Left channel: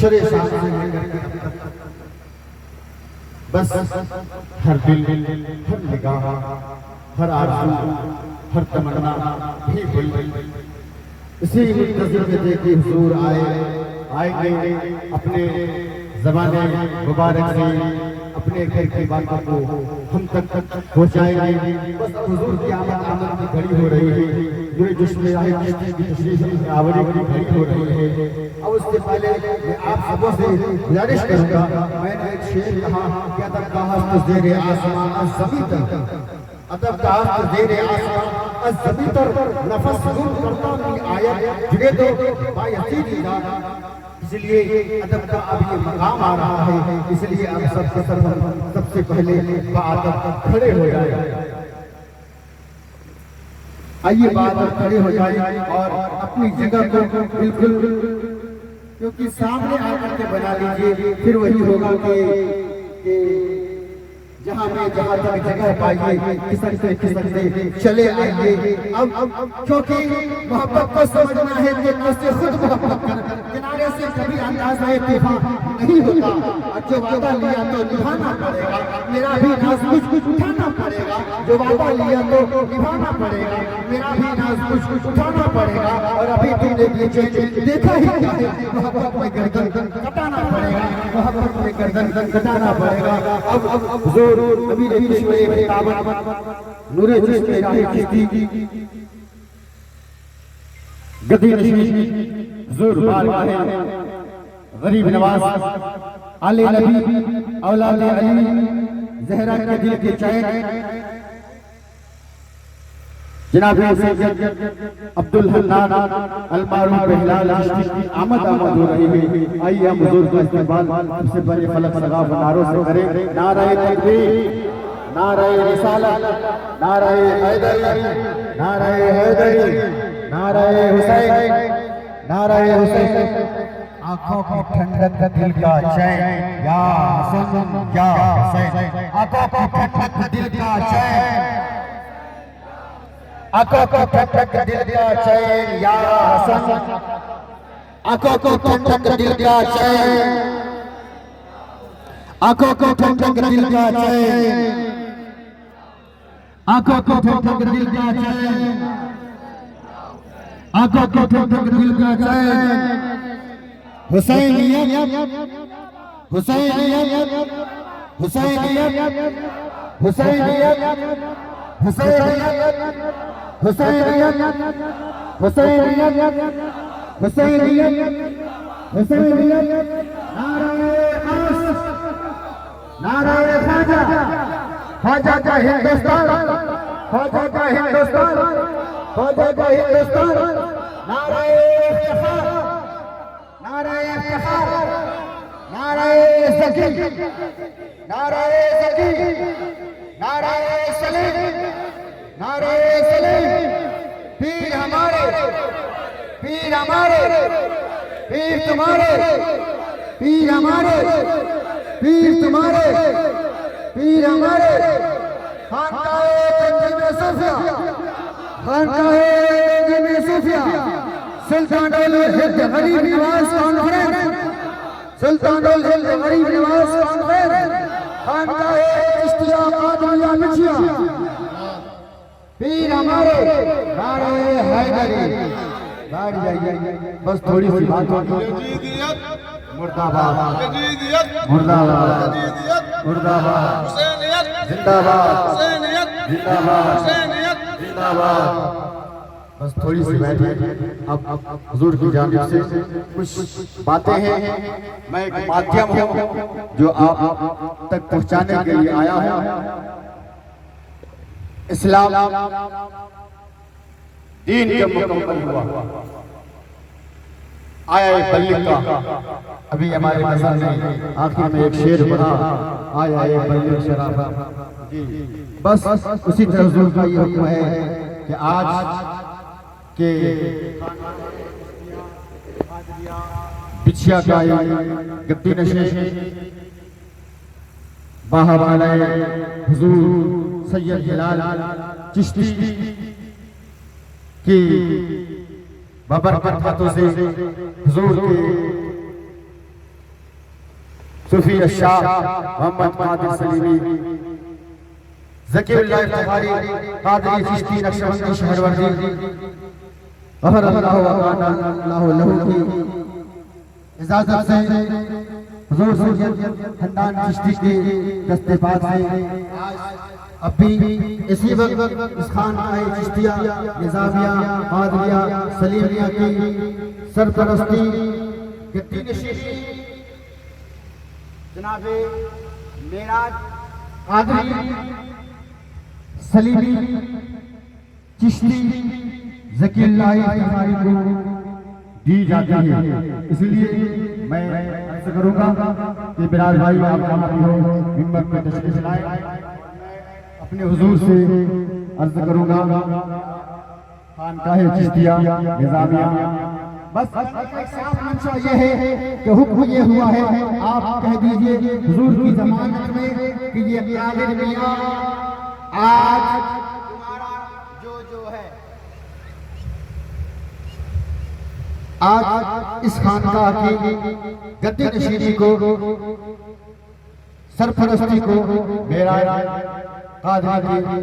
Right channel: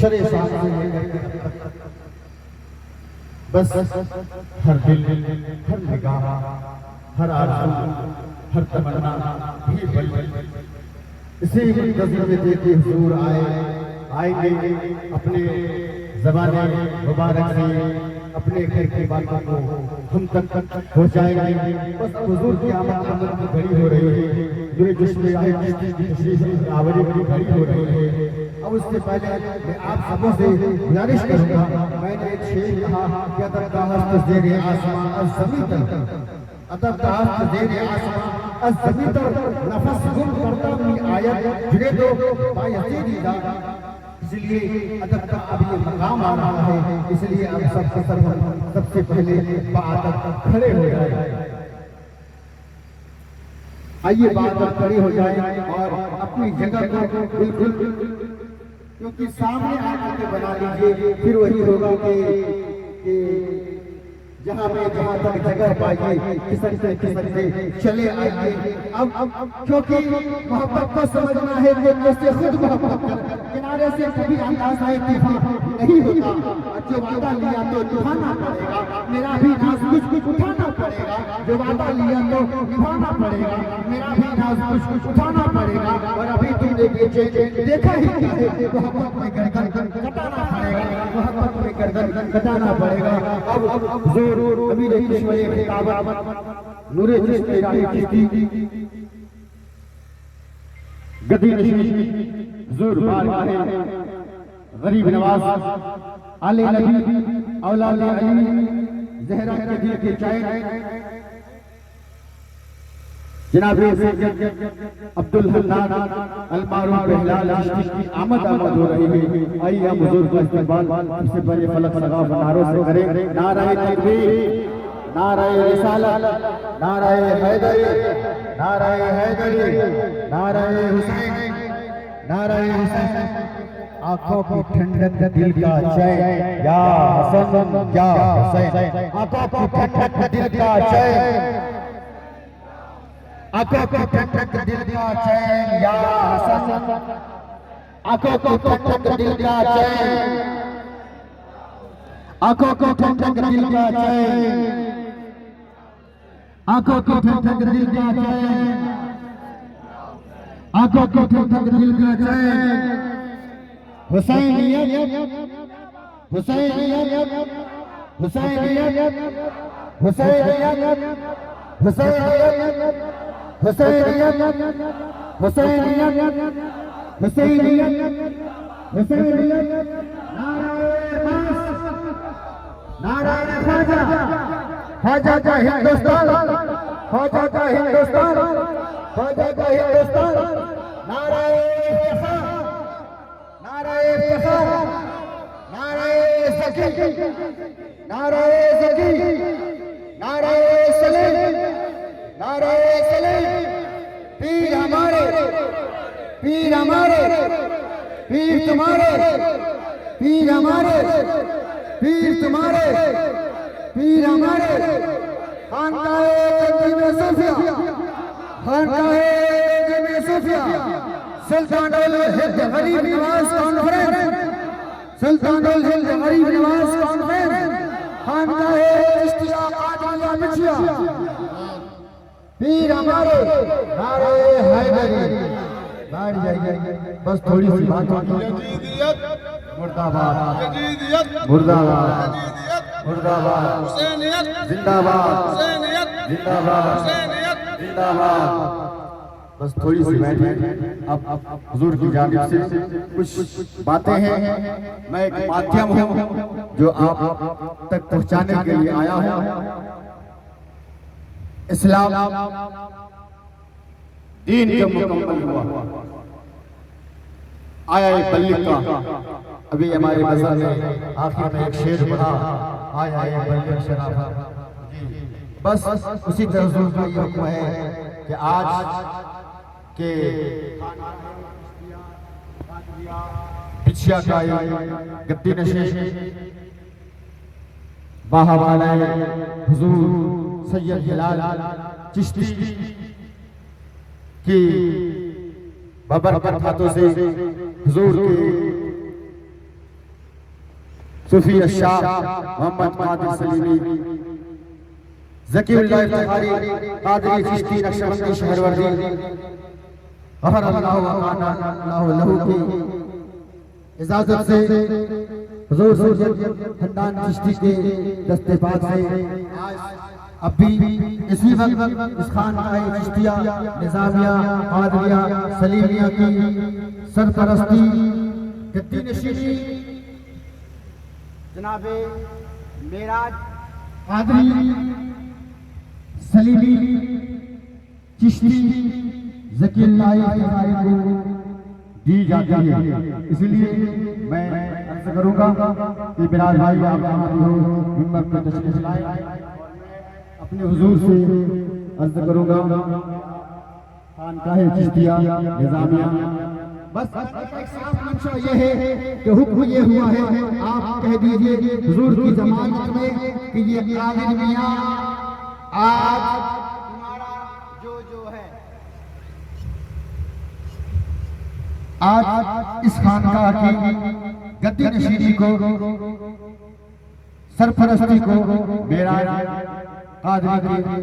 शरे शाम से लेकर के अब तक बस हर दिल, हर निगाह, हर आरज़ू, हर तमन्ना भी बड़ी इसी मुंतज़िर में देखिए हुजूर आएंगे अपने ज़माने मुबारक से अपने घर की बातों को हम तक पहुँचाएंगे। बस अब हुजूर की आमद की घड़ी हो रही है, मेरे जिस्म आए की तशरीफ आवरी की घड़ी हो रही है। अब उससे पहले मैं आप सबों से गुजारिश करूँगा, मैंने एक शेर कहा कि अदब का हस्त ज़ेरे आसमां अज़-ज़मीं तर, अदब का हस्त ज़ेरे आसमां अज़-ज़मीं तर, नफस गुम करता भी आयत जुड़े तो बायसीदी दा। इसलिए अदब का अब ये मकाम आ रहा है, इसलिए हम सबसे पहले बाअदब खड़े हो जाए। आइए बाअदब खड़े हो जाए और अपनी जगह को बिल्कुल, क्योंकि सामने आकर के बना लीजिए, फिर वही होगा कि जहाँ तक जगह पाइए खिसकते चले आइए। अब क्योंकि मोहब्बत को समझना है कि कैसे खुद मोहब्बत कर, किनारे से कभी अंदाजा तूफान नहीं होता, और जो वादा लिया तो निभाना पड़ेगा, मेरा भी नाज कुछ उठाना पड़ेगा, जो वादा लिया तो निभाना पड़ेगा, मेरा भी नाज कुछ उठाना पड़ेगा। और अभी तुमने पीछे देखा ही क्या है, मोहब्बत में गर्दन कटाना पड़ेगा, मोहब्बत में गर्दन कटाना पड़ेगा। अब जोर कभी नहीं छोड़े काबत नूरे जिसके राह की गदी नशीन जोर बारगाह है गरीब नवाज आले नबी औलाद अली ज़हरा के दिल के चैन जनाब अब्दुल हन्नान अल-मारूफ हिलाल की आमद हो रही है। आइए हम हुजूर का इस्तकबाल सबसे पहले फलक सगाफ नारों से करें। नारे तकबीर, नारे रिसालत, नारे हैदरी, नारे हैदरी, नारे हुसैन, नारे हुसैन। आंखों की ठंडक दिल का चैन या हसन या हुसैन, आंखों की ठंडक दिल का चैन, आंखों की ठंडक दिल का चैन या हसन, आंखों की ठंडक दिल का चैन, आंखों की ठंडक दिल का चैन, आंखों की ठंडक दिल का चैन, आंखों की ठंडक दिल का चैन। हुसैनियत, हुसैनियत, हुसैनियत, हुसैनियत, हुसैनियत, हुसैनियत, हुसैनियत, हुसैनियत, हुसैनियत। नारे ख्वाजा, ख्वाजा का हिंदुस्तान, ख्वाजा का हिंदुस्तान, ख्वाजा का हिंदुस्तान। नारे इफ्तिखार, नारे इफ्तिखार, नारे ज़की, नारे ज़की, नारे सलीम, नारे सलीम। पीर हमारे, पीर हमारे, पीर तुम्हारे, पीर हमारे, पीर तुम्हारे, पीर हमारे। खानकाह सूफिया, खानकाह सूफिया, सुल्तानुल हिंद गरीब नवाज कॉन्फ्रेंस, सुल्तानुल हिंद गरीब नवाज कॉन्फ्रेंस, खानकाह चिश्तिया कादरिया मिठिया। पीर हमारे, नारे हैदरी। गाड़ी जाइए, बस थोड़ी सी बात होगी। मुर्दाबाद, मुर्दाबाद, मुर्दाबाद, जिंदाबाद, जिंदाबाद, जिंदाबाद। बस थोड़ी सी बैठिए। अब हुजूर की जानिब से कुछ बातें हैं, मैं एक माध्यम हूँ जो आप तक पहुँचाने के लिए आया हूँ। इस्लाम दीन का मुकम्मल हुआ, आया बल्लिक का। अभी हमारे मज़हब में आखिर में एक शेर बना, आया बल्लिक शराफत जी। बस उसी तरह हुजूर का ये हुक्म है कि आज के बिछिया का गद्दी नशीन बाहवाला हुजूर सैयद हिलाल चिश्ती की बबरकत हाथों से हुजूर के सूफी शाह मोहम्मद कादिर सलीमी, ज़कीरुल्लाह इफ्तिखारी कादरी चिश्ती नक्शबंदी शहरवर्दी, गफर अल्लाह व अल्लाह लहू की इजाजत से हुजूर सैयद हन्नान चिश्ती के दस्ते पाक से आज अभी इसी वक्त उस खानकाह चिश्तिया निज़ामिया कादरिया सलीमिया की सरपरस्ती गद्दी नशीनी जनाबे मेराज कादरी सलीमी चिश्ती ज़कीरुल्लाह इफ्तिखारी को दी जाती है। इसलिए मैं अर्ज करूंगा कि बिराज भाई आप जहाँ भी हो हिम्मत में तशरीफ लाए। अपने हुजूर से अर्ज करूंगा खानकाह चिश्तिया निज़ामिया, बस साफ मंशा ये है कि हुक्म ये हुआ है, आप कह दीजिए हुजूर की जमानत में कि ये कादिर मियां आज तुम्हारा जो है आज इस खानकाह की गद्दी नशीनी को सरपरस्ती को मेरा कादरी की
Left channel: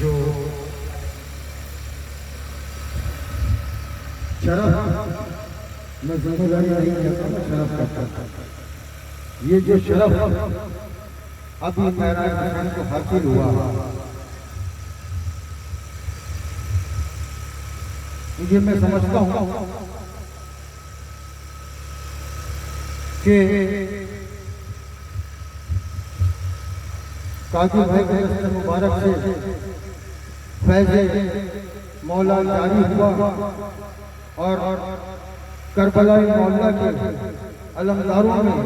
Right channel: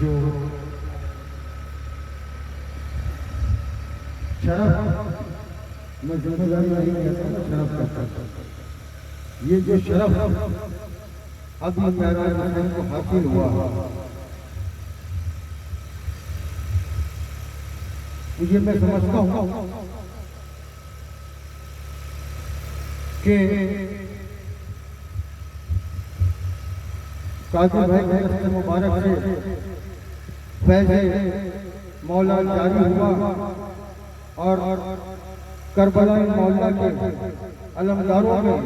जो ये जो शरफ अभी मेरा को हासिल हुआ, ये मैं समझता हूँ कि काजी भाई के मुबारक से फैज़े मौला जारी हुआ और करबलाई मौला के अलमदारों में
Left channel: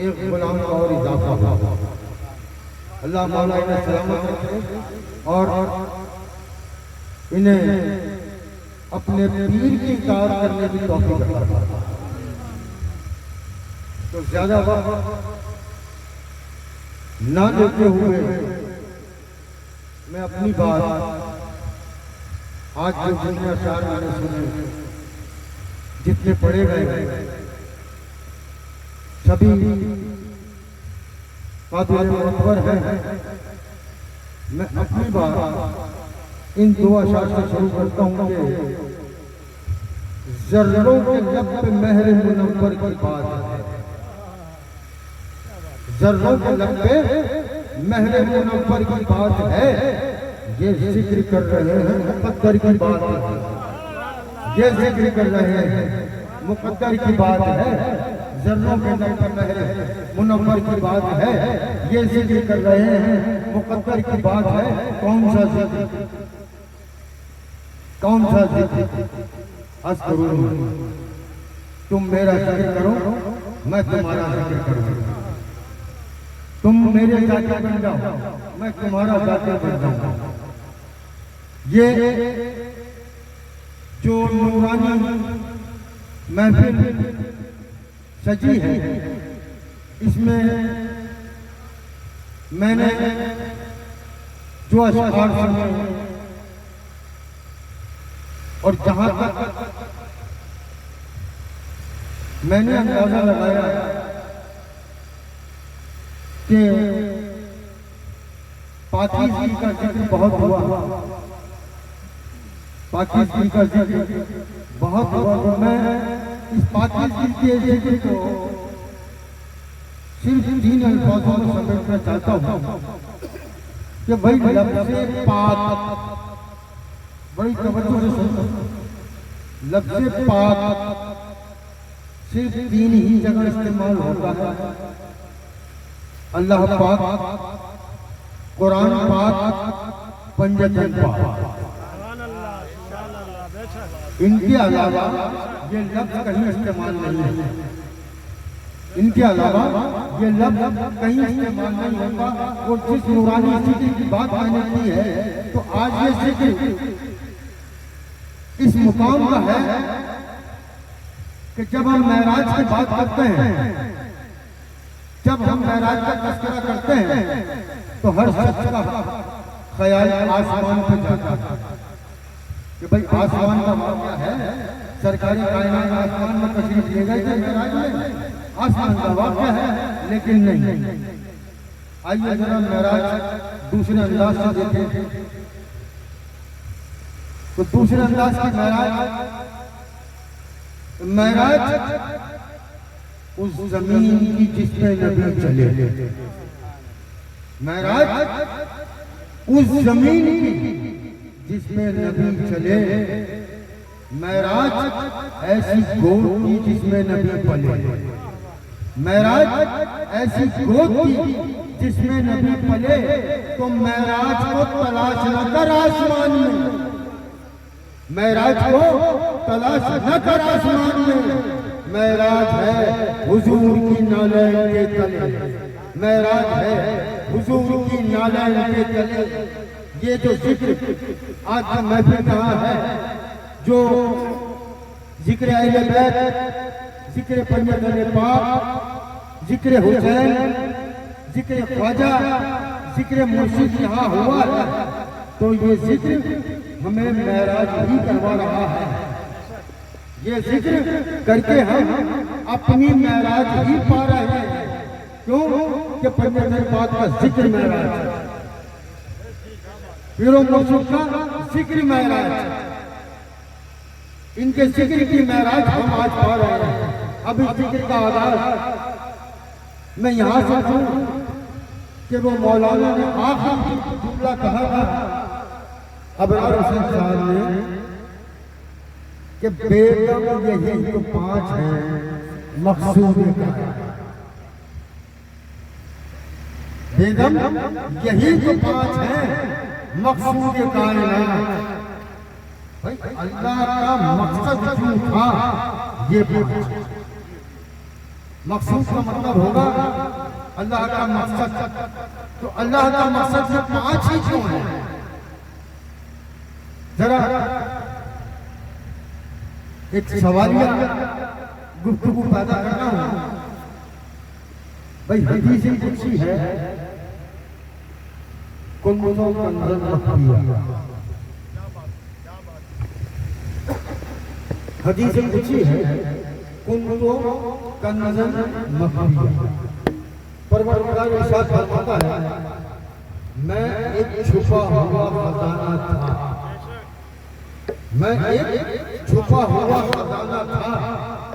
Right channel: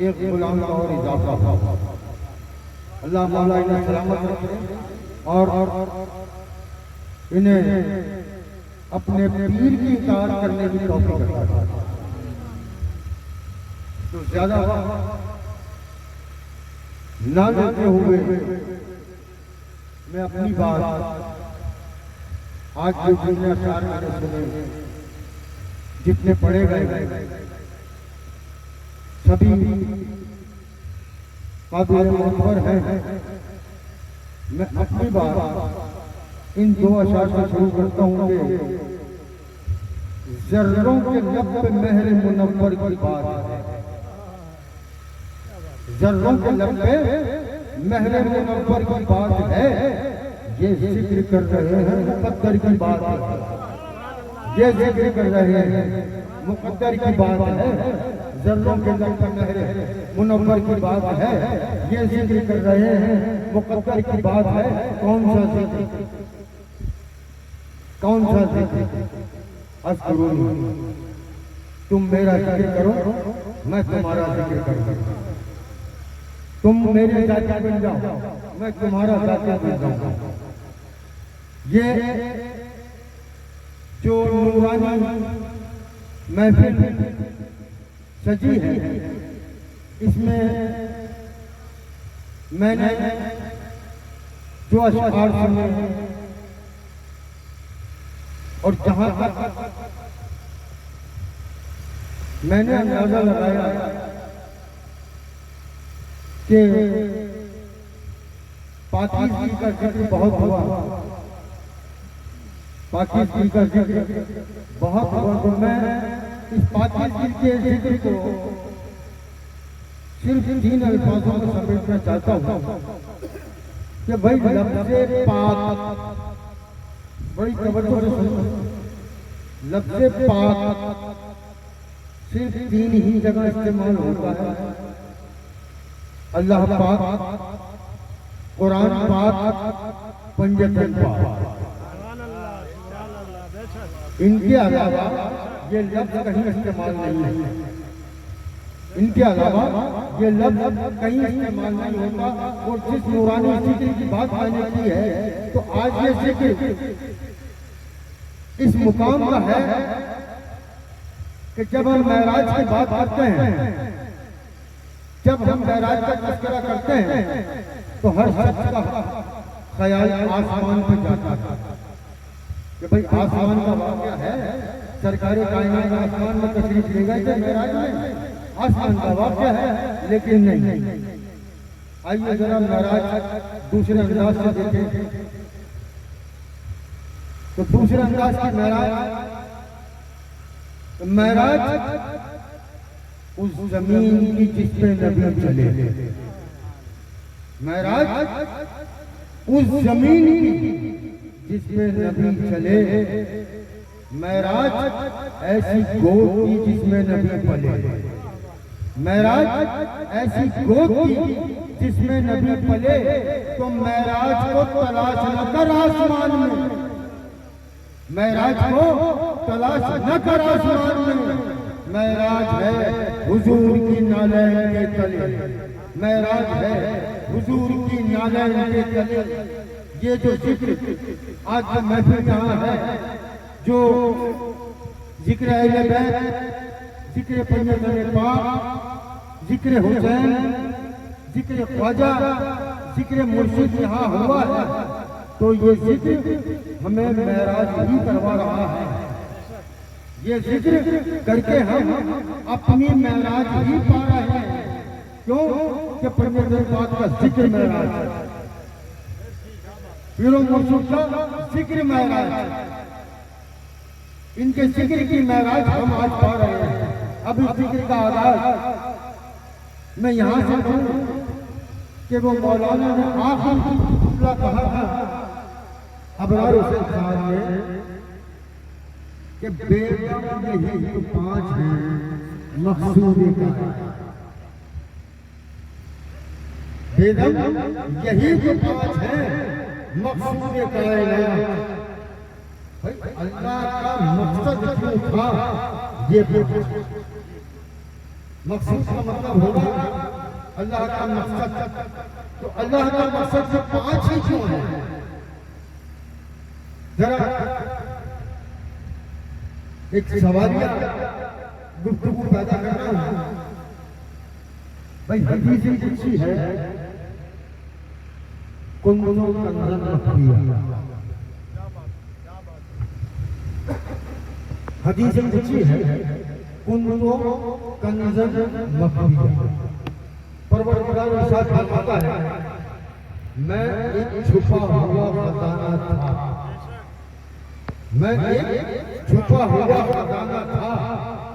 एक गुलाम का और इजाफा हुआ। अल्लाह मौला इन्हें सलामत रखे और इन्हें अपने पीर की इताअत करने की तौफीक अता फरमाए। तो ज्यादा वक्त ना देते हुए मैं अपनी बात आज जो जितने अशआर मैंने सुने, जितने पढ़े गए, सभी काबिल मुअव्वर हैं। मैं अपनी बात इन दो अशआर से शुरू करता हूँ कि ज़र्रों के लब पे महर मुनव्वर की बात है। ज़र्रों के लब पे महर मुनव्वर की बात है, ये जिक्र कर रहे हैं मुक़द्दर की बात है। ये जिक्र कर रहे हैं मुक़द्दर की बात है। ज़र्रों के लब पे महर मुनव्वर की बात है, ये जिक्र कर रहे हैं मुक़द्दर की बात है। कौन सा जिक्र, कौन सा जिक्र? अस्करूनी, तुम मेरा जिक्र करो, मैं तुम्हारा जिक्र करूंगा। तुम मेरे जाकिर बन जाओ, मैं तुम्हारा जाकिर बन जाऊंगा। ये जो नूरानी महफिल सजी है, इसमें मैंने जो अशआर सुने और जहां तक मैंने अंदाजा लगाया कि पाकिस्तान का जिक्र बहुत हुआ, पाकिस्तान का जिक्र बहुत हुआ, तो मैं इस पाकीज़गी के जिक्र को सिर्फ 3 अल्फाजों में समझना चाहता हूँ कि भाई लफ्ज़े पाक, बड़ी तवज्जो से सुनो, लफ्ज़े पाक सिर्फ 3 ही जगह इस्तेमाल होता है। अल्लाह पाक, कुरान पाक, पंजतन पाक। इनके अलावा ये लफ्ज़ कहीं इस्तेमाल नहीं है। इनके अलावा ये लफ्ज़ कहीं इस्तेमाल नहीं होता। और जिस नूरानी जिक्र की बात मैंने की है, तो आज ये जिक्र इस मुकाम का है कि जब हम महराज की बात करते हैं, जब हम महराज का तज़किरा करते हैं, तो हर शख्स का ख्याल आसमान पे जाता है कि भाई आसमान का वाक़या है, सरकारी कायनात आसमान में तशरीफ ले गए थे, महराज में आसमान का वाक़या है, लेकिन नहीं। आइए जरा महराज दूसरे अंदाज से देखें। तो दूसरे अंदाज की महराज उस जमीन की जिसमें नबी चले, महराज उस जमीन की जिसमें नबी चले, महराज ऐसी गोद की जिसमें नबी पले, महराज ऐसी गोद की जिसमें नबी पले। तो महराज को तलाश न कर आसमान में, महराज को तलाश न कर आसमान में, महराज है हुजूर की नालैन के तले, महराज है हुजूर की नालैन के तले। ये जो जिक्र आज का महफिल कहाँ है, जो जिक्र अहले बैत, जिक्र पंजतन पाक, जिक्र हुसैन, जिक्र ख्वाजा, जिक्र मुर्शिद यहाँ हुआ है, तो ये जिक्र हमें महराज ही करवा रहा है। ये जिक्र करके हम अपनी महराज ही पा रहे हैं। क्यों कि पंजतन पाक का जिक्र महराज, पीरों मुर्शिद का जिक्र महराज, इनके जिक्र की महराज हम आज पा रहे हैं। अब इस जिक्र का आगाज मैं यहाँ से कहूँ कि वो मौलाना ने आखिरी जुमला कहा था अबरार हुसैन साहब ने कि बेगम यही तो 5 हैं मकसूद का, बेगम यही तो 5 हैं मकसूद कायनात। भाई अल्लाह का मकसद क्यों था, ये मकसद का मतलब होगा अल्लाह का मकसद, तो अल्लाह का मकसद से 5 ही क्यों है? जरा एक सवालिया गुफ्तगू पैदा करना है। भाई हदीस कुदसी है, कुल्लु कंज़न मखफिया, हदीस कुदसी है कुल्लु कंज़न मखफिया। परवरदिगार इरशाद फरमाता है, मैं एक छुपा हुआ खजाना था, मैं एक छुपा हुआ खजाना था,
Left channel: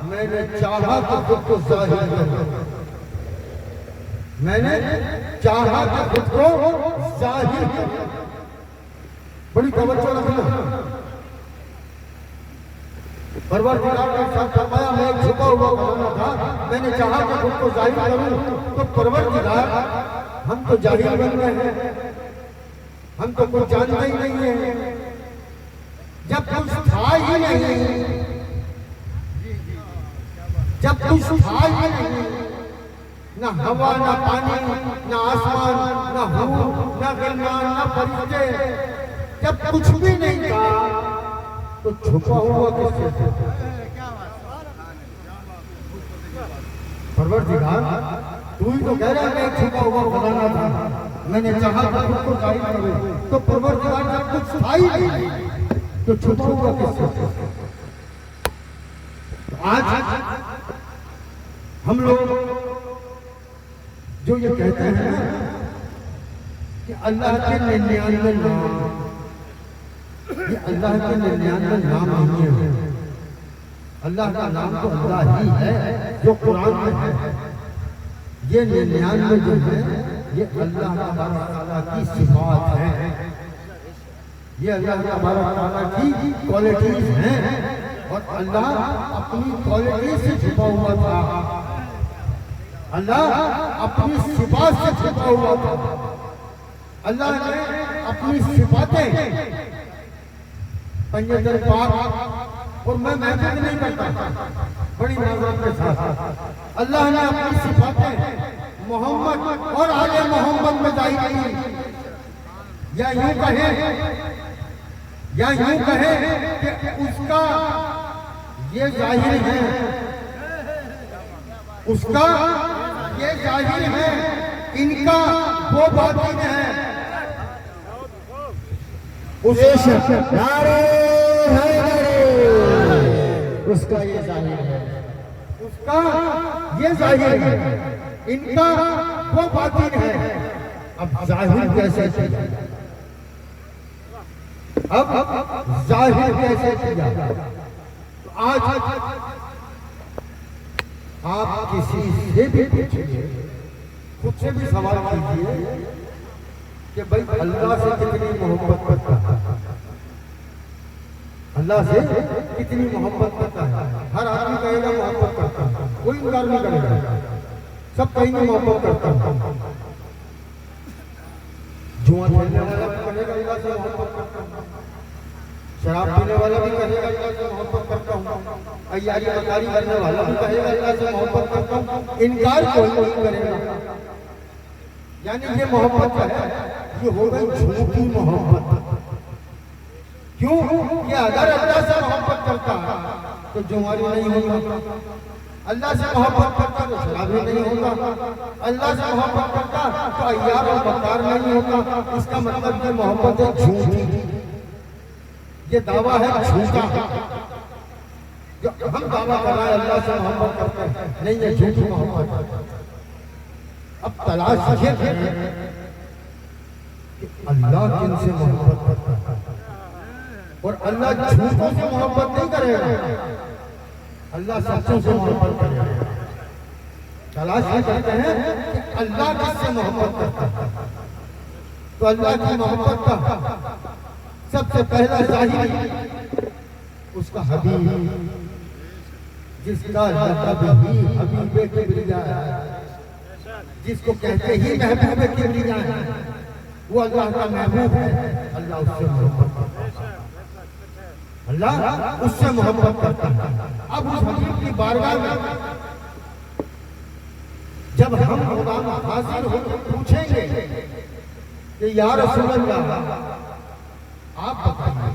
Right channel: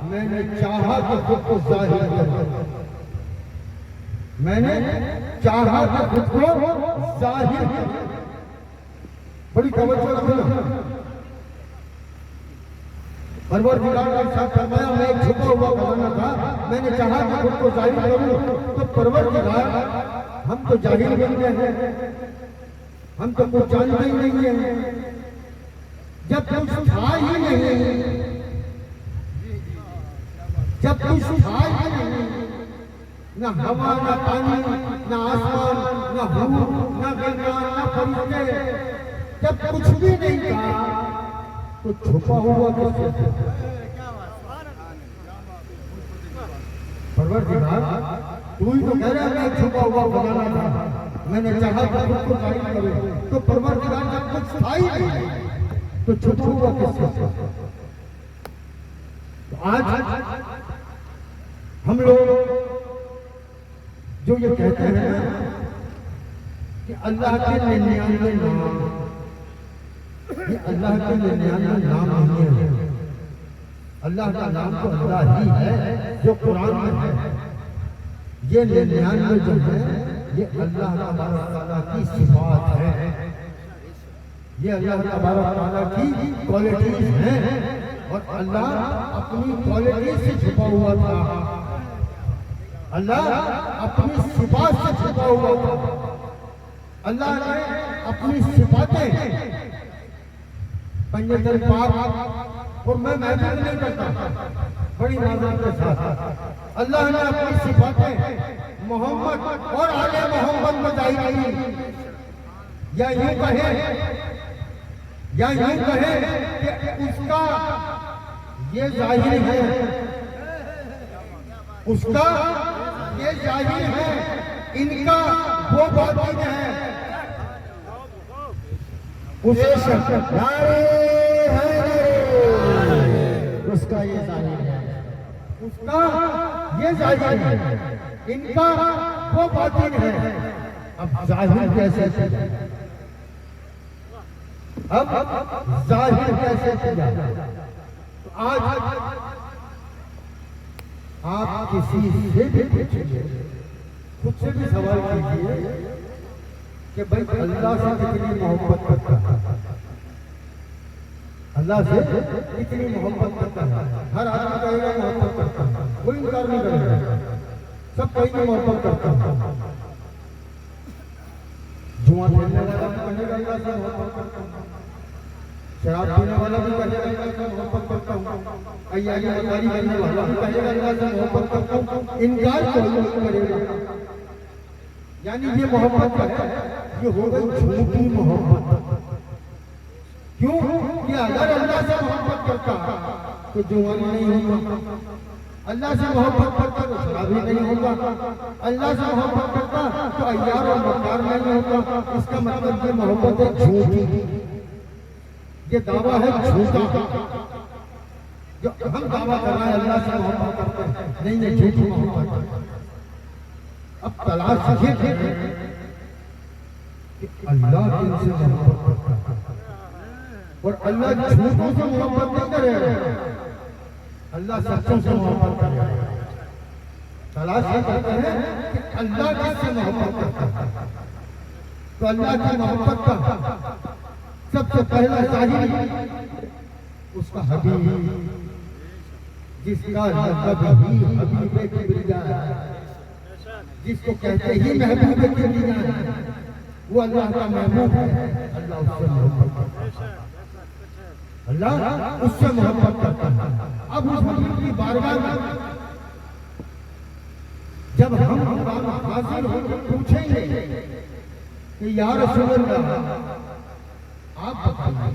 मैंने चाहा तो खुद को जाहिर कर, मैंने चाहा तो खुद को जाहिर कर। बड़ी तवज्जो रखना। परवरदिगार ने इरशाद फरमाया, मैं एक छुपा हुआ खजाना था, मैंने चाहा कि खुद को जाहिर करूं। तो परवरदिगार, हम तो जाहिल बन गए हैं, हम तो कुछ जानते ही नहीं है। जब कुछ था ही नहीं, जब कुछ था ही नहीं, ना हवा, ना पानी, ना आसमान, ना हूर, ना गिरमान, ना फरिश्ते, जब कुछ भी नहीं था तो छुपा हुआ किससे था? परवरदिगार, तू ही तो कह रहा मैं छुपा हुआ खजाना था, मैंने चाहा कि खुद को जाहिर करूं। तो परवरदिगार जब कुछ था ही नहीं तो छुपा हुआ किससे? आज हम लोग जो ये कहते हैं ना कि अल्लाह के 99 नाम, ये अल्लाह के 99 नाम नहीं है। अल्लाह का नाम तो अल्लाह ही है जो कुरान में है। ये 99 जो है ये अल्लाह तआला की सिफात है, ये अल्लाह तआला की क्वालिटीज हैं। और अल्लाह अपनी क्वालिटी से छुपा हुआ था, अल्लाह अपनी सिफात से छुपा हुआ था। अल्लाह ने अपनी सिफातें पंजतन पाक, और मैं महफिल नहीं करता बड़ी माजरत के साथ, अल्लाह ने अपनी सिफातें मोहम्मद और आले मोहम्मद में जाहिर की। या यूं कहें कि उसका ये जाहिर है, उसका ये जाहिर है, इनका वो बातिन है। उसे उसका ये जाहिर है, उसका ये जाहिर है, इनका वो बातिन है। अब जाहिर कैसे किया, अब जाहिर कैसे किया? तो आज आप किसी से भी पूछिए, खुद से भी सवाल कीजिए कि भाई अल्लाह से कितनी मोहब्बत करता है, अल्लाह से कितनी मोहब्बत करता है। हर आदमी कहेगा मोहब्बत करता है, कोई इनकार नहीं करेगा, सब कहेंगे मोहब्बत करता है। जुआ खेलने वाला भी कहेगा अल्लाह से मोहब्बत करता हूँ, शराब पीने वाला भी कहेगा अल्लाह से मोहब्बत करता हूँ, अय्यारी मकारी करने वाला भी कहेगा अल्लाह से मोहब्बत करता हूँ। इनकार कोई नहीं करेगा। यानी ये मोहब्बत है, ये हो गई झूठी मोहब्बत। क्यों? कि अगर अल्लाह से मोहब्बत करता तो जुआरी नहीं होगा, अल्लाह से मोहब्बत करता तो शराबी नहीं होगा, अल्लाह से मोहब्बत करता तो अय्यार और मक्कार नहीं होगा। इसका मतलब ये मोहब्बत है झूठी, ये दावा है झूठा। जो हम दावा कर रहे हैं अल्लाह से मोहब्बत करते हैं, नहीं, ये झूठी मोहब्बत है। अब तलाश ये है कि अल्लाह किनसे मोहब्बत करता है, और अल्लाह झूठों से मोहब्बत नहीं करेगा, अल्लाह सच्चों से मोहब्बत करेगा। तलाश ये करते हैं कि अल्लाह किससे मोहब्बत करता है। तो अल्लाह की मोहब्बत का सबसे पहला जाहिर उसका हबीब, जिसका लक़ब ही हबीब किबरिया है, जिसको कहते ही महबूब किबरिया है, वो अल्लाह का महबूब है। अल्लाह उससे मोहब्बत करता है, अल्लाह उससे मोहब्बत करता है। अब उस हबीब की बारगाह में जब हम खुदा में हाजिर होकर पूछेंगे कि या रसूल अल्लाह आप बताइए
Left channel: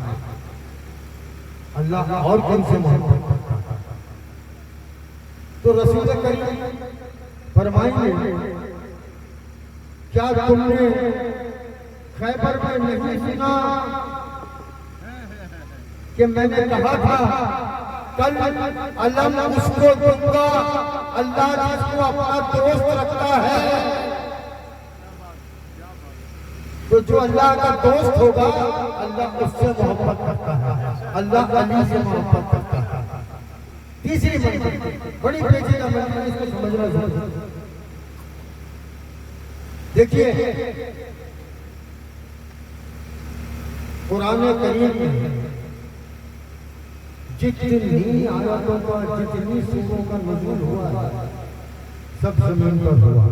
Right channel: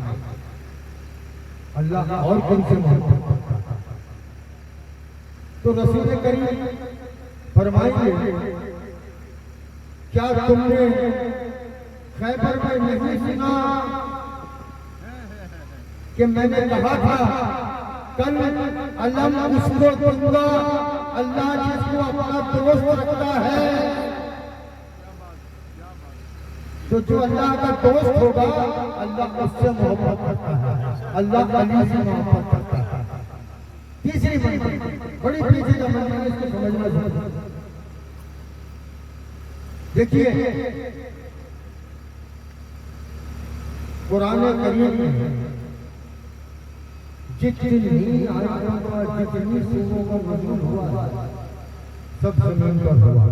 अल्लाह और कौन से मोहब्बत करता है, तो रसूल करीम फरमाएंगे क्या तुमने खैबर में नहीं सुना कि मैंने कहा था कल अलम उसको दूंगा, अल्लाह जिसको अपना दोस्त रखता है, तो जो अल्लाह का दोस्त होगा अल्लाह उससे मोहब्बत करता है, अल्लाह अली से मोहब्बत करता है। तीसरी मंजिल बड़ी पेचीदा मंजिल, इसको समझना जरूरी। देखिए कुरान करीम में जितनी आयतों का, जितनी सूरों का नुज़ूल हुआ है, सब जमीन पर हुआ,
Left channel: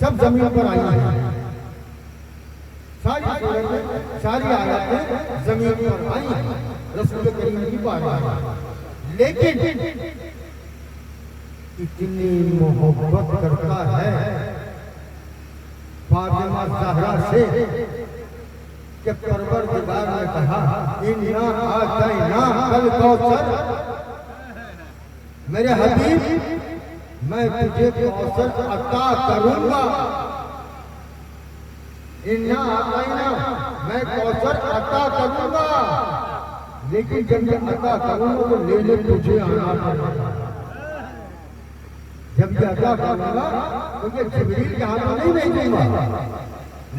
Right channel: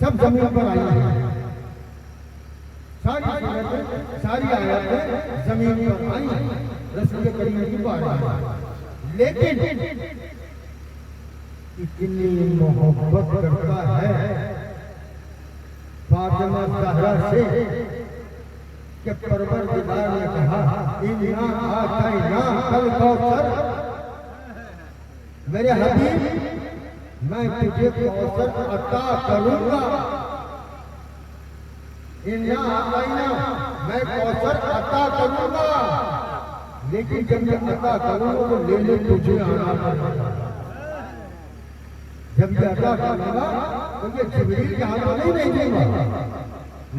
सब जमीन पर आई है। सारी सूरतें, सारी आयतें जमीन पर आई हैं, रसूल करीम की बात है। लेकिन इतनी मोहब्बत करता है फातिमा ज़हरा से कि परवरदिगार ने कहा इन्ना आतैना कल कौसर, मेरे हबीब मैं तुझे कौसर अता करूंगा। इन्ना आतैना, मैं कौसर अता करूंगा, लेकिन जब मैं अता करूंगा तो लेने तुझे आना पड़ेगा। जब मैं अता करूंगा तो मैं जिब्रील के हाथ में नहीं दूंगा,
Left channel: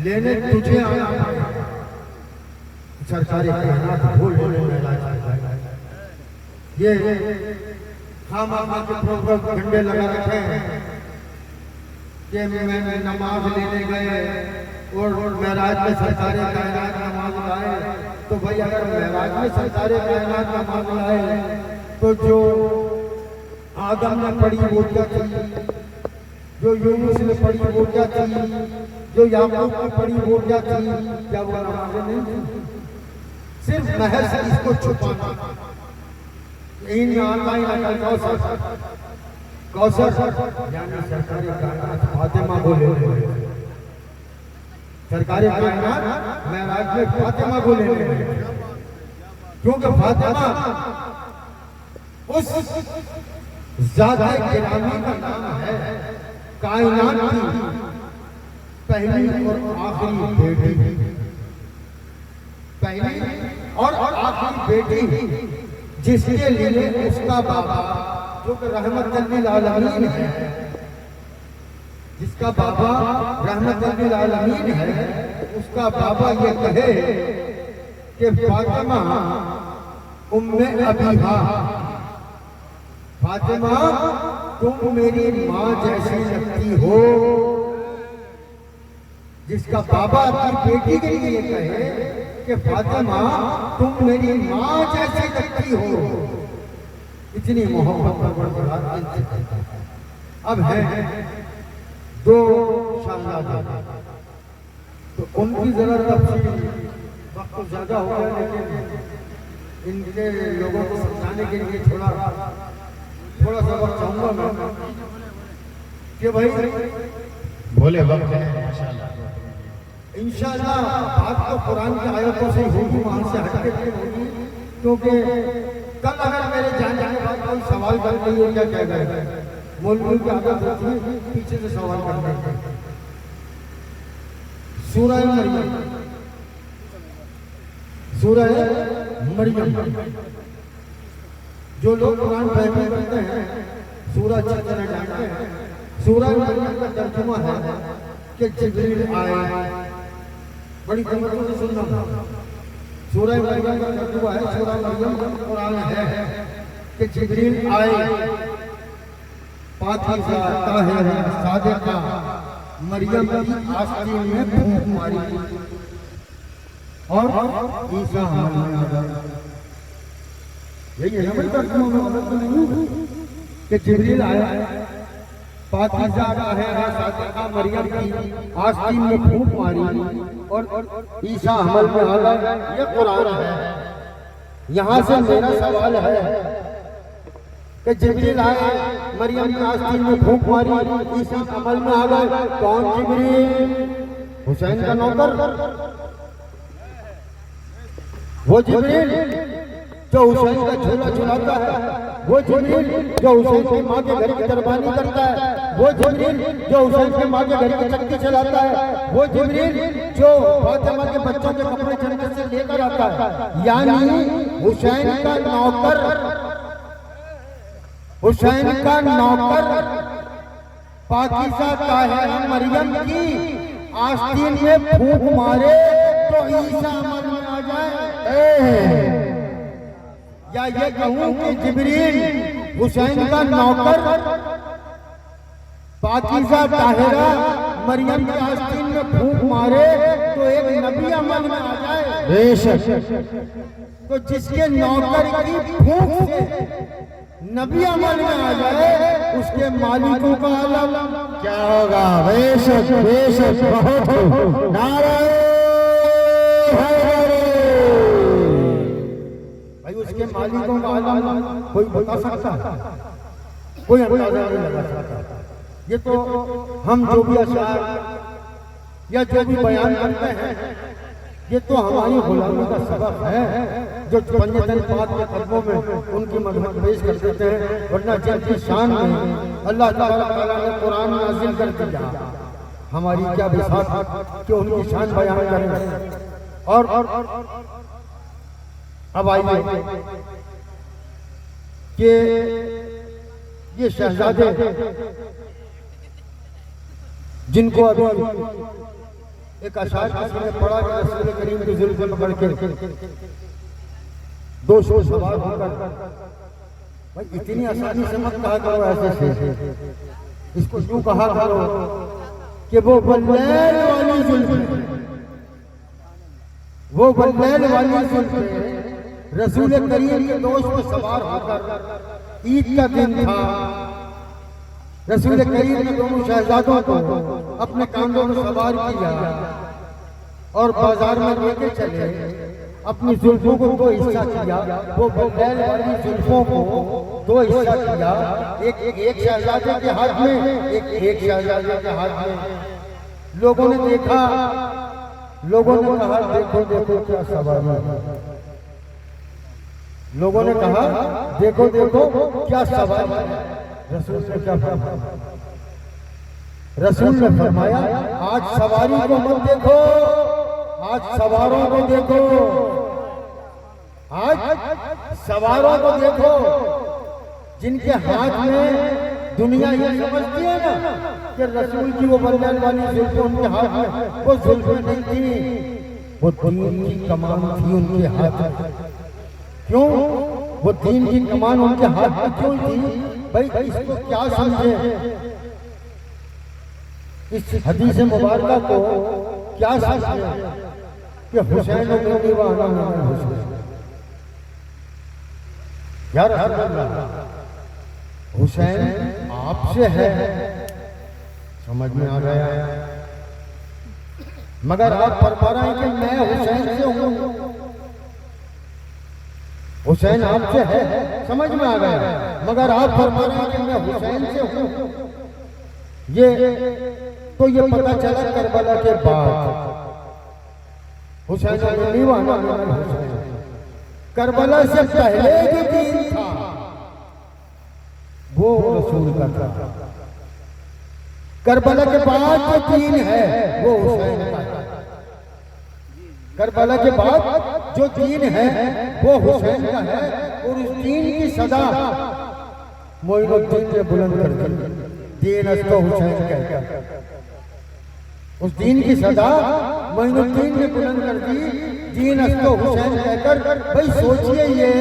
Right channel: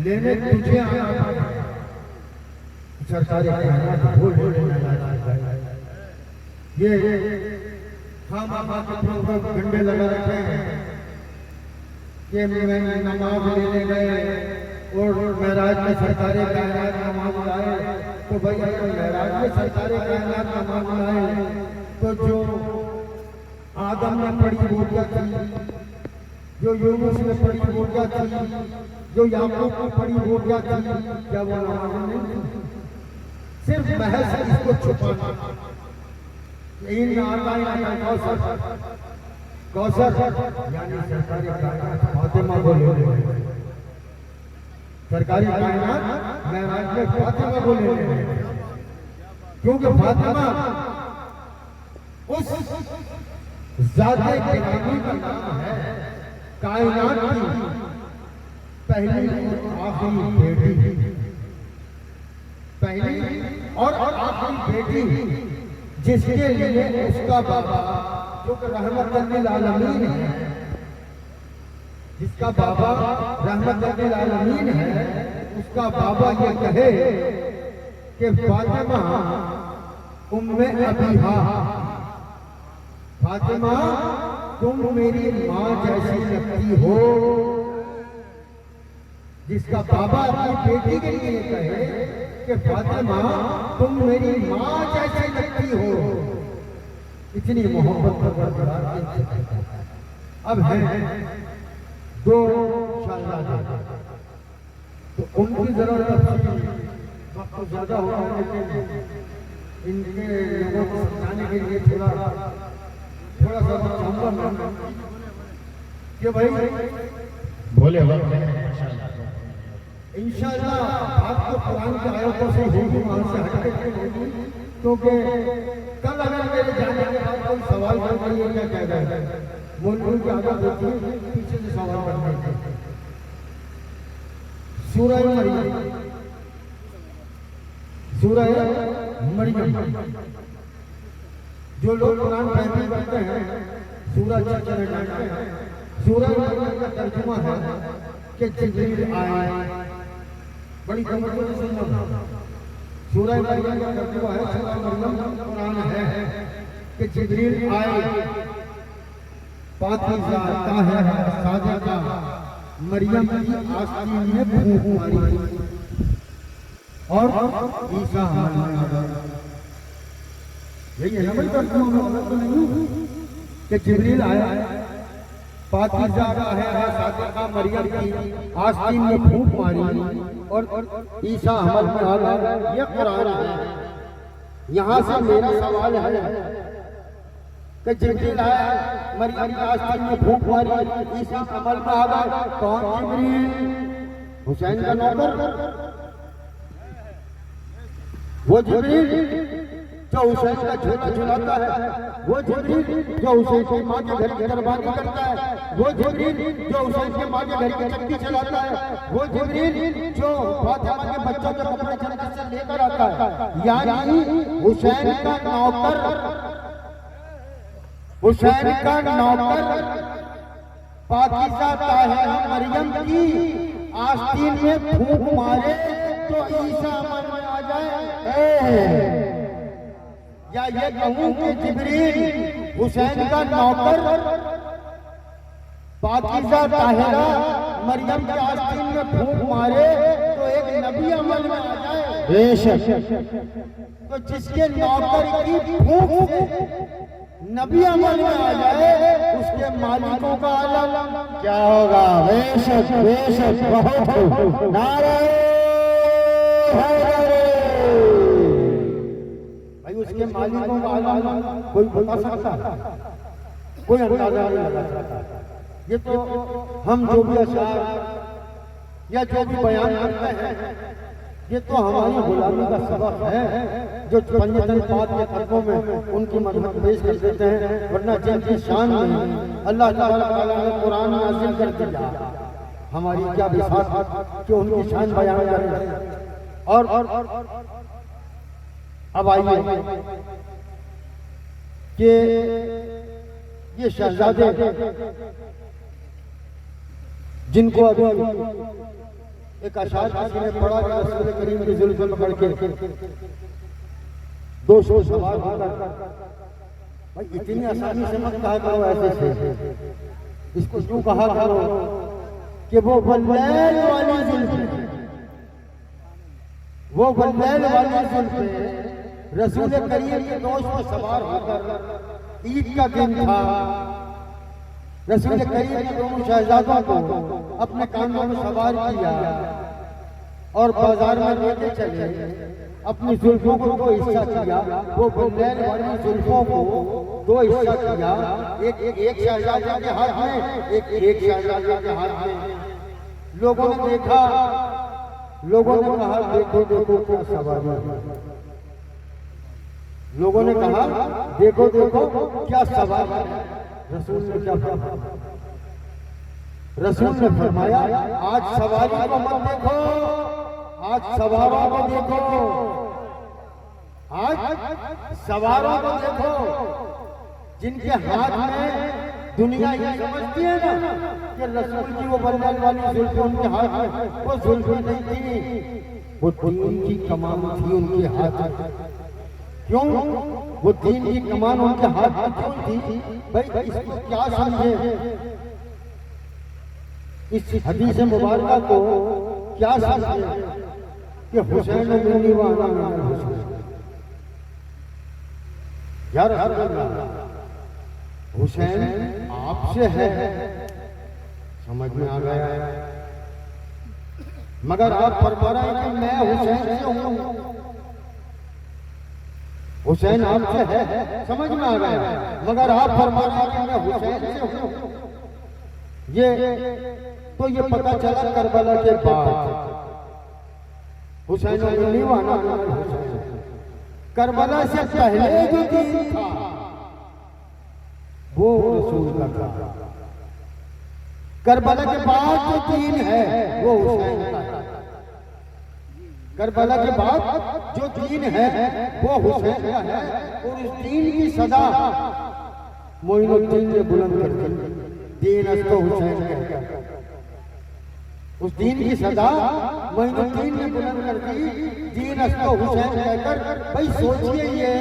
लेने तुझे आना पड़ेगा। सरकारी कायनात बोल बोलने लगा। ये खामा के प्रोग्राम घंटे लगा रखे हैं कि मैं नमाज लेने गए और मेराज में सरकारी कायनात नमाज लाए। तो भाई अगर मेराज में सरकारी कायनात नमाज लाए तो जो आदम ने पढ़ी वो क्या थी, जो यूनुस ने पढ़ी वो क्या थी, जो याकूब ने पढ़ी वो क्या थी? क्या वो नमाज़ें नहीं थी? सिर्फ महज इसको छुपाना। यही आता ही आता कौसर कौसर यानी सरकारी कायनात फातिमा बोले, सरकारी कायनात मेराज में फातिमा बोले, क्योंकि फातिमा उस ज़ात-ए गिरामी का नाम है, कायनात की पहली और आखिरी बेटी, पहली और आखिरी बेटी, जिसके लिए उसका बाबा जो रहमतुल लिल आलमीन है, जिसका बाबा रहमतुल लिल आलमीन है, उसका बाबा ये कहे कि फातिमा उम्मे अबीहा, फातिमा तुम मेरी माँ जैसी लगती हो। जिसका बाबा अपनी बेटी के लिए कहे कि फातिमा तुम मेरी माँ जैसी लगती हो, इतनी मोहब्बत का बरकरार। अब है दो शाहजादे, तो उनकी जरा तफसील वक्त तो ज्यादा हो गया, लेकिन इनके लोगों को समझाने के लिए थोड़ा सा वक्त चाहूंगा मैं कि भाई बोले वक्त है इंशाअल्लाह। बात तो कुरान की आयतों से होगी, वहां से हटके होगी, क्योंकि कल अगर मेरे जाने के बाद कोई सवाल कर रही है क्या कह गए, मौलवी की आदत होती है पीछे से सवाल करने की। सूरह मरियम, सूरह मरियम, जो लोग कुरान पढ़ते करते हैं सूरह अच्छी तरह जानते हैं। सूरह मरियम का तर्जुमा है कि जिब्रील आए, बड़ी तवज्जो से सुनना। सूरह मरियम का तर्जुमा है, सूरह मरियम कुरान है कि जिब्रील आए, पाकीज़ा ताहिरा सादिका मरियम की आस्तीन में फूंक मारी और ईसा हमल में आ गए। यही है ना भाई तर्जुमा, में मदद नहीं हूँ कि जिब्रील आया, पाकीज़ा ताहिरा सादिका मरियम की आस्तीन में फूंक मारी और ईसा हमल में आ गए। ये कुरान है। यहाँ से मेरा सवाल है कि जिब्रील आया, मरियम की आस्तीन में फूंक मारी, ईसा हमल में आ गए। कौन जिब्रील? हुसैन का नौकर, वो जिब्रील जो हुसैन का झोला झुलाता है, वो जिब्रील जो हुसैन की माँ के घर की दरबानी करता है, वो जिब्रील जो हुसैन की माँ के घर की चक्की चलाता है, वो जिब्रील जो फातिमा के बच्चों के कपड़े जन्नत से लेकर आता है। यानी हुसैन का नौकर, हुसैन का नौकर पाकीज़ा ताहिरा मरियम की आस्तीन में फूंक मारे तो ईसा अमल में आ जाए। या ये कहूं कि जिब्रील हुसैन का नौकर पाकीज़ा ताहिरा मरियम की आस्तीन में फूंक मारे तो एक नबी अमल में आ जाए। बेशक, तो जिसके नौकर की फूंक से नबी अमल में आ जाए, उसके मालिकों का आलम क्या होगा? बेशक बेशक, बहुत नारे भाई, उसके मालिकों का आलम कोई बता सकता है? कोई अंदाजा नहीं लगा सकता। ये तो हम जो भी अशार या जो भी बयान करते हैं, ये तो हमारी गुलामी का सबब है, जो पंजतन पाक के कदमों में उनकी मदद पेश कर देते हैं। वरना जिनकी शान में अल्लाह ताला ने कुरान नाज़िल कर दिया, हमारी क्या बिसात कि उनकी शान बयान करें। और अब आइए कि ये शहजादे जिनको अभी एक अशार का सूरह पढ़ा गया, सूरह करीम की ज़िल पकड़ के 200 सवार होकर भाई इतनी आसानी से मत कहा करो ऐसे से, इसको यूं कहा करो कि वो बुलैन वाली जुल्फ़, वो बुलैन वाली जुल्फ़ रसूल करीम के दोस्त पे सवार होकर, ईद का दिन था, रसूल करीम ने दोनों शहजादों को अपने कांधों में सवार किया और बाजार में लेके चले, अपनी जुल्फों को दो हिस्सा किया, वो बुलैन वाली जुल्फों को दो हिस्सा किया, एक शहजादे के हाथ में, एक शहजादे के हाथ में। लोगों ने देखा, लोगों ने कहा देखो देखो क्या सवारी है, लोगों ने कहा देखो देखो क्या सवारी है। रसूल ने क्या फरमाया? रसूल ने फरमाया आज सवारी को मत देखो, आज सवारों को देखो, आज सवारों को देखो, जिनके हाथ में दुनिया ये समझती है ना कि रसूल की वो बुलैन वाली जुल्फ़ उनके हाथ में, वो जुल्फ़ नहीं थी, वो दीन की कमान थी उनके हाथ में। क्यों वो दीन की कमान उनके हाथ में क्यों थी? भाई इसको क्या समझे, इस हदीस मुबारक को क्या समझे कि हुसैन ने यार हुसैन आपसे है, समझ में आ गया, मगर आप फरमा रहे हैं कि मैं हुसैन से हूं, हुसैन आपसे है, समझ में आ गया, मगर आप फरमा रहे हैं कि मैं हुसैन से हूं। तो ये पता चला करबला के बाद हुसैन नहीं माना, करबला से पहले जो दीन था वो रसूल का था, करबला के बाद जो दीन है वो हुसैन का है, करबला के बाद जो दीन है वो हुसैन का है। और इस दीन की सदा मोइनुद्दीन ने बुलंद कर दी, दीन अस्तो हुसैन कहकर, उस दीन की सदा मोइनुद्दीन ने बुलंद कर दी, दीन अस्तो हुसैन कहकर। भाई सोचिए ये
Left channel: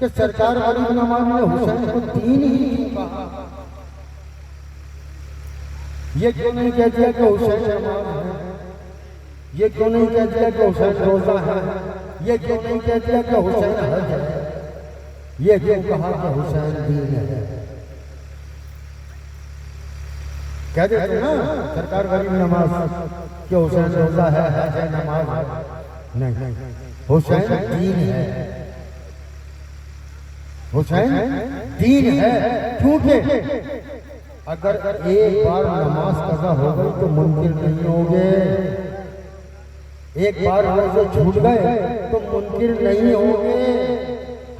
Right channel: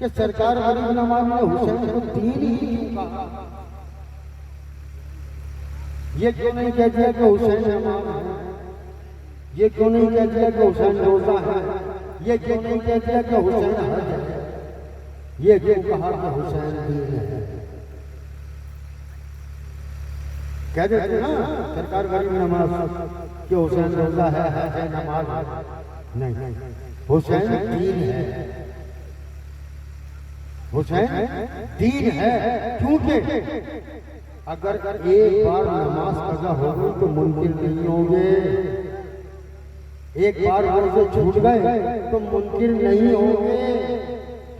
कि सरकार गरीब नवाज ने हुसैन को दीन ही कहा, ये क्यों नहीं कह दिया कि हुसैन नवाज है, ये क्यों नहीं कह दिया कि हुसैन रोजा है, ये क्यों नहीं कह दिया कि हुसैन हज है, ये क्यों कहा कि हुसैन दीन है? कह देते ना सरकार गरीब नवाज कि हुसैन रोजा है, हज है, नमाज है, नहीं, हुसैन दीन है, हुसैन दीन है। क्योंकि अगर एक बार नमाज कज़ा हो गई तो मुमकिन नहीं होगे, एक बार रोजे छूट गए तो मुमकिन नहीं होंगे,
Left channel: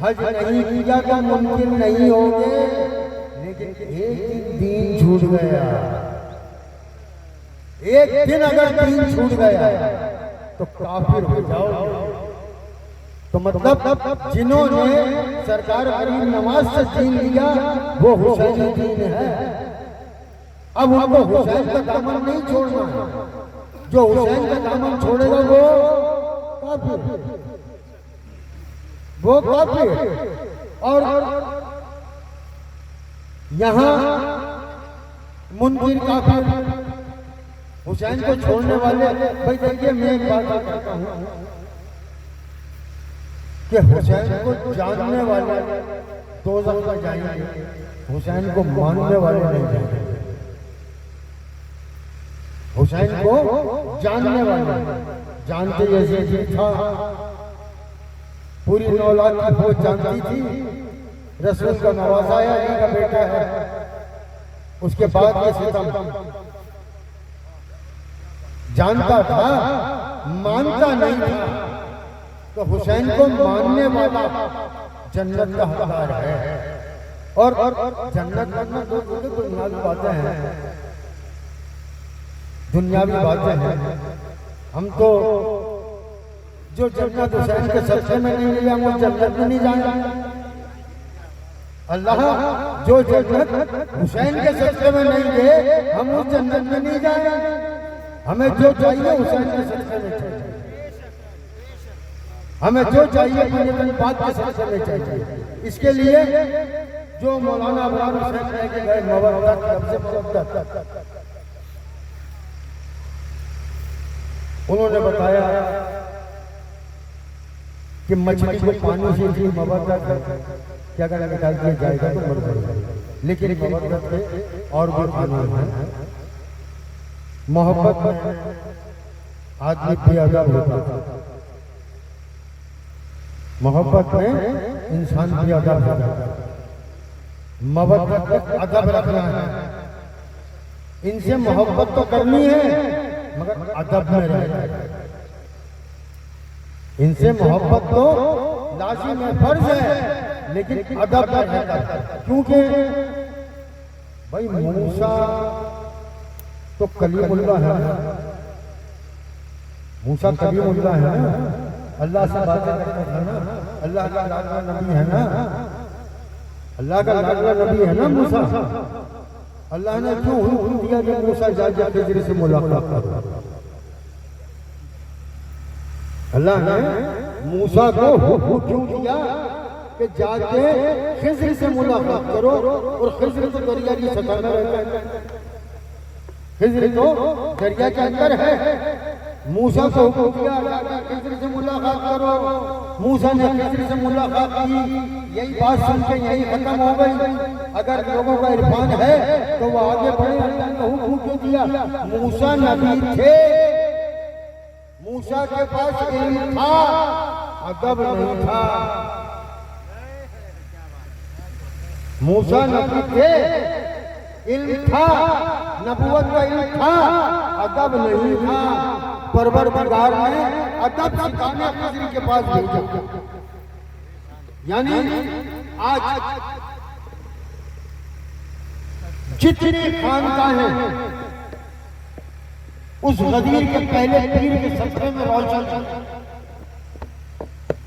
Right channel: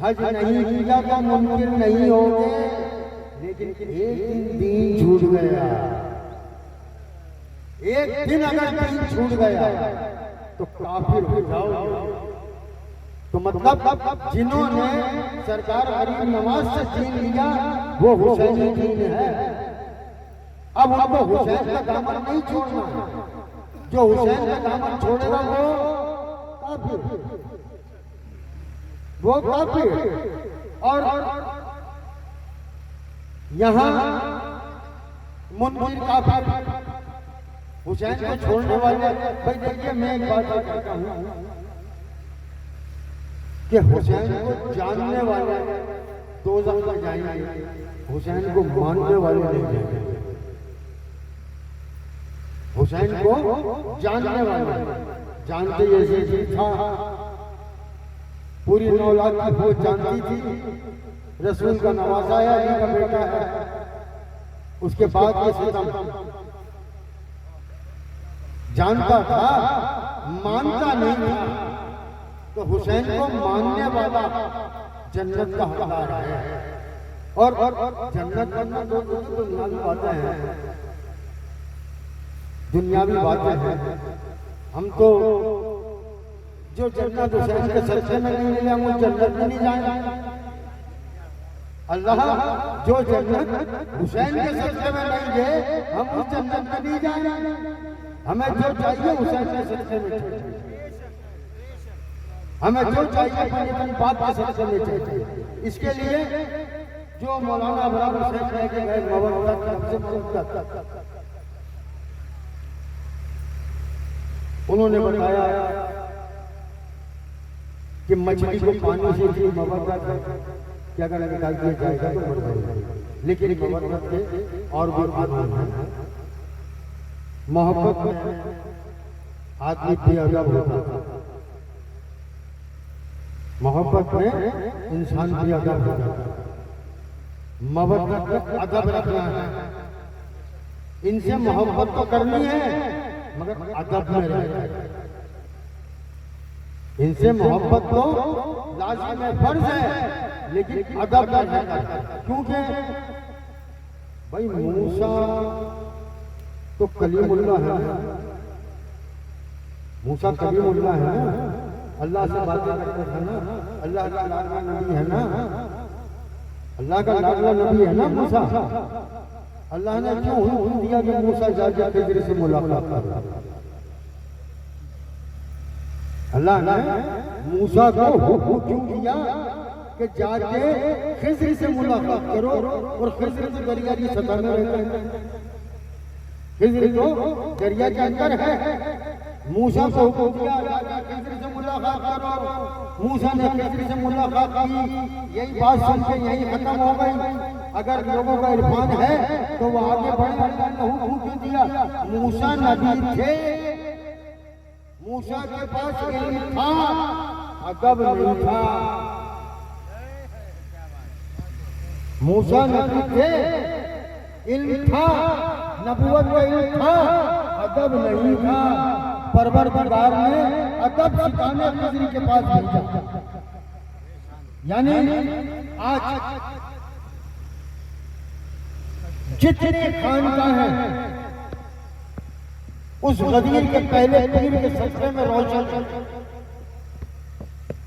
हज नहीं किया तो मुमकिन नहीं होंगे, लेकिन एक दिन छूट गया, एक दिन अगर दिन छूट गया तो काफिर हो जाओगे। तो मतलब जिन्होंने सरकार गरीब नवाज से दीन लिया वो हुसैनी दीन है। अब उनको हुसैन का कानून नहीं छोड़ना, जो हुसैन का कानून छोड़ेगा वो काफिर, वो काफिर। और यहाँ मुनकिर काफिर, हुसैन को छोड़ने वाले। भाई देखिए मैं क्या कहता हूँ कि हुसैन को जानने वाले दोज़ख में जाएंगे, हुसैन को मानने वाले नहीं जाएंगे। हुसैन को जानने वाले जानते, जैसे था पूरी 9 लाख की फौज जानती थी, रसूल का नवाज़ाया अली का बेटा है, उसके बाद के सितम जानता था, मानता नहीं था। तो हुसैन को मानने वाला जन्नत का हकदार है। और जन्नत में दुनियावी बातें हैं, दुनियावी बातें हैं। हम तो जो जन्नत हुसैन के सदक़े में नहीं मिले हम जन्नत में नहीं जाएंगे। अल्लाह जो जन्नत हुसैन के सदक़े में नहीं दे हम उस जन्नत में नहीं जाएंगे। हमें जो चाहिए हुसैन के सदक़े में चाहिए। हमें जो चाहिए अपनी बात के सिलसिले में चाहिए। इसके लिए जो मौलाना अबरार शेख लेके गए नवाबा की तरफ से उन्होंने बताया कि मछली को पानी से भी मोहब्बत है, क्या अगर निकाल दिया जाएगा तो मर जाएगा, लेकिन मोहब्बत के और भी कानून है। मोहब्बत में आदमी बेअदब होता है, मोहब्बत में इंसान बेअदब होता है, मोहब्बत में अदब रखना है। इनसे मोहब्बत तो करनी है मगर अदब में रहना है। इनसे मोहब्बत तो लाजिम है, फर्ज है, लेकिन अदब में रहना है। क्योंकि भाई मूसा तो कलीमुल्लाह है, मूसा कलीमुल्लाह है ना, अल्लाह से बातें करते थे ना, अल्लाह का लाडला नबी है ना, अल्लाह का लाडला नबी है ना मूसा। अल्लाह ने क्यों हुक्म दिया कि मूसा जाके खिज़र से मुलाकात करो? अल्लाह ने मूसा को हुक्म क्यों दिया कि जाके खिज़र से मुलाकात करो? और खिज़र तो दरिया की सतह में रहता है, खिज़र तो दरिया के अंदर है। मूसा को हुक्म दिया खिज़र से मुलाकात करो, मूसा ने खिज़र से मुलाकात की। यही बात सुन के यही खत्म हो गई। अगर लोगों का इरफान है तो वो आगे बढ़े। अल्लाह ने हुक्म क्यों दिया? मूसा नबी थे, मूसा के पास इल्म था, अदब नहीं था। मूसा नबी थे, इल्म था, नबूवत का इल्म था, अदब नहीं था। परवरदिगार ने अदब सिखाने खिज़र के पास भेजा। यानी आज जितने खानकाहें हैं उस गदीर के पहले पीर के सदक़े में रोशन,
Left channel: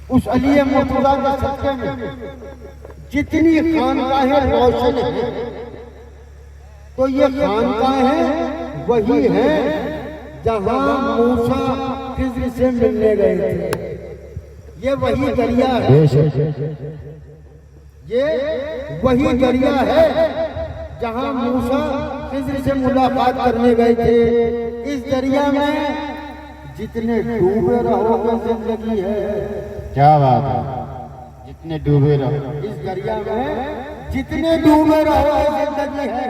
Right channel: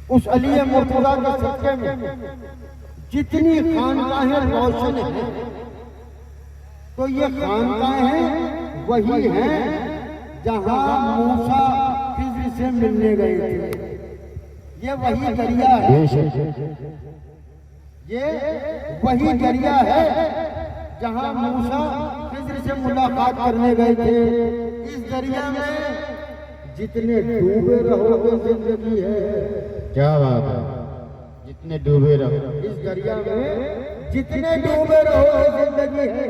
उस अली मुर्तज़ा के सदक़े में जितनी खानकाहें रोशन हैं, तो ये खानकाहें वही हैं जहां मूसा खिज़र से मिलने गए थे। ये वही दरिया है, ये वही दरिया है जहां मूसा खिज़र से मुलाकात करने गए थे। इस दरिया में जितने डूबे रहोगे जिंदगी है। क्या बात है, जितने डूबे रहो इस दरिया में जितने डूबे रहोगे जिंदगी है।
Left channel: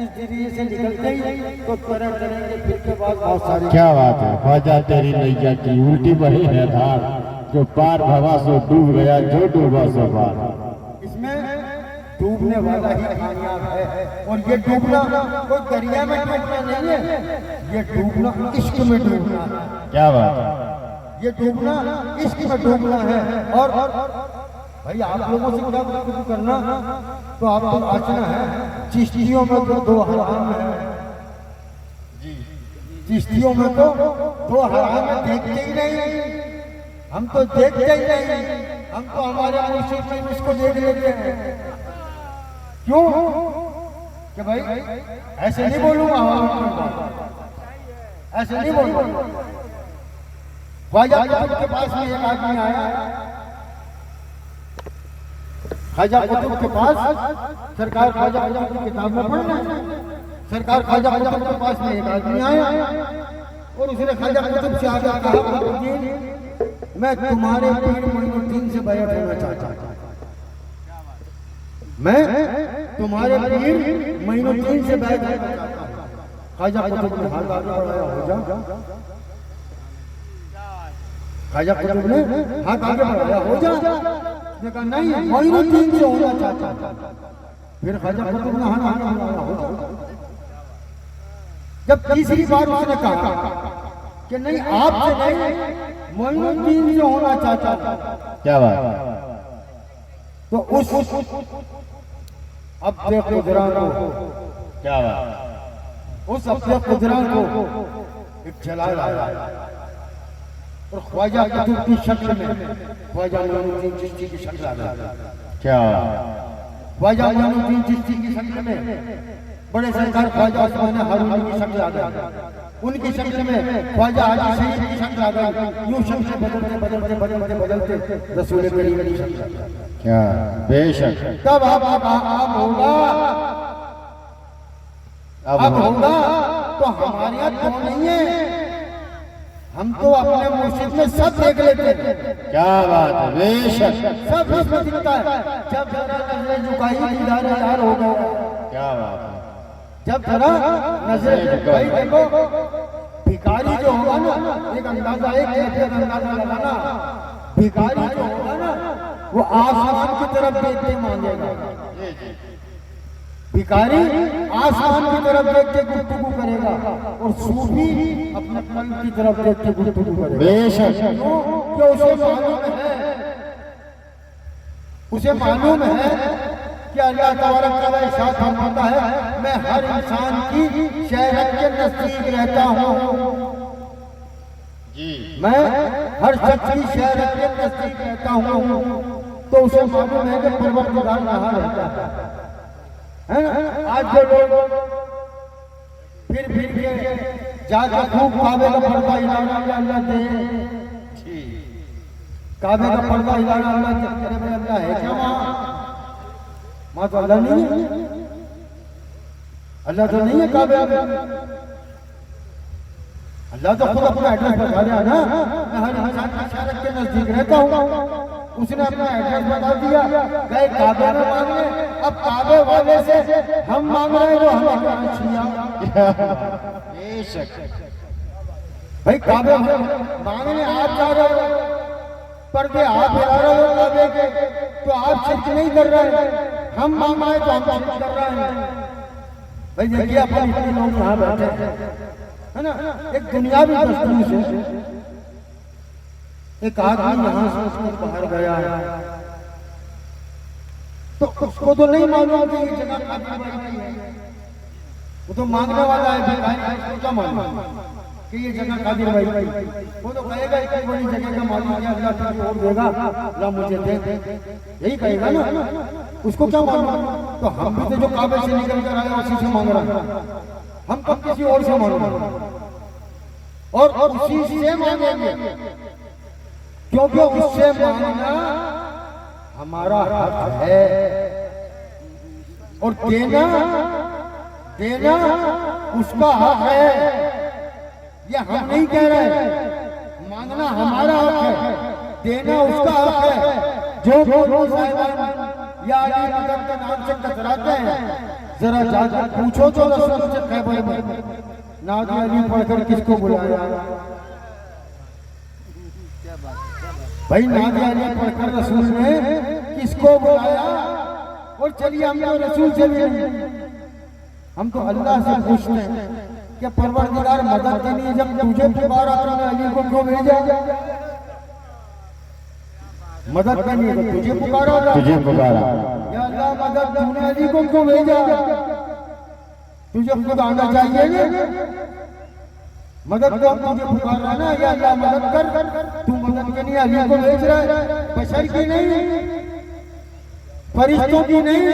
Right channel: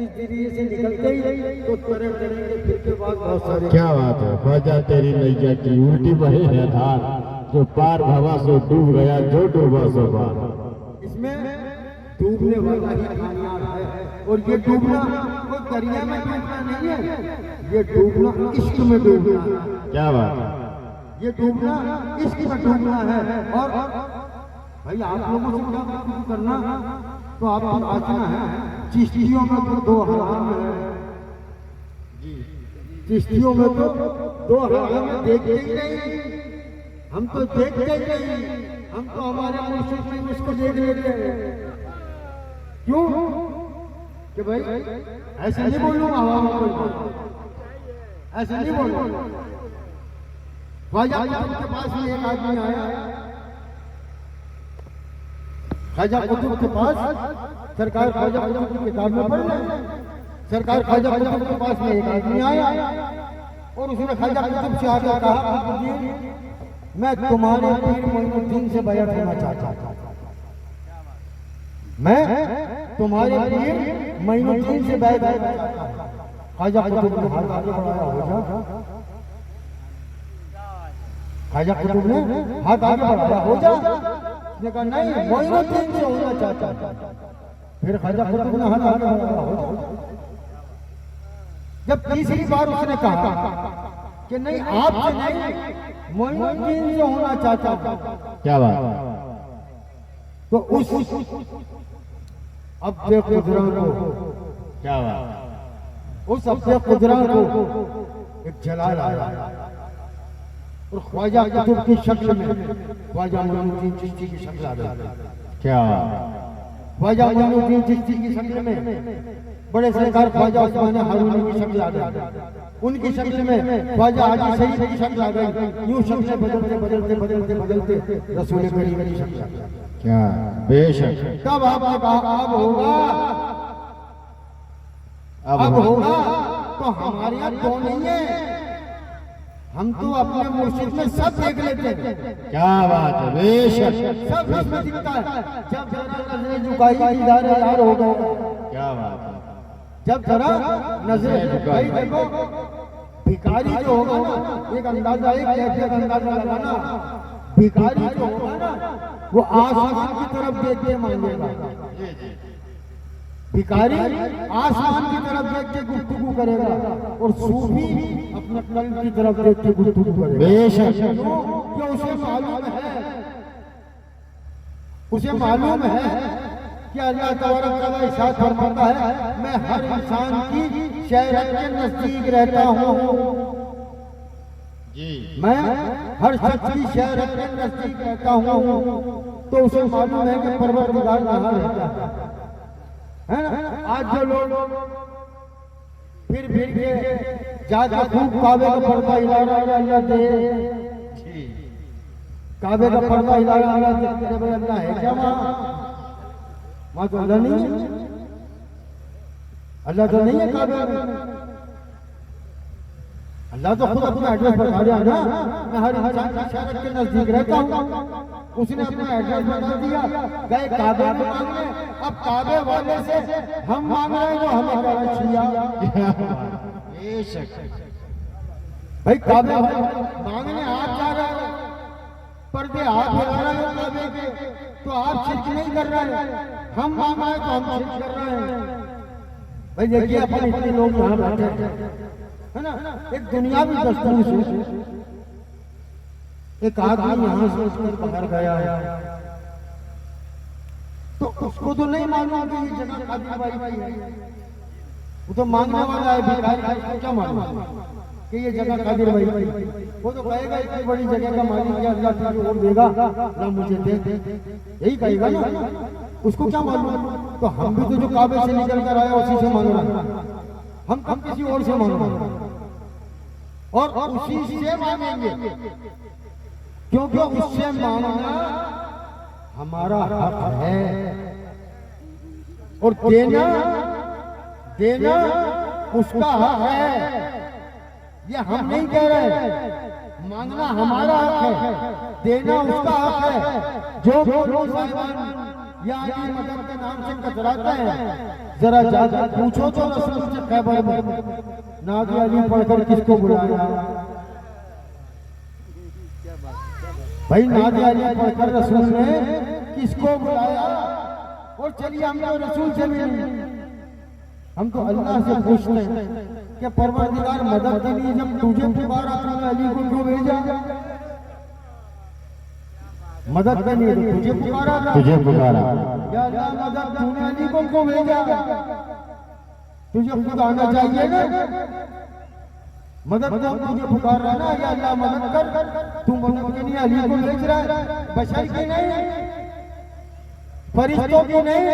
इस दरिया से निकलते ही तो तरह करेंगे, फिर के बाद बहुत सारे। क्या बात है, ख्वाजा तेरी नैया की उल्टी बही है धार, जो पार भवा सो डूब गया, जो डूबा सो पार। इसमें डूबने वाला ही कामयाब है। और ये डूबना कोई दरिया में डूबना नहीं है, ये डूबना इश्क में डूबना है। क्या बात है, ये डूबना इश्क में डूबना है। और भाई आप लोगों से क्या कुछ करना तो आपको बचना है। चिश्तियों में तो दो हराम है, चिश्तियों में तो दो हराम है, देखते ही नहीं। हम तो देखते ही नहीं, हम तो हमारे मुर्शिद में उसको देख लेते हैं। क्यों? कि भाई ऐसे नहीं बोलूंगा, ऐसे नहीं बोलूंगा। ख्वाजा कुतुब के पास में एक आदमी आया, ख्वाजा कुतुब के पास, सरकार ख्वाजा कुतुब की किताब में पढ़ रहे, सरकार ख्वाजा कुतुब के पास में एक आदमी आया और उसने ख्वाजा कुतुब से आगे कहा, मैं तुम्हारे पीर मोइनुद्दीन से बैत होना चाहता हूं, मैं तुम्हारे पीर मोइनुद्दीन से बैत होना चाहता हूं। ख्वाजा कुतुब ने हाथ आगे बढ़ाया, हो जाओ। ख्वाजा कुतुब ने हाथ आगे बढ़ाया, हो जाओ। उसने कहा नहीं, मोइनुद्दीन से होना चाहता हूं। फिर ख्वाजा कुतुब ने हाथ आगे बढ़ाया, हो जाओ। जब तीसरी बार उसने कहा कि नहीं आपसे नहीं, मोइनुद्दीन से होना चाहता था। क्या बात, तो उस अब खुदरा को, क्या बात, उस खुदरा को एक जलाल आया और ख्वाजा कुतुब की शक्ल में ख्वाजा मोइनुद्दीन चिश्ती की शक्ल आ गई। क्या ख्वाजा मोइनुद्दीन चिश्ती की शक्ल में बड़े सरकार ख्वाजा उसमें हारून की शक्ल आ गई। उनकी शक्ल में ख्वाजा हाजी सईद की शक्ल आ गई। यूं शक्ल बदलते बदलते बदलते बदलते रसूल करीम की शक्ल आ गई। क्या बेशक। तब अब होगा, अब होगा तो हमारे यहाँ क्यों नहीं है? हम तो अपने मुर्शिद में सब देख लेते हैं। क्या बात है, बेशक। सब इसमें दिखता है। जब जरा नजरें झुकाई दीदार यार हो गया। क्या बात है, जब जरा नजरें झुकाई, देखो भिखारी जो होगा ना, एक अंदाजा, एक कैफियत अंदाजा लगाना, भिखारी जो होगा ना वो आसमान की तरफ देख के मांगेगा। भिखारी आसमान की तरफ देख के गुफ्तगू करेगा और सूफी अपने कल्ब की तरफ देख के गुफ्तगू करेगा। बेशक। क्यों? उसे मालूम है, उसे मालूम है कि अल्लाह तबारक तआला इरशाद फरमाता है, मैं हर इंसान की शहरत के नजदीक रहता हूँ जी। मैं हर शख्स की शहरत के नजदीक रहता हूँ। तो उसे मालूम है कि परवरदिगार कहाँ रहता है ना। आज जो लोग फिर के जाकर खूब काबे का पर्दा हिलाना, अल्लाह दे, काबे का पर्दा हिलाना, अल्लाह है क्या वहाँ तो अल्लाह नहीं है, अल्लाह तो नहीं है काबे में। अल्लाह तो खुद अपना एड्रेस बता दिया ना, मैं हर इंसान की शहरत के नजदीक रहता हूँ। उसने अपना एड्रेस बता दिया, गए काबे में मांगने। अब काबे वाले से हम मांग रहे हैं जो हमें करना चाहिए। भाई काबे मांगने आप जा रहे हो, पर्दे आप हिला रहे हो काबे के, तो आप शिरक नहीं कर रहे। हम मांग रहे तो हम शिरक कर रहे हैं। भाई देखिए अपन इतने लोग यहाँ बैठे है ना, एक दुनियावी दस्तूर से एक आदमी यहाँ से उसके बाहर गया है, तो उसको तो नहीं मालूम कि ये जगह कादिर भाई की है। वो तो मांगने वाला है, उसको क्या मालूम कि ये जगह कादिर भाई की है। वो तो कहेगा इतनी बड़ी जगह का मालिक है, अल्लाह तुझे और देगा, अल्लाह मुझे दे, यही कहेगा ना। उसको क्या मालूम? तो हम भी तो जो काबे से निकल कर आए उसी से मांग रहे हैं, हम कब किसी और से मांग रहे हैं और उसी से मांगेंगे, क्योंकि उससे मांगना हमारा हक है और देना उसका हक है। ये हम नहीं कह रहे, मांगना हमारा हक है, देना उसका हक है। जो साहिबान या अली मदद के नाम से कतराते हैं, जरा जाकर पूछो तो रसूल से खैबर में नादी अली पढ़कर किसको बुलाया? भाई नादी अली पढ़कर रसूल ने किसको बुलाया? और चलिए हमने रसूल से भी नहीं, हम तो अल्लाह से पूछते हैं कि परवरदिगार मदद के लिए जब तुझे पुकारा तूने अली को क्यों भेजा? मदद के लिए तुझे पुकारा, या अल्लाह मदद तूने अली को क्यों भेजा? तुझे खुद आना चाहिए ना, मदद कर, तुझे पुकार रहा ना, या अल्लाह मदद कर, तू मदद के लिए अली को भेज रहा है। बशर की नहीं, फरिश्तों की नहीं,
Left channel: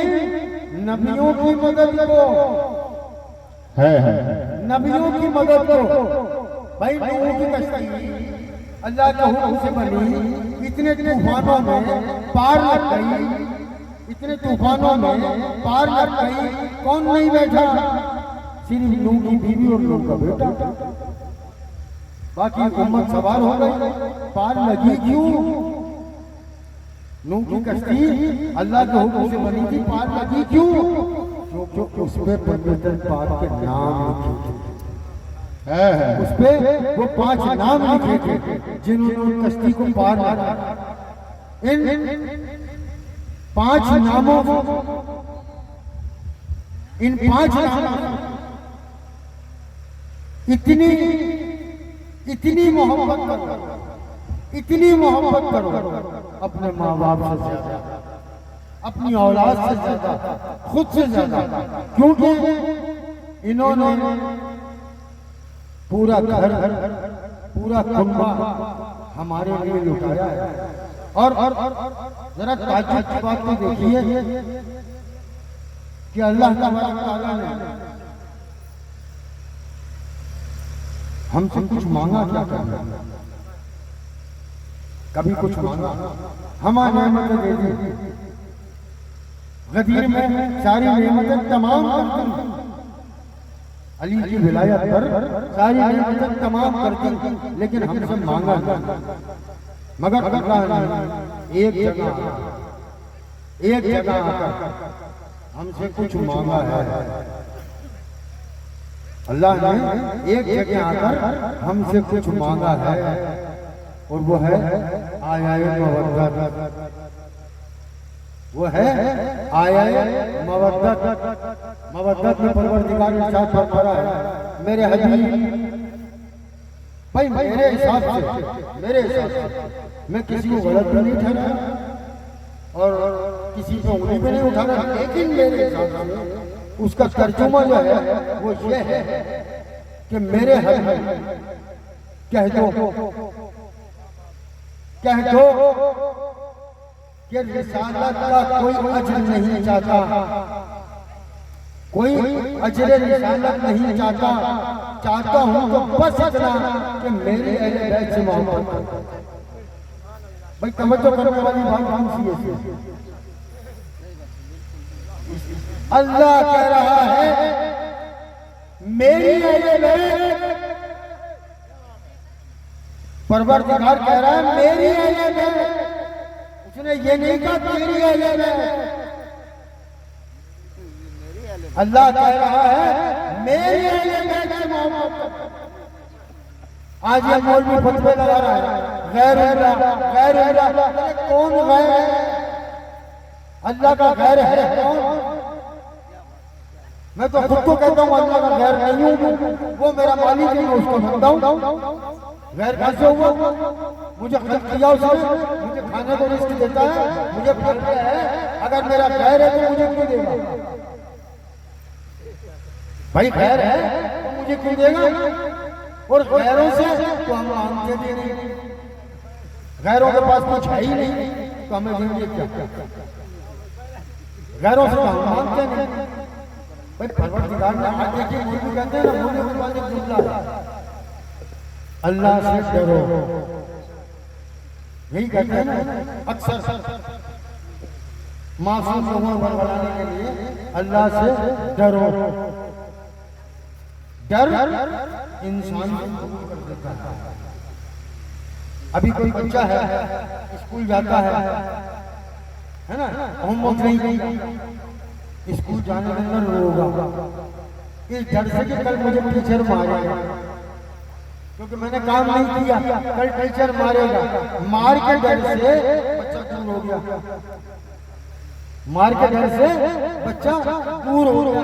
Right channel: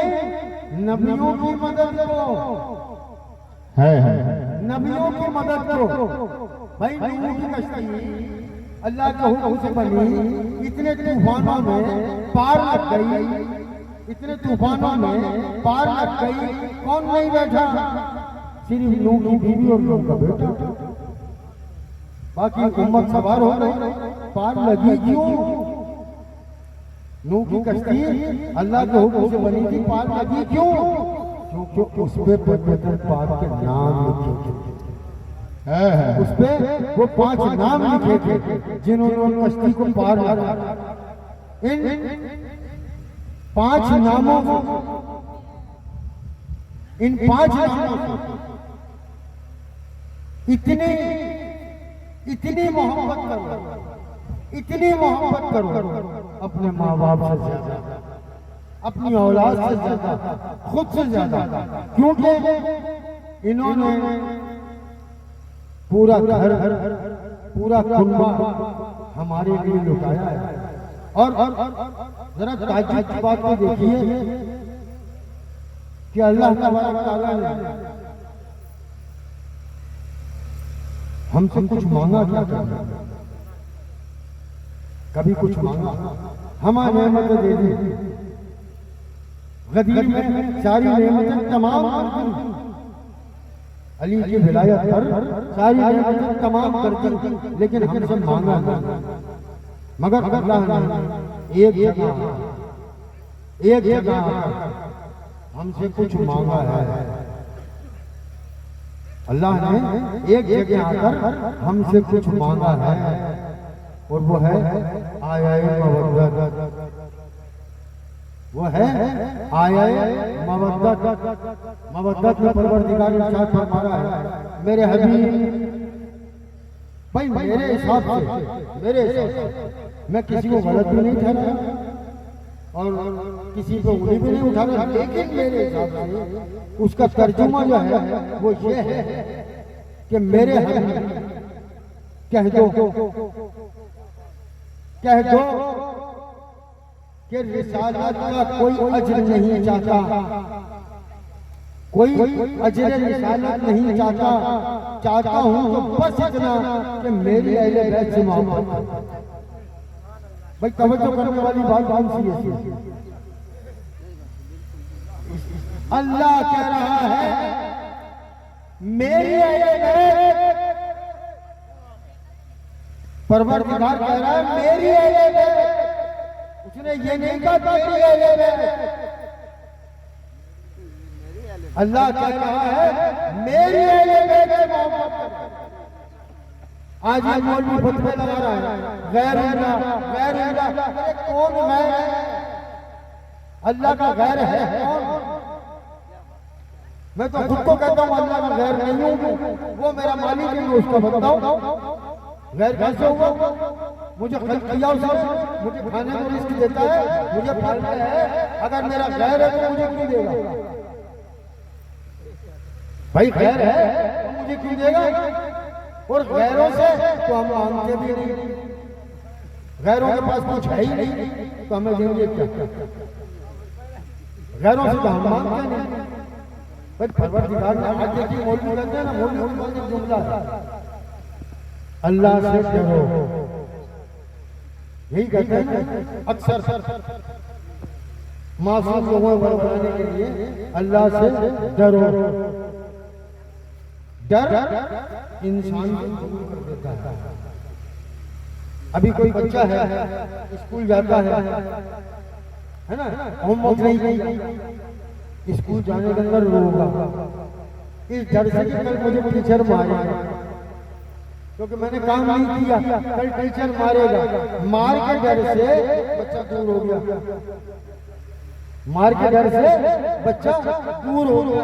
नबियों की मदद को है नबियों की मदद को। भाई नूह की कश्ती अल्लाह के हुक्म से बनी, इतने तूफानों में पार लग गई, इतने तूफानों में पार लग गई, कौन नहीं बैठा? सिर्फ नूह की बीवी और नूह का बेटा, बाकी उम्मत सवार हो गई। पार लगी क्यों? नूह की कश्ती अल्लाह के हुक्म से बनी थी, पार लगी क्यों? क्योंकि उस पे पवित्र पाक के नाम लिखे थे, उस पे वो 5 नाम लिखे थे जिन्होंने कश्ती को पार लगा। इन 5 नामों, इन 5 नामों इतनी मोहब्बत करो, इतनी मोहब्बत करो अपने माँ बाप से ज्यादा, अपनी औलाद से ज्यादा, खुद से ज्यादा, क्योंकि इन्होंने पूरा घर, पूरा कुंबा हमारे लिए लुटाया है। और जरा ताज्जुब की बात को देखिए कि अल्लाह तबारक तआला ने हमसे कुछ मांगा क्या करना, कभी कुछ मांगा, हमारी नेमतें दे दी, गदीर में सारी नेमतें तमाम कर दी, अली की विलायत पर सारी नेमतें तमाम कर दी, लेकिन हमसे मांगा नहीं। मगर करना नहीं, एक जगह हमसे कुछ मांगा है। अल्लाह ने एक जगह आकर हमसे कुछ मांगा है, और वो है आया मवद्दत, वो है आया मवद्दत। मवद्दत में परवरदिगार इरशाद फरमा रहा है, मेरे हबीब भाई मेरे हिसाब से मैं किसी को गलत भी नहीं ठहराया और किसी को उंगली भी नहीं उठाना, लेकिन मेरे हिसाब से उसका तर्जुमा जो है वो ये है कि मेरे हबीब कह दो कि रिसालत का कोई अजर नहीं चाहता, कोई अजर रिसालत नहीं चाहता हूं तो बस इतना कि मेरी अहले बैत से मोहब्बत। भाई तवज्जो करने वाली बात कौन सी है? अल्लाह कह रहा है मेरी अहले बैत, परवरदिगार कह रहा है मेरी अहले बैत, उसने ये नहीं कहा तेरी अहले बैत। अल्लाह कह रहा है मेरे अहले बैत से मोहब्बत कर। आज ये मौलवी फतवे लगा रहा है गैर अल्लाह, कौन गैर है? अल्लाह का गैर है कौन? मैं तो खुद को कहता हूँ अल्लाह का गैर नहीं हूँ, वो मेरा मालिक है, मैं उसका बनता हूँ। गैर कैसे हुआ? मुझे खल्क किया उसने, मुझे खाने को रिस्क देता है, मुझे फल है, अगर मेरा गैर है तो मुझे क्यों देगा? भाई गैर है तो मुझे क्यों देगा? और गैरों से तो हम मांगते भी नहीं, गैरों के पास कुछ है ही नहीं तो हमें देंगे क्या? गैरों से तो हम मांगते नहीं। परवरदिगार ने आज देखिए मौलवी कहते हैं, मौलवी के पास एक जुमला, अल्लाह से डरो, यही कहते हैं ना अक्सर मासूम लोगों को बनाने के लिए, अल्लाह से डरो। डर इंसान को कबूल कर देता है। अभी कोई बच्चा है स्कूल जाता है ना, होमवर्क नहीं गई, स्कूल जाने के अंदर रोगा इस डर से कि कल मुझे टीचर मारेगा, क्योंकि मैंने काम नहीं किया, कल टीचर मारेगा। मार के डर से बच्चा दूर हो गया, मार के डर से बच्चा दूर हो गया।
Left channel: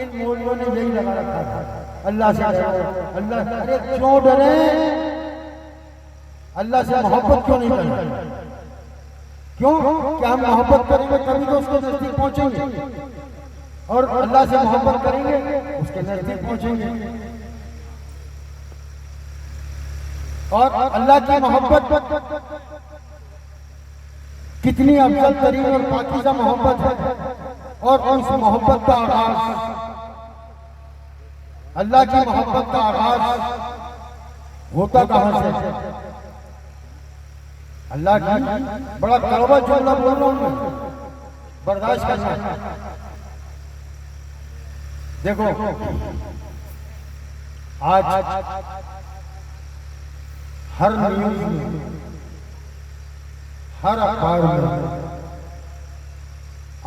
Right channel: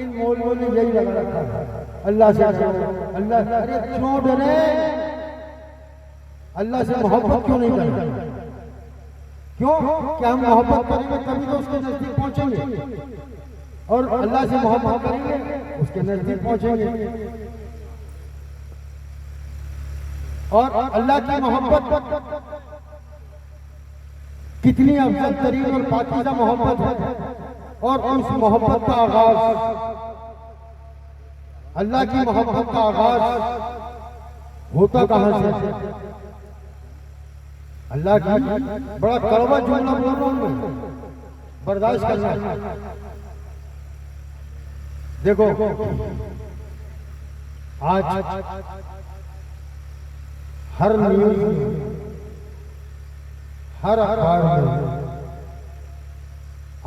इन मौलवियों ने यही लगा रखा है, अल्लाह से डरो, अल्लाह से। अरे क्यों डरे? अल्लाह से मोहब्बत क्यों नहीं करें? क्यों? क्या हम मोहब्बत करेंगे तभी तो उसके नजदीक पहुंचेंगे, और अल्लाह से मोहब्बत करेंगे उसके नजदीक पहुंचेंगे। और अल्लाह की मोहब्बत कितनी अफजल तरीन और पाकीज़ा मोहब्बत है, और उस मोहब्बत का आगाज, अल्लाह की मोहब्बत का आगाज होता कहां से? अल्लाह की बड़ा कड़वा जुमला बोल रहा हूं, बर्दाश्त करना। देखो आज हर न्यूज में, हर अखबार में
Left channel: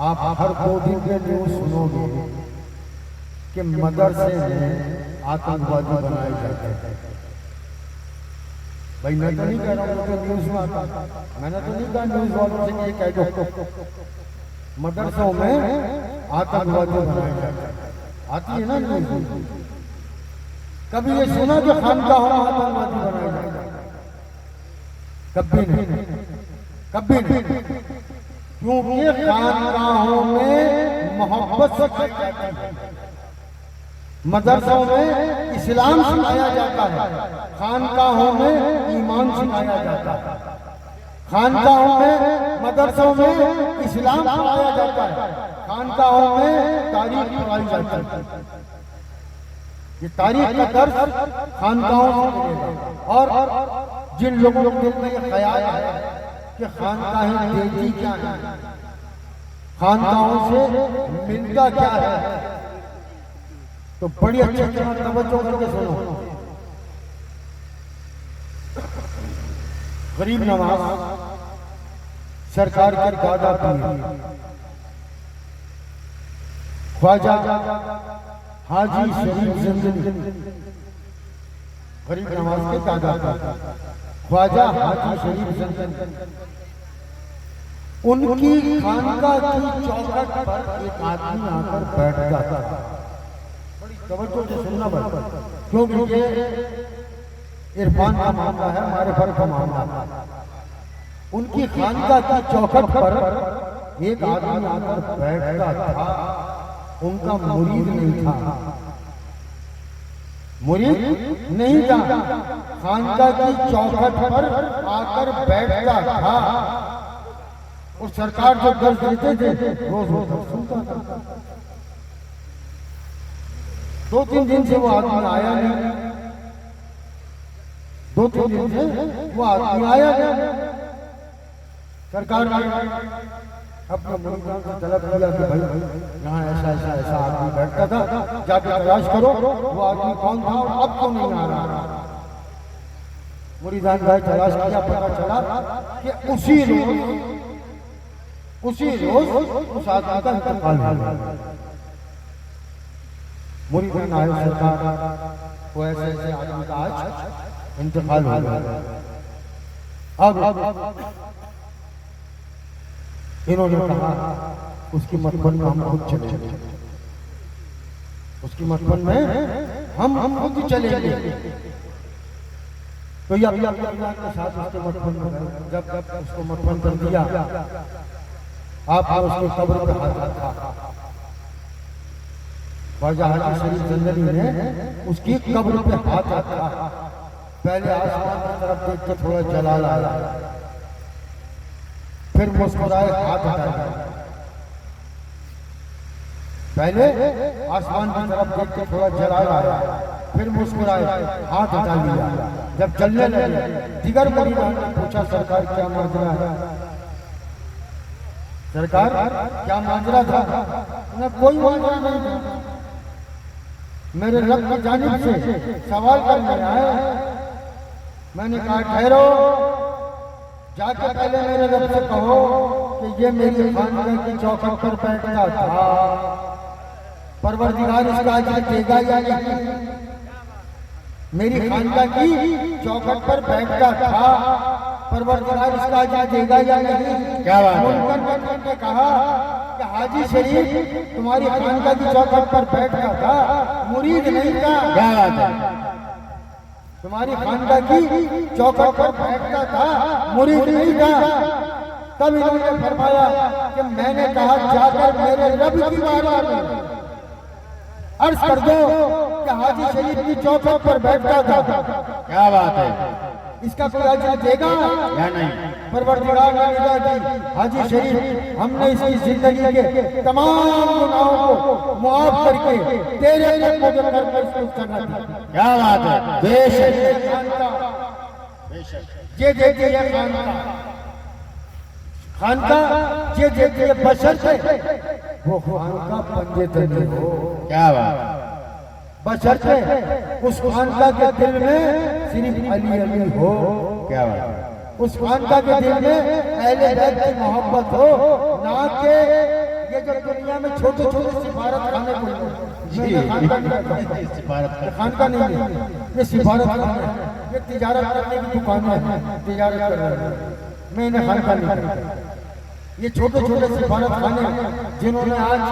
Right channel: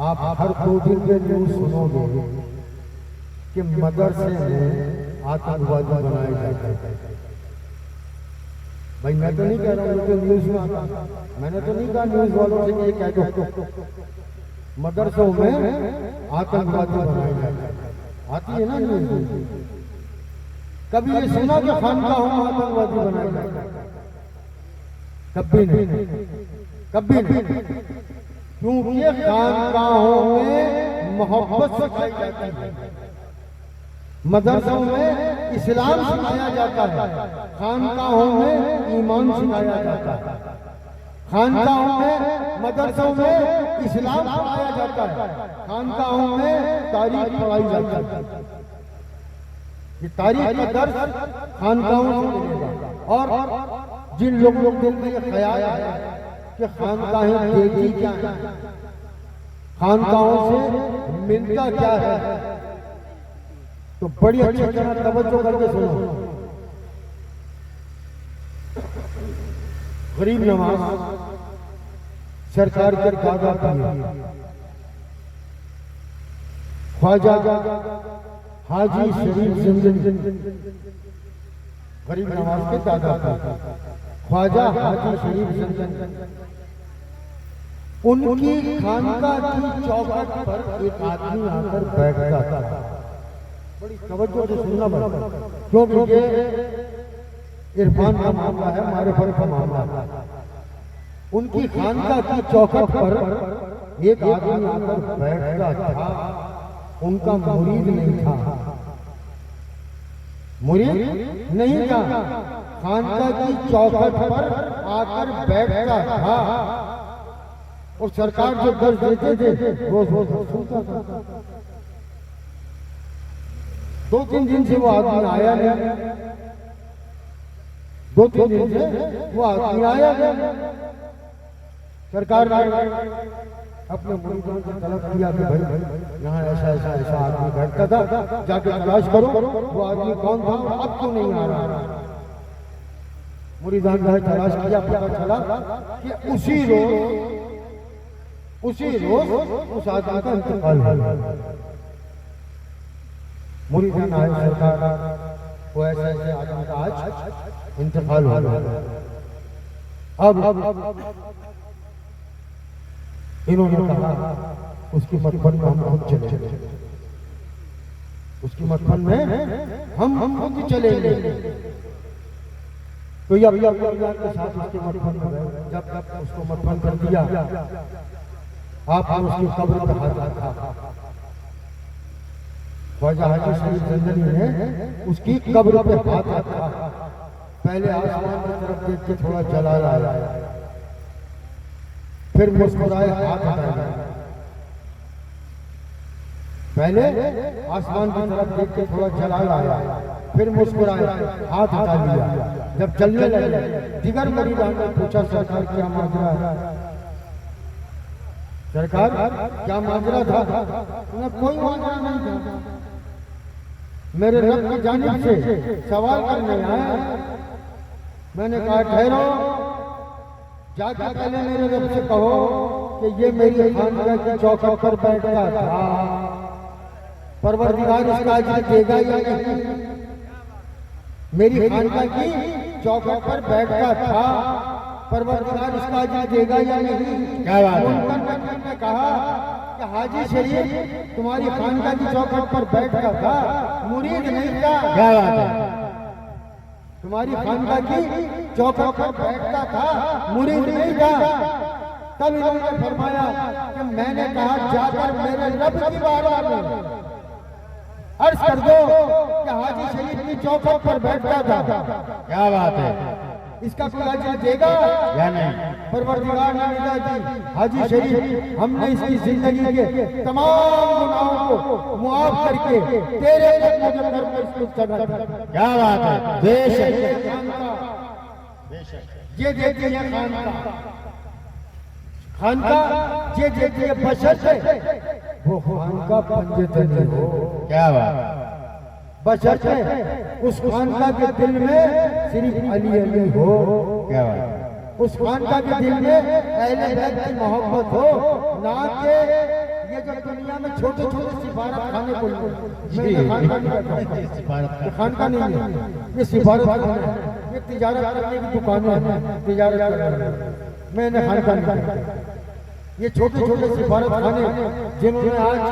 आप हर 2 दिन के न्यूज सुनोगे कि मदरसे में आतंकवादी बनाए जाते हैं। भाई मैं तो नहीं कह रहा हूँ कि न्यूज में आता, मैंने तो नहीं कहा न्यूज वालों से कि ये कह दो मदरसों में आतंकवादी बनाए जाते हैं। आती है ना न्यूज? कभी ये सुना कि खानकाहों में आतंकवादी बनाए जाते हैं? कभी नहीं, कभी नहीं। क्योंकि खानकाहों में मोहब्बत सिखाई जाती है, मदरसों में इस्लाम सिखाया जाता है, खानकाहों में ईमान सिखाया जाता है, खानकाहों में मदरसों में इस्लाम पढ़ाया जाता है, खानकाहों में तारीख पढ़ाई जाती है। ये तारीख का दर्स खानकाहों से मिलेगा। और जिन लोगों के दिल में ये ख्याल है कि खानकाहें देती क्या है, खानकाहों से मिलता क्या है, तो बड़ी अच्छी तरह तवज्जो करके सुनो। गरीब नवाज सरकार के दादा पीर ख्वाजा हाजी शरीफ जिंदगी, गरीब नवाज के दादा पीर ख्वाजा हाजी शरीफ जिंदगी, उनकी खानका की चौखट पर एक आदमी आकर बैठ जाता था। बड़ी तवज्जो से सुनना पड़ता, क्योंकि ये इरफान का मामला है, हमारे घर का मामला है। उनकी खानका की चौखट पर एक आदमी आकर बैठता था, उनका मुरीद नहीं था, मुरीद नहीं था, खानका की चौखट पर आकर बैठता था और सरकार जो दर्ज देते थे रोज रोज सुनता था। 2-3 दिन से वो आदमी आया नहीं, 2-3 दिन से वो आदमी आया नहीं। सरकार ने अपने मुरीदों से तलब किया कि भाई यहाँ ऐसा ऐसा ऐसा आदमी बैठता था, जाके तलाश करो वो आदमी कौन था और अब क्यों नहीं आ रहा। मुरीदान भाई तलाश किया, पता चला कि उसी रोज उस आदमी का इंतकाल हुआ। मुरीदान आए, सरकार वो ऐसे ऐसे आदमी का आज इंतकाल हुआ। अब इन्होंने कहा उसकी मटबन में हम खुद चले, उसकी मटबन में हम खुद चलेंगे। तो यह के साथ उसके मटबन में जब उसको मटबन कर दिया, आपने उसकी कब्र पर हाथ रखा। ख्वाजा हाजी शरीफ जिंदगी ने उसकी कब्र पर हाथ रखा। पहले आसमान की तरफ देख के थोड़ा जलाल आया, फिर मुस्कुराए, हाथ हटाया। पहले आसमान की तरफ देख के थोड़ा जलाल आया, फिर मुस्कुराए, हाथ हटा लिया। जब चलने लगे, दिगर मुरीदान ने पूछा सरकार क्या माजरा है, सरकार क्या माजरा था। कोई माजरा नहीं था, मेरे रब की जानिब से सवाल करने आए। मैंने कहा ठहरो, जाके पहले मेरे रब से कहो कि ये मेरी खानका की चौखट पर बैठता था, परवरदिगार इसका अजर देगा या नहीं। मेरी खानका की चौखट पर बैठता था, परवरदिगार इसका अजर देगा या नहीं। क्या बात है। कहा कि हाजी शरीफ तुम्हारी खानका की चौखट पर बैठता था, मुरीद नहीं था। क्या बात है। तुम्हारी खानका की चौखट पर बैठता था, मुरीद नहीं था। तब इन्होंने फरमाया कि मैंने कहा जाकर मेरे रब की बारगाह में अर्ज कर दो कि हाजी शरीफ की चौखट पर बैठता था। क्या बात है। इसका कोई अजर देगा या नहीं। परवरदिगार ने निदा दी, हाजी शरीफ हमने इसकी जिंदगी के तमाम गुनाहों को मुआफ करके तेरे कदमों के पर प्रस्तुत करना था। क्या बात है। बेशक ये देखिए ये खानका ये देखिए बशर है, वो खानका पंजे तले हो। क्या बात। बशर है उस खानका के दिल में सिर्फ अली अली हो। क्या बात। उस खानका के दिल में अहले बैत की मोहब्बत हो, ना कि ये जो दुनिया में छोटे छोटे सिफारत खाने को खानका नहीं है, ये सिफारत खाने, ये तिजारत करने की दुकानें हैं, तिजारत कर रहे हैं। मैं इन्हें खानका नहीं करता। ये छोटे छोटे सिफारत खाने जिन्होंने आज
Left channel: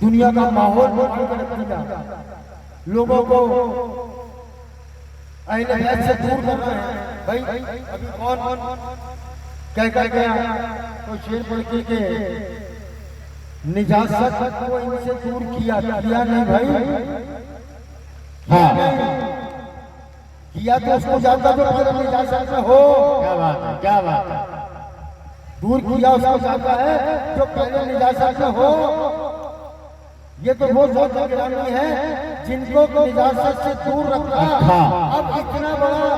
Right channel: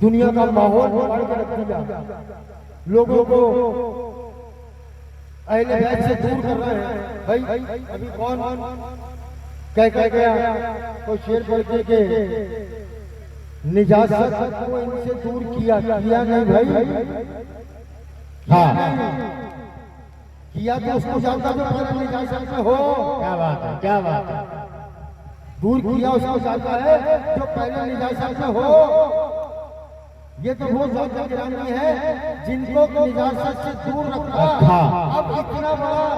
दुनिया का माहौल बिगाड़ के रख दिया, लोगों को अहले बैत से दूर कर रहे हैं। भाई अभी कौन कह गया कोई शेर पढ़ के निजात को इनसे दूर किया नहीं भाई। हाँ किया तो उसको जानता जो पहले निजात में हो। क्या बात है। क्या बात है। दूर किया उसको जानता है जो पहले निजात में हो। ये तो वो ज़ात गिरानी है जिनको निजात से दूर रखा। अब इतना बड़ा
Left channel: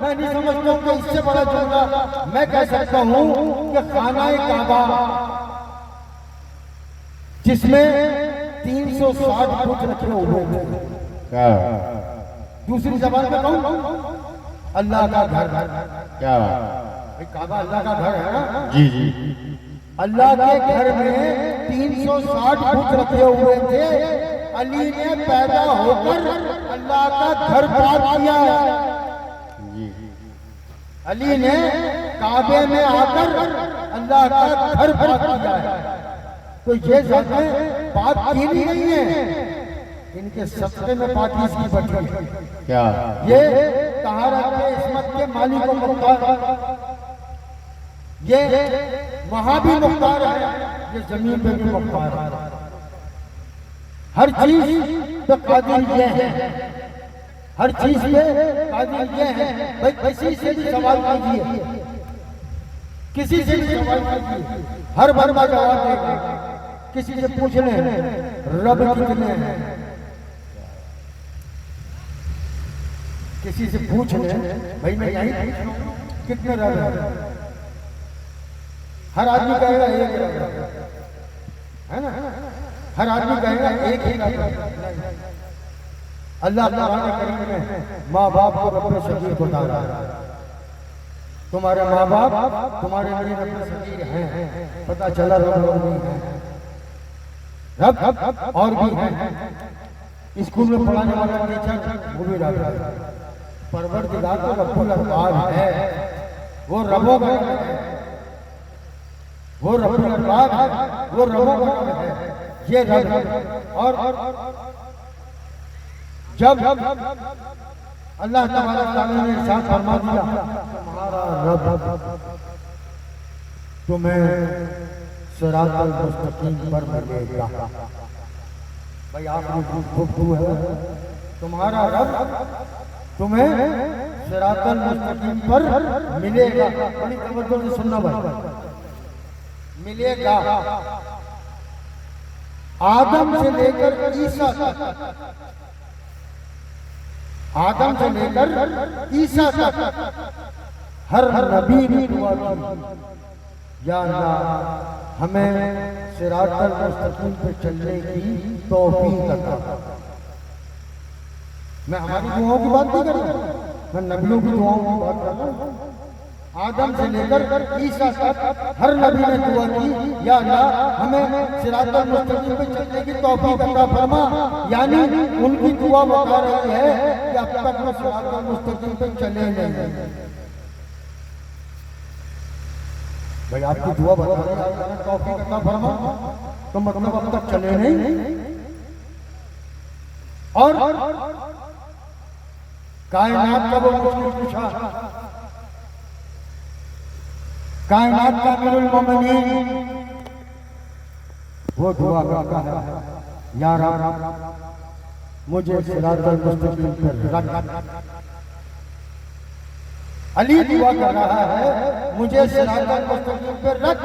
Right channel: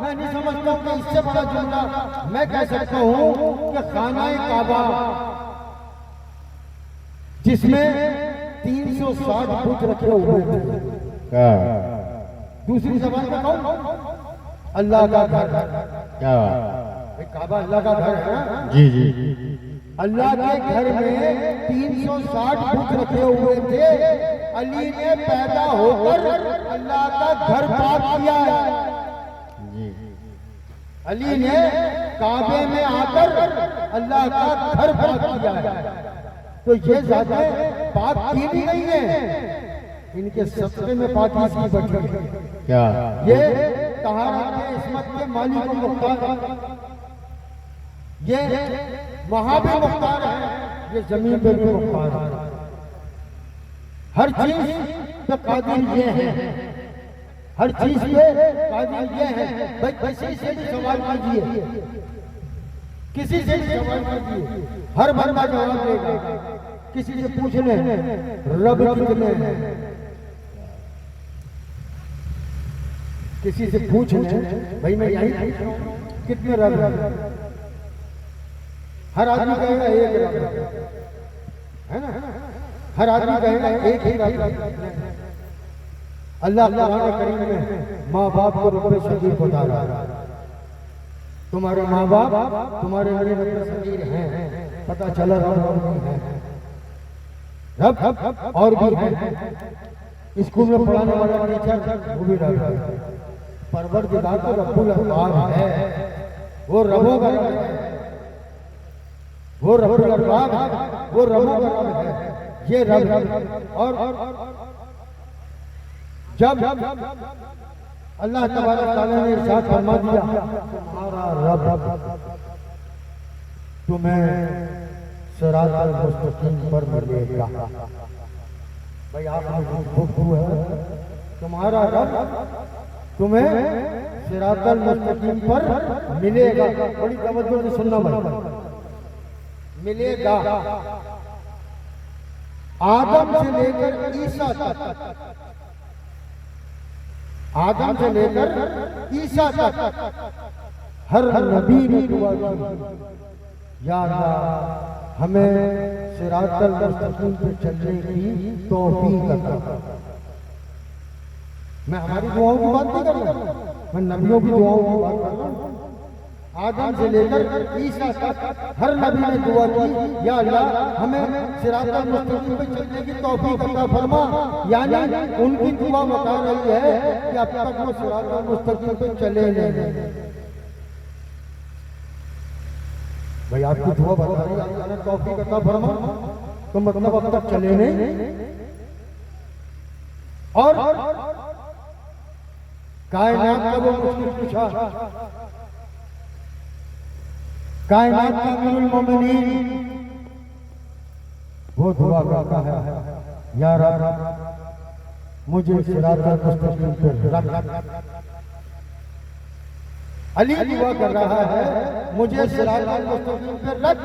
मैं नहीं समझता कि इससे बड़ा जुमला मैं कह सकता हूँ कि खाना काबा जिसमें 360 बुत रखे हुए थे। क्या दूसरी जबान में कहूँ अल्लाह का घर। क्या काबा अल्लाह का घर है ना। जी जी अल्लाह के घर में 360 बुत रखे हुए थे। अली ने पैदा होकर अल्लाह का घर पाक किया है। जी अली ने काबे में आकर अल्लाह का घर पाक किया है। तो ये ज़ातें पाक की नहीं है, इनके सस्ते में पाकी की बैठी है। क्या ये तहारत के इस्मत के मालिक व मुख्तार, ये वहां भी मुख्तार है, ये जमीन पे भी मुख्तार है। हर चीज पे कादिर ये है, हर चीज पे कादिर ये है। भाई किसी से भी सवाल कीजिए, किसी से भी सवाल कीजिए, हर बंदा जवाब देगा। किसी से पूछ ले रब कितने हैं, किसी से पूछ ले भाई मैं यही कितने रब हैं, हर आदमी कहेगा एक रब है ना, हर आदमी कहेगा एक ही रब। अल्लाह कुरान करीम में माँ बाप को रब्बे सगीर बता रहा है। तुम्हारे माँ बाप तुम्हारे लिए रब्बे सगीर हैं। पता चला रब और भी है, रब और भी है। स्कूल में पढ़ाने वाला टीचर वो भी रब है। परवरदिगार तो रब्बुल अरबाब है, वो रबों का है, वो रब्बुल अरबाब है, वो रबों का है। ये रब है। और जब अल्लाह तबारक तआला ने इरशाद फरमा दिया तुम्हारा रब तुम्हें सिरातल मुस्तकीम पर मिलेगा। भाई आपने गुफ्तगू है, तुम्हारा रब तुम्हें सिरातल मुस्तकीम पर मिलेगा। बड़ी तवज्जो से सुनना भाई, मिलेगा। आदम से लेकर ईसा तक, आदम से लेकर ईसा तक हर नबी ने दुआ की, या अल्लाह हमें सिरातल मुस्तकीम पे चलने की तौफीक अता। मैं हमारी दुआओं की बात नहीं कर रहा, मैं नबियों की दुआओं की बात कर रहा हूँ। आदम से लेकर ईसा तक हर नबी ने दुआ की, या अल्लाह हमें सिरातल मुस्तकीम पे चलने की तौफीक अता फरमा। यानी उनकी दुआ बता रही है कि अब तक वो सिरातल मुस्तकीम पे चले नहीं। भाई आपकी दुआ बता रही है अल्लाह तौफीक अता फरमा, तो मतलब अब तक चले नहीं। और कायनात का वो मुझसे पूछा, कायनात का अमीरुल मोमिनीन वो दुआ करता है, या रब मुझे सिरातल मुस्तकीम पे रख। अली दुआ कर रहा है मुझे सिरातल मुस्तकीम पे रख।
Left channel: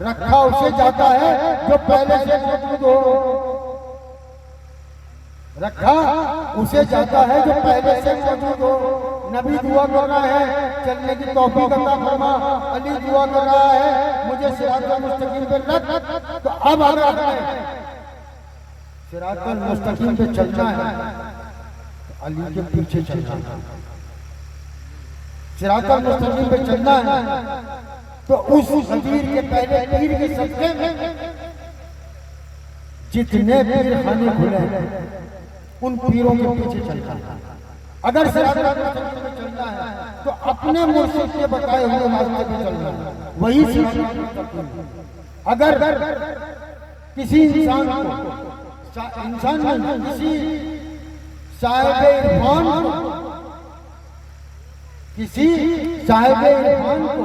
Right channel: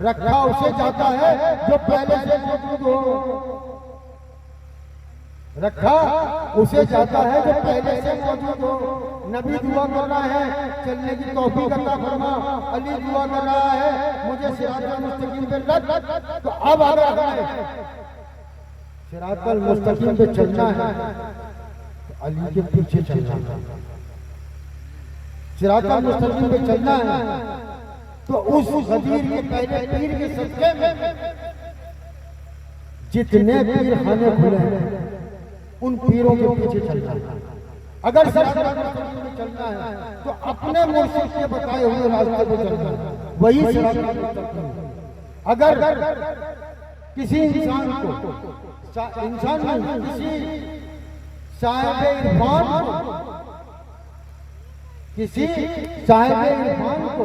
रखा उसे जाता है जो पहले से मौजूद हो, रखा उसे जाता है जो पहले से मौजूद हो। नबी दुआ कर रहा है चलने की तौफीक अता फरमा, अली दुआ कर रहा है मुझे सिरातल मुस्तकीम पे रख। तो अब अगर हमें सिरातल मुस्तकीम पे चलना है तो अली के पीछे चलना है। सिरातल मुस्तकीम पे चलना है तो उस खदीर के पहले पीर के सदके में जितने पीर खाने खुले हैं उन पीरों के पीछे चलना है। अगर सिरातल मुस्तकीम पे चलना है तो अपने मुर्शिद के बताए हुए रास्ते पे चलना है, वही सिरातल मुस्तकीम। अगर किसी इंसान नहीं, किसी साहिब इरफान को, किसी साहिब इरफान को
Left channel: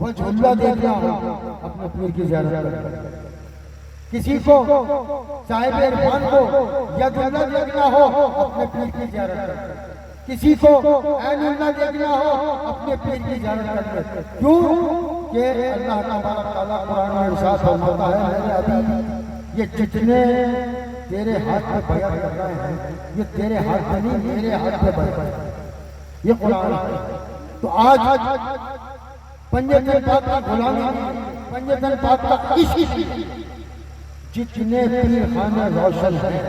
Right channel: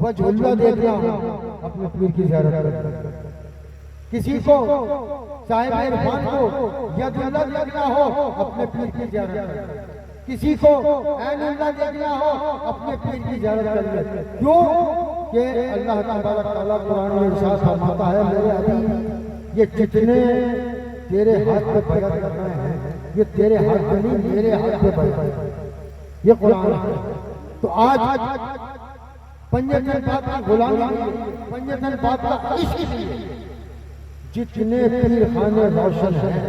वजहुल्लाह देखना हो अपने पीर की ज़ियारत करके, किसी को साहिब इरफान को यदुल्लाह देखना हो अपने पीर की ज़ियारत करके, किसी को ऐनुल्लाह देखना हो अपने पीर की ज़ियारत करके। क्यों कि अल्लाह तबारक तआला कुरान में इरशाद फरमाता है मेरे अभी ये जितने तेरे हाथ पे बयान करना है, ये तेरे हाथ में नहीं, मेरे हाथ पे बयान है, ये कुरान है। तो आज पंजतन पाक की गुलामी, पंजतन पाक का इश्क, जितने पीर खाने रोशन हैं,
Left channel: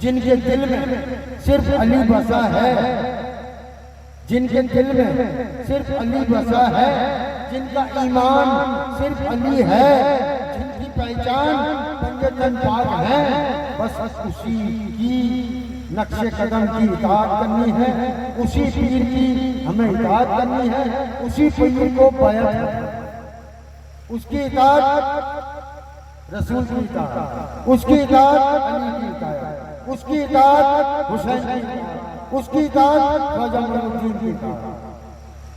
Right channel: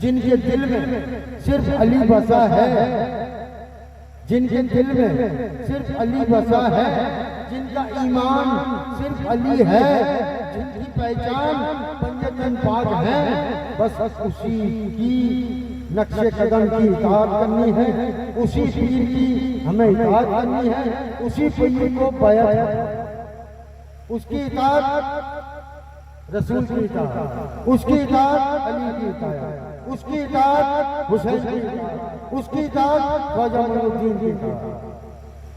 जिनके दिल में सिर्फ अली बसा है, जिनके दिल में सिर्फ अली बसा है, जिनका ईमान सिर्फ अली है, जिनकी पहचान पंजतन पाक है, बस उसी की नक्शे कदम की इताअत करनी है, उसी पीर की हमें इताअत करनी है, उसी पीर को बैत है, उसकी इताअत रसूल की इताअत, उसकी इताअत अली की इताअत, उसकी इताअत हुसैन की इताअत, उसकी इताअत ख्वाजा मोइनुद्दीन की इताअत।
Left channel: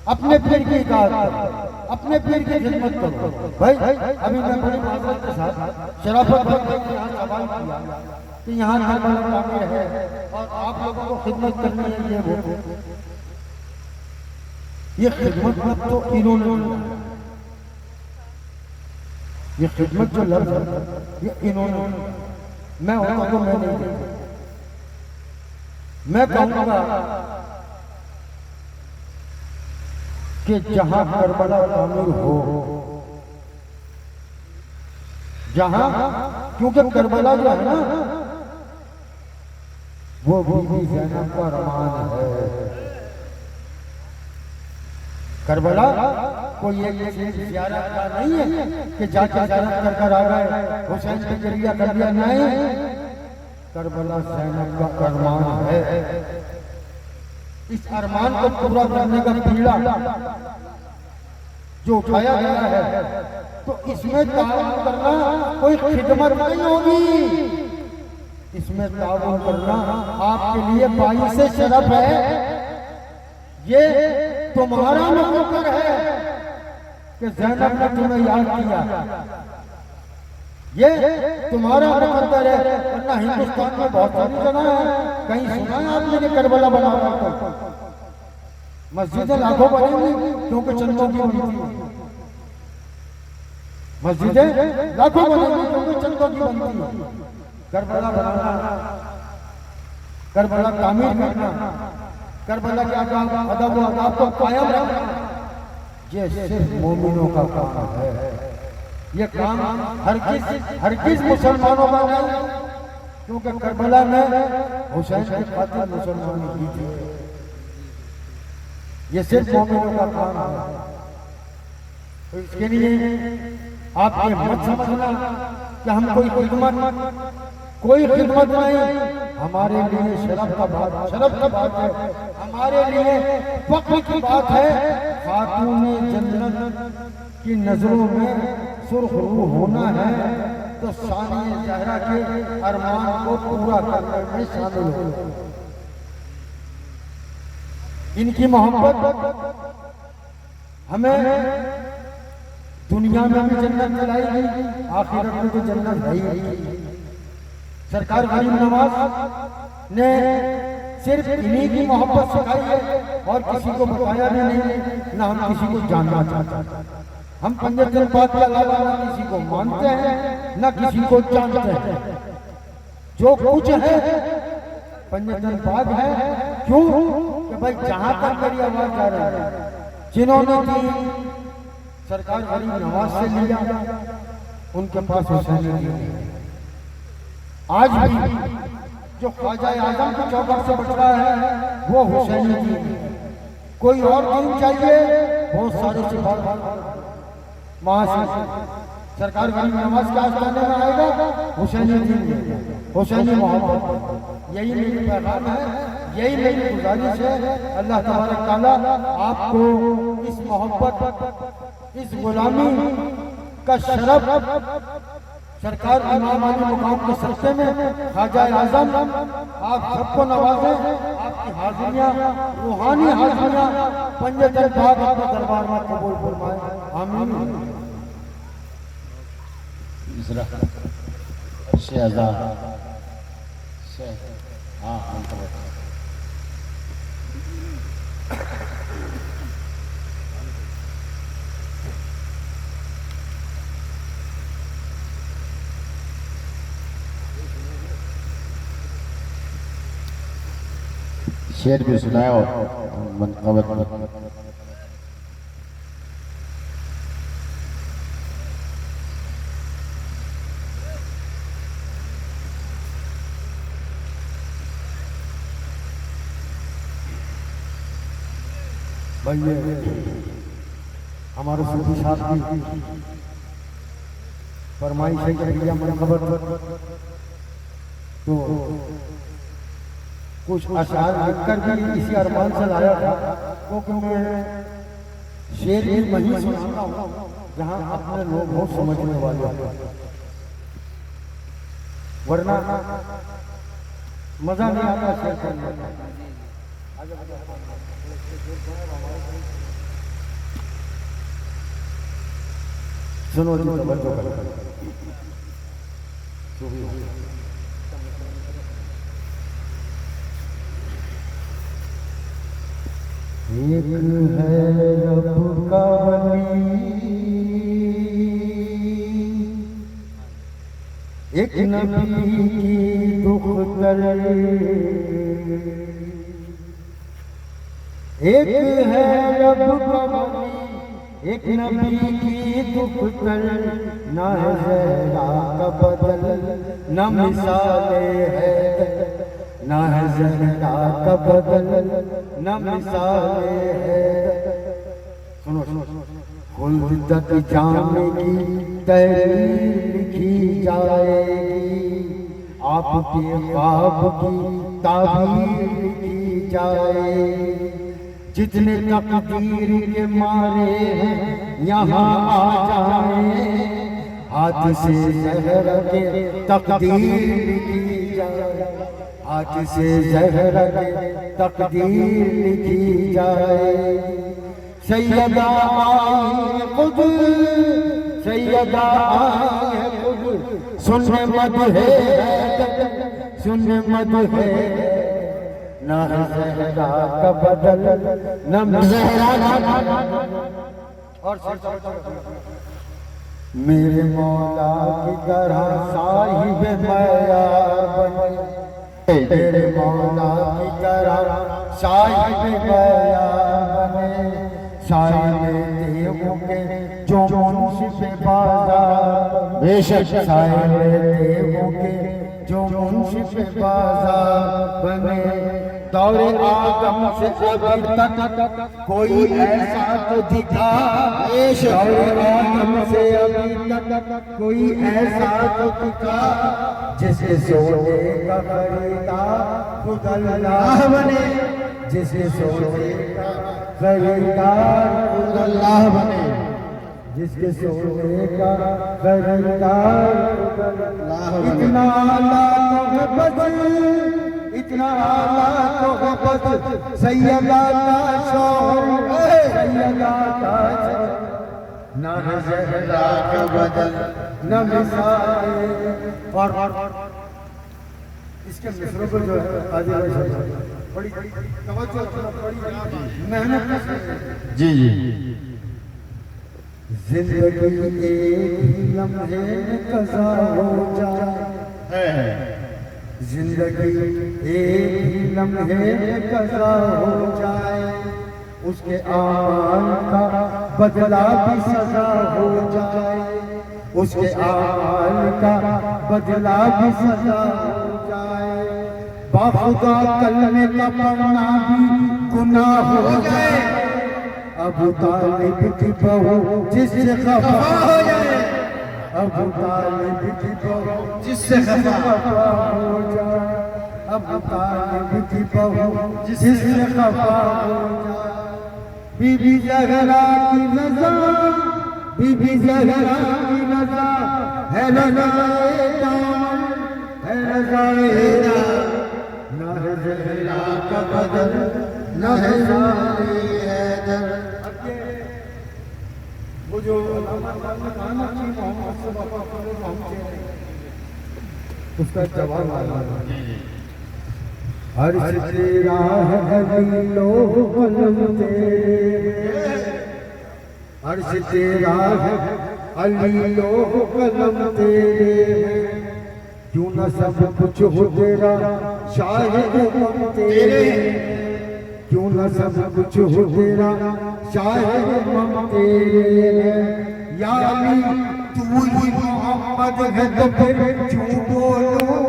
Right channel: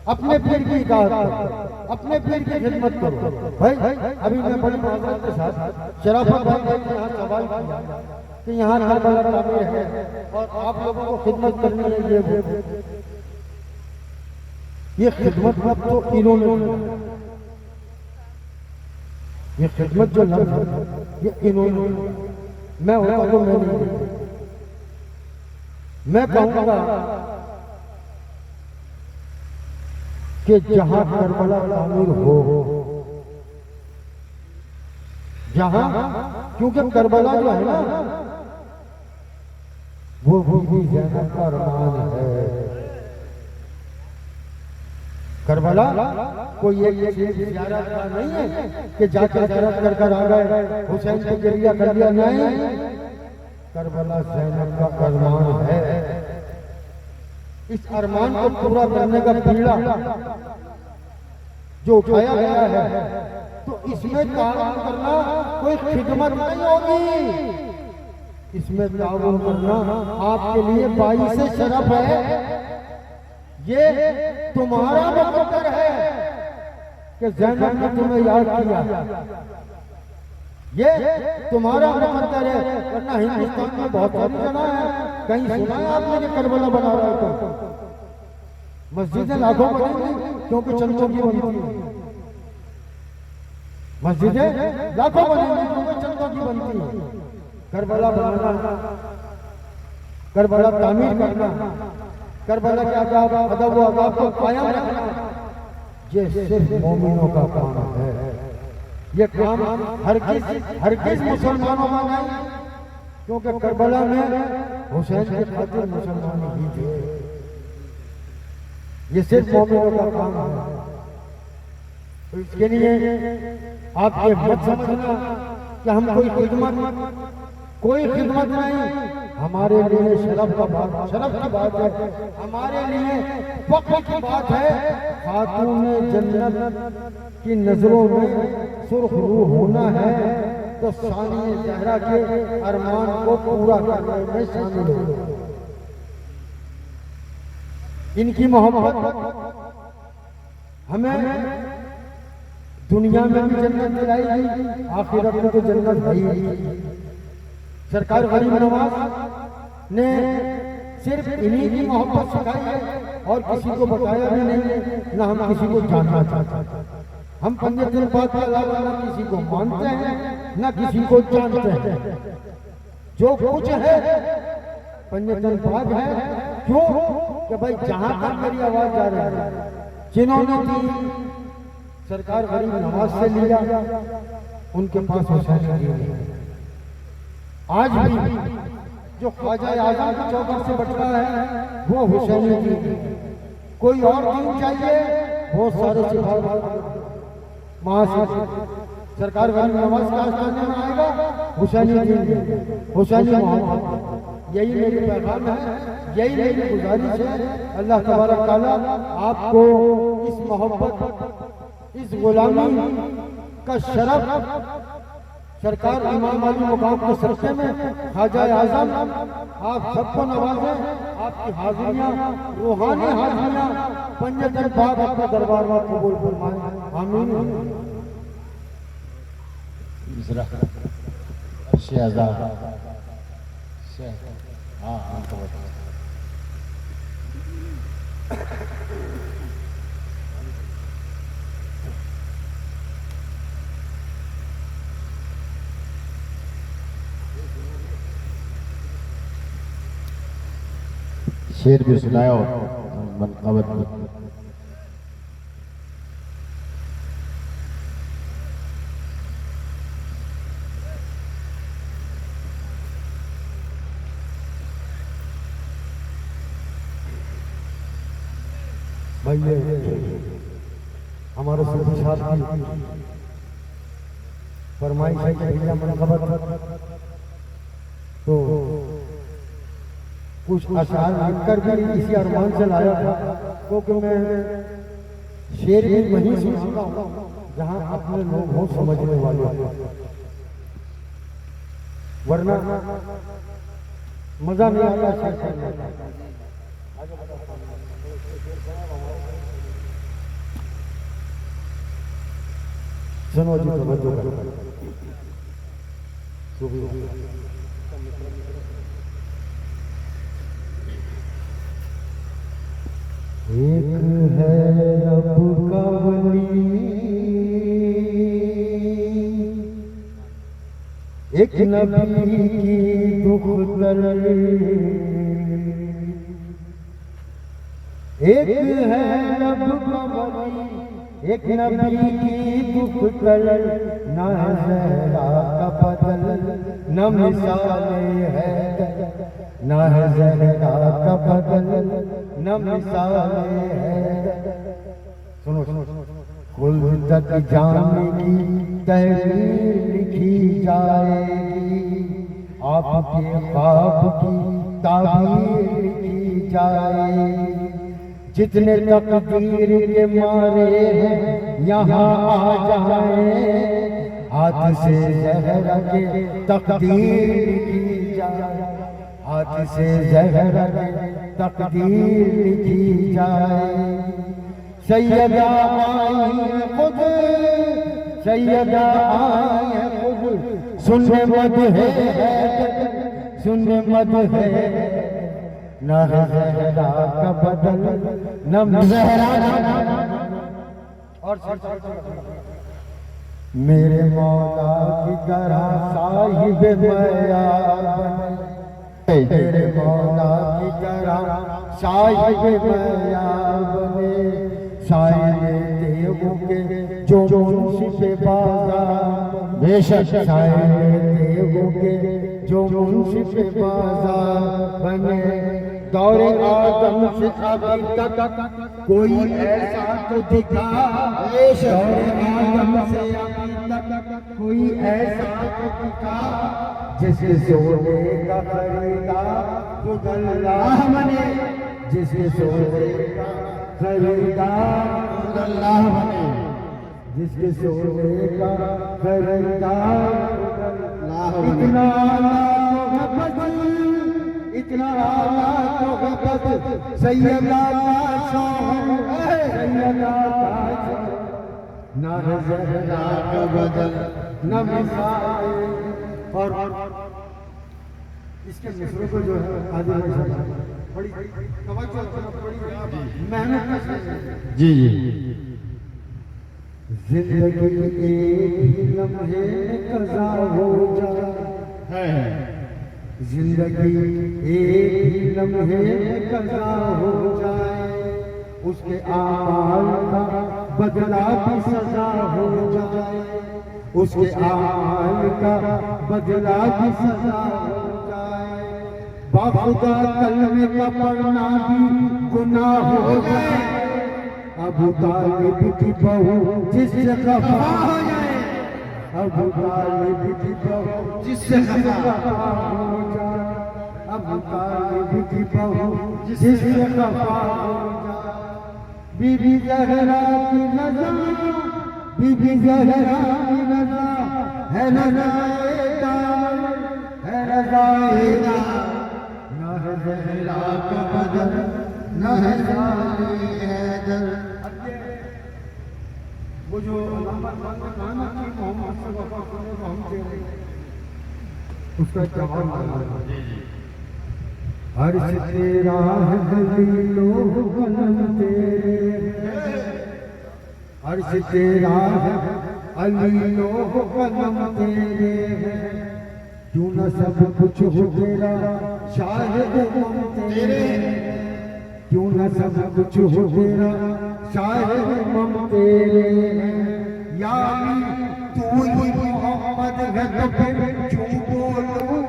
अपने पीर की इताअत करो, अपने पीर की खिदमत करो। भाई अभी मैं बड़ी माजरत के साथ शराफत भाई ने यहाँ सवाल किया कि यहाँ करबला तामीर है और आप लोगों को खिदमत करनी है, ये खिदमत लफ्ज़ तो इन्होंने दिया, ये खिदमत जो लफ्ज़ है ये इन्होंने दिया, मैं होता तो मैं नहीं देता। मैं कहूँगा कि जहां करबला तामीर हो, जहां, क्योंकि करबला जो है ना वो बीबी ज़ैनब का अरमान है। करबला कोई एक ज़ियारत का नहीं है कि जाके ज़ियारत कर आ गए, हुसैन के जरिया कर दिया, नहीं, करबला ज़ैनब का अरमान है। इस अरमान को पूरा करने का बीड़ा जो उठाया गया है, तो इसमें ताउन करना कोई खिदमत नहीं होगी, इसमें ताउन करना आपके लिए बाईस से शरफ है। ये तुम्हारा मुकद्दर है कि ज़ैनब ने तुम्हें याद किया, ये तुम्हारा मुकद्दर है। वरना हिंदुस्तान में बहुत सारी जगह है, कहीं सुना है आपने कि करबला बना हुआ है? मस्जिदें लाखों बनेंगी क्योंकि चंदों की बनती है, मस्जिदें लाखों बनेंगी क्योंकि चंदों की बनती है। करबला बनाना, करबला तामीर करना, करबला के अदब व आदाब को कायम रखना, ये सिर्फ मोमिनों का काम है। ये काम हरगिज़ मुसलमानों का नहीं, क्योंकि करबला में हुसैन की खातिर मुसलमानों की थी, ये सिर्फ मोमिनों का काम है। तो इसके लिए आप ये मत समझना कि हम कोई खिदमत नहीं, हमारे लिए शरफ का बात है, हमारे लिए फख्र की बात है। खातून जन्नत की नजरों में सुर्ख रूह होना है तो सानिए ज़हरा के अरमान को पूरा करने में शामिल हो। इनकी मोहब्बत हमें दुनिया में भी जन्नत दिलाएगी, आखिरत में तो जन्नत है ही। सरकार गरीब नवाज ने सिर्फ इन्हीं की मोहब्बत सिखाई है और किसी को बताया भी नहीं, ना हम किसी को जानना चाहते। हम पंजतन पाक के अलावा ना किसी को मानते हैं ना किसी को जानते हैं। जो कुछ है पंजतन पाक है। क्यों? कि भाई जहां तक मेरी आवाज जा रही है, जिन्होंने दी सरकार गरीब नवाज से लिया, उनके पास हुसैनी दीन है। आज भी जो ख्वाजा आजम की चौखट से बच रहा है वो हुसैनी दीन है। कोई और दीन चाहिए, बहुत सारे सिपाही वहां से सरकार गरीब नवाज का आस्थाने में आएगा, हुसैनी दीन, हुसैनी मोहब्बत। यही मेरी पैगाम है, यही मेरी गुजारिश है। अल्लाह तबारक तआला आपको इस मोहब्बत, इस गुलामी का शरफ सरकार इमाम अली मुकाम के सस्ते में ख्वाजा आजम आप सबको नवाजें। आपकी हाजिरियाँ, रूहानी हाजिरियाँ पंजतन पाक अपने दरबार में कबूल फरमाएं। आमीन। शहजाद शेर भी सुनाओ मनकबत भाई ये हमारे सूफी साहब की फरमाइश है कि भैया मनकबत तो कुछ अशार लिखकर भी इसी अरमान से लाया था क्योंकि मैं शेर भी वहीं सुनता हूँ जहाँ अपने लोग बहुत समझने वाले हैं, वरना मजा नहीं आता शेर करने का। सुनो जी तवज्जो करो। एक है रब का वली, एक नबी की दुख्तर, एक है रब का वली, एक नबी की दुख्तर, ना है ज़हरा का बदल न मिसाले है, ना है ज़हरा का बदल न मिसाले है। सुनो खुल्द तक जाने की तहरीर लिखी जाएगी, आपके ख्वाब की ताबीर लिखी जाएगी। जितने तकदीर के मारे हैं यहाँ आ जाए, हाथ से ज़हर के तकदीर लिखी जाए, हाथ से ज़हर के तकदीर लिखी जाए। सैयदा आई खुद, सैयदा आई खुद, सुनने मत है, सुनने मत है, न ज़हरा का बदल न ज़हरा। और मेरे मौला की तरह साहिब मयार बने, मेरे मौला की तरह साहिब मयार बने, साहिब देवों के जो मुंशिफ बाजार, बेशक साहिब देवों के जो मुंशिफ बाजार बने। दौरे आदम से अभी तक कोई ऐसा तो दिखा, दौरे आदम से अभी तक कोई ऐसा तो दिखा, जिसके सोने का खरीदार खुद अल्लाह बने, जिसके सोने का खरीदार खुद अल्लाह बने, जिसके सोने का खरीदार खुद अल्लाह बने। इतना आला तो बस, इतना आला तो बस, सैयदा का शौहर, सैयदा का न ज़हरा का बदल न मिसाल। और इसके मिसरों को जो है आदि बड़ी तवज्जो बड़ी मेहनत जी जी। जिंदगी एक ही लम्हे कज़ा हो जाए, जिंदगी एक ही लम्हे कज़ा हो जाए, उसके आमाल का बदला भी सजा हो जाए, उसके आमाल का बदला भी सजा हो जाए। बाखुदा कलमे का पढ़ना भी गुनाह हो जाए, अबू तालिब की बहू जिससे खफा हो जाए, अबू तालिब की बहू जिससे खफा हो जाए, अबू तालिब की बहू जिससे खफा हो जाए। बीबी ज़हरा की नज़र, बीबी ज़हरा की नज़र है रज़ाए दामन, है रज़ाए दामन, न है ज़हरा का बदल न है ज़ाए हैदर। वो जो उसका जवाब आया, अर्श तेरा है हलीलो कलम तेरे, अर्श तेरा है हलीलो कलम तेरे, क्यों न सब कुछ हो तेरा शाहिद गम तेरे, क्यों न सब कुछ हो तेरा शायद हम तेरे हैं या अली तू ही मोहम्मद है तो फिर क्यों बोलूं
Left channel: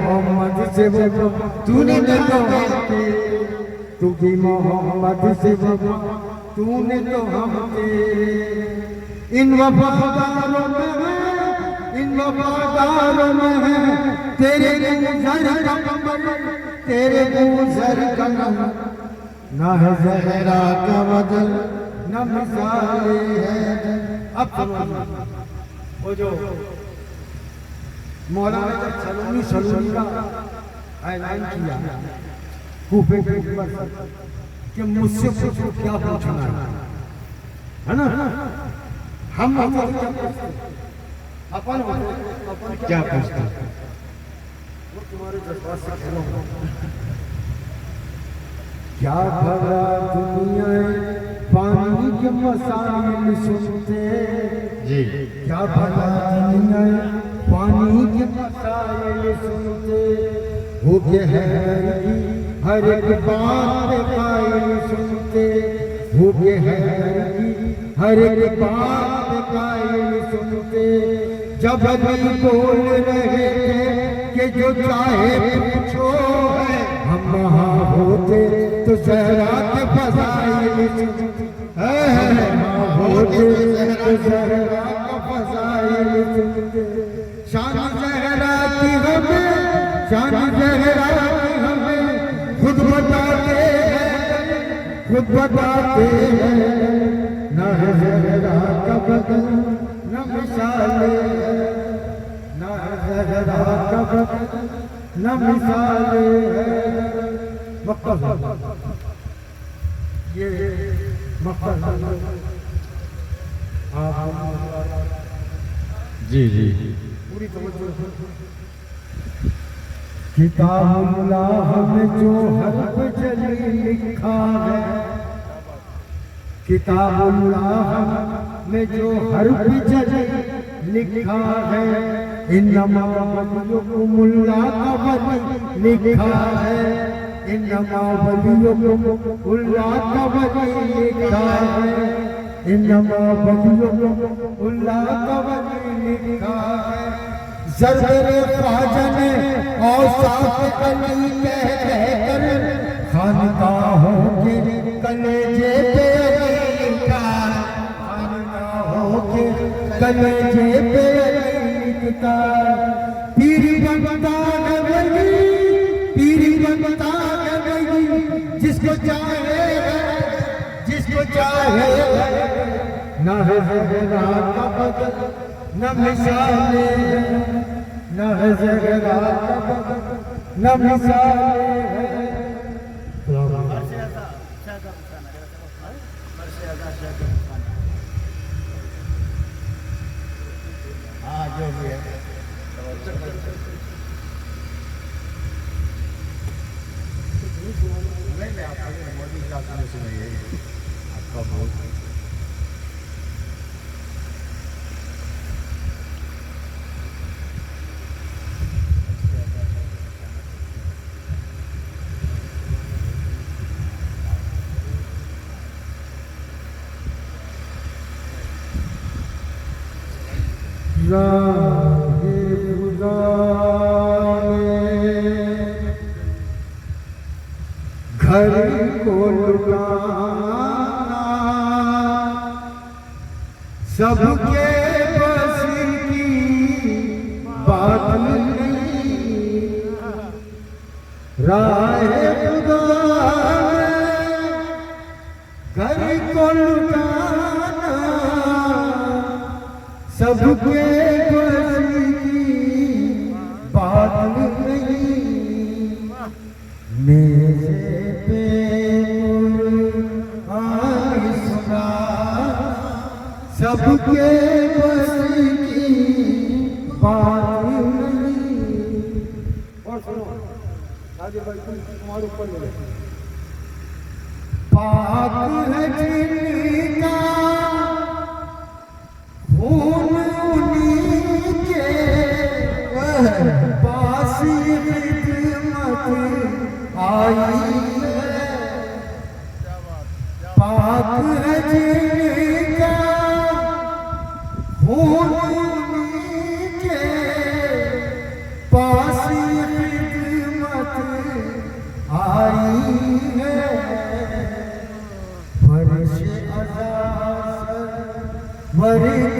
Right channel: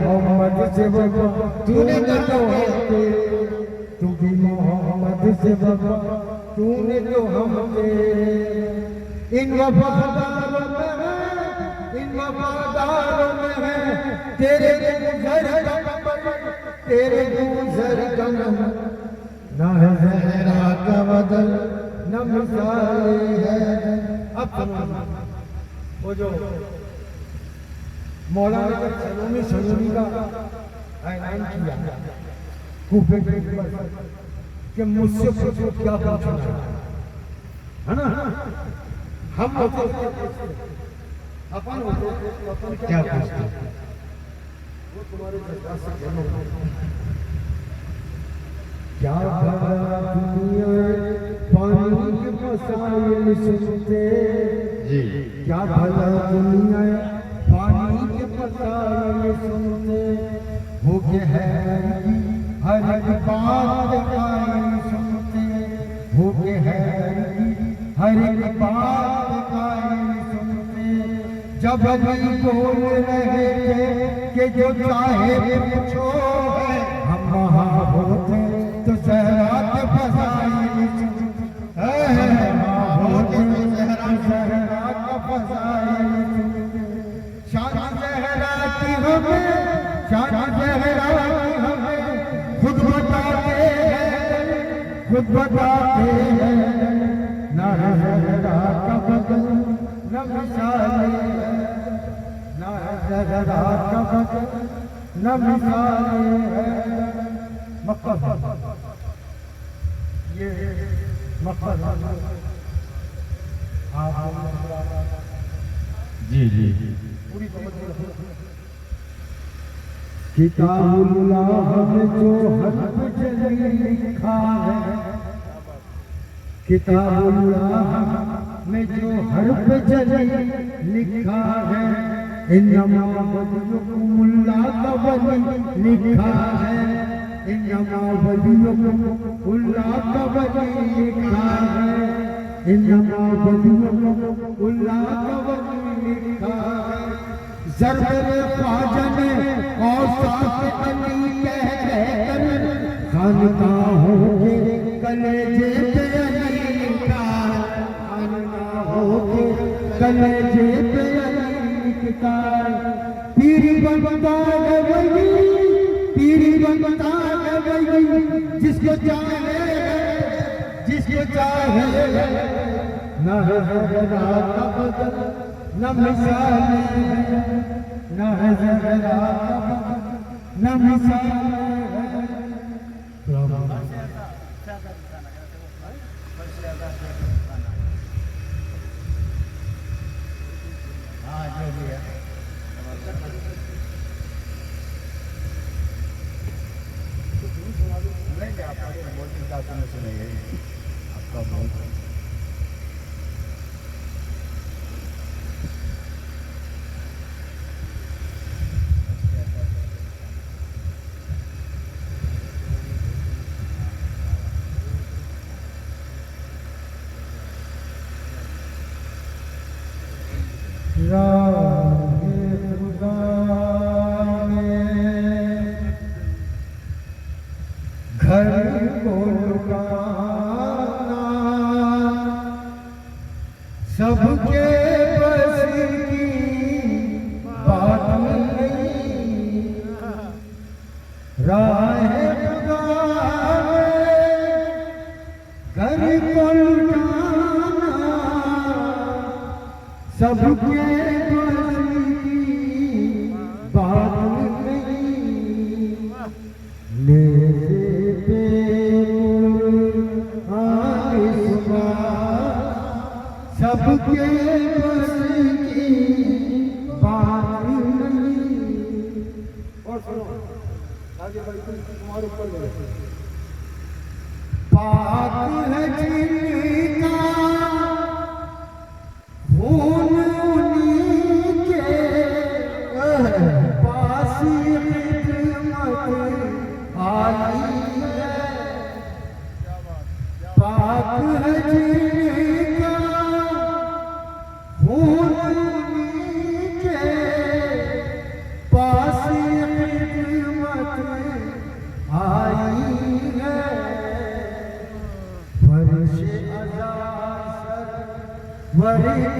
मोहम्मद से वफा तूने तो हम तेरे तू भी मोहम्मद से वफा तूने तो हम तेरे इन वफादारों में है इन वफादारों में है तेरे गुजर तेरे गुजर ना है ज़हरा का बदल न मिसाले है। अब वो जो मौलाना ने सलोनी का ऐलान किया कूफे पे कि मुझसे पूछो क्या पूछना है ना हम अपन क्या पूछते वो तुम्हारे जज्बात से खेलो क्या भला दुनिया पानी के मसाइल सुनते जी क्या भला दुनिया पानी के मसाइल सुनते हो के है हर एक बात कायल सुनते हो के है हर एक बात कायल सुनते जब भी बोल रहे थे कि जो चाहे पूछो है हम वहाँ होते तो सहरा के फसाइल सुनते होते तो सहरा का फसाइल सुनते शान सहरा की हमें शान सहरा की हमें खुद बताते हैं न है सहरा का बदल न मिसाले न है सहरा का बदल न मिसाले है मक्का ये मक्का जी जी किताबुल्लाह में जो हर्फ जली लिखा है किताबुल्लाह में जो हर्फ जली लिखा है इन्नमा वलियुकुमुल्लाह का वली लिखा है इन्नमा वलियुकुमुल्लाह का वली लिखा है इन्नमा वलियुकुमुल्लाह का वली लिखा है ज़ररे ख्वाजा ने और साथ अली कहकर खानकाहों के कलेजे पे अली लिखा खानकाहों के कलेजे पे अली लिखता पीर बनता है पीर बनता है जिसको चाहे न है ज़हरा का बदल न मिसाले न है ज़हरा का बदल न मिसाले घर को लुटाना सबके बस की बात नहीं राह खुदा घर को लुटाना सबके बस की बात नहीं नेज़े पे आई सुना सबके बस की बात नहीं और सुनो आगे बढ़कर तुम्हारे ऊपर पाक है जिनका खून उन्हीं के पास खिदमत आई है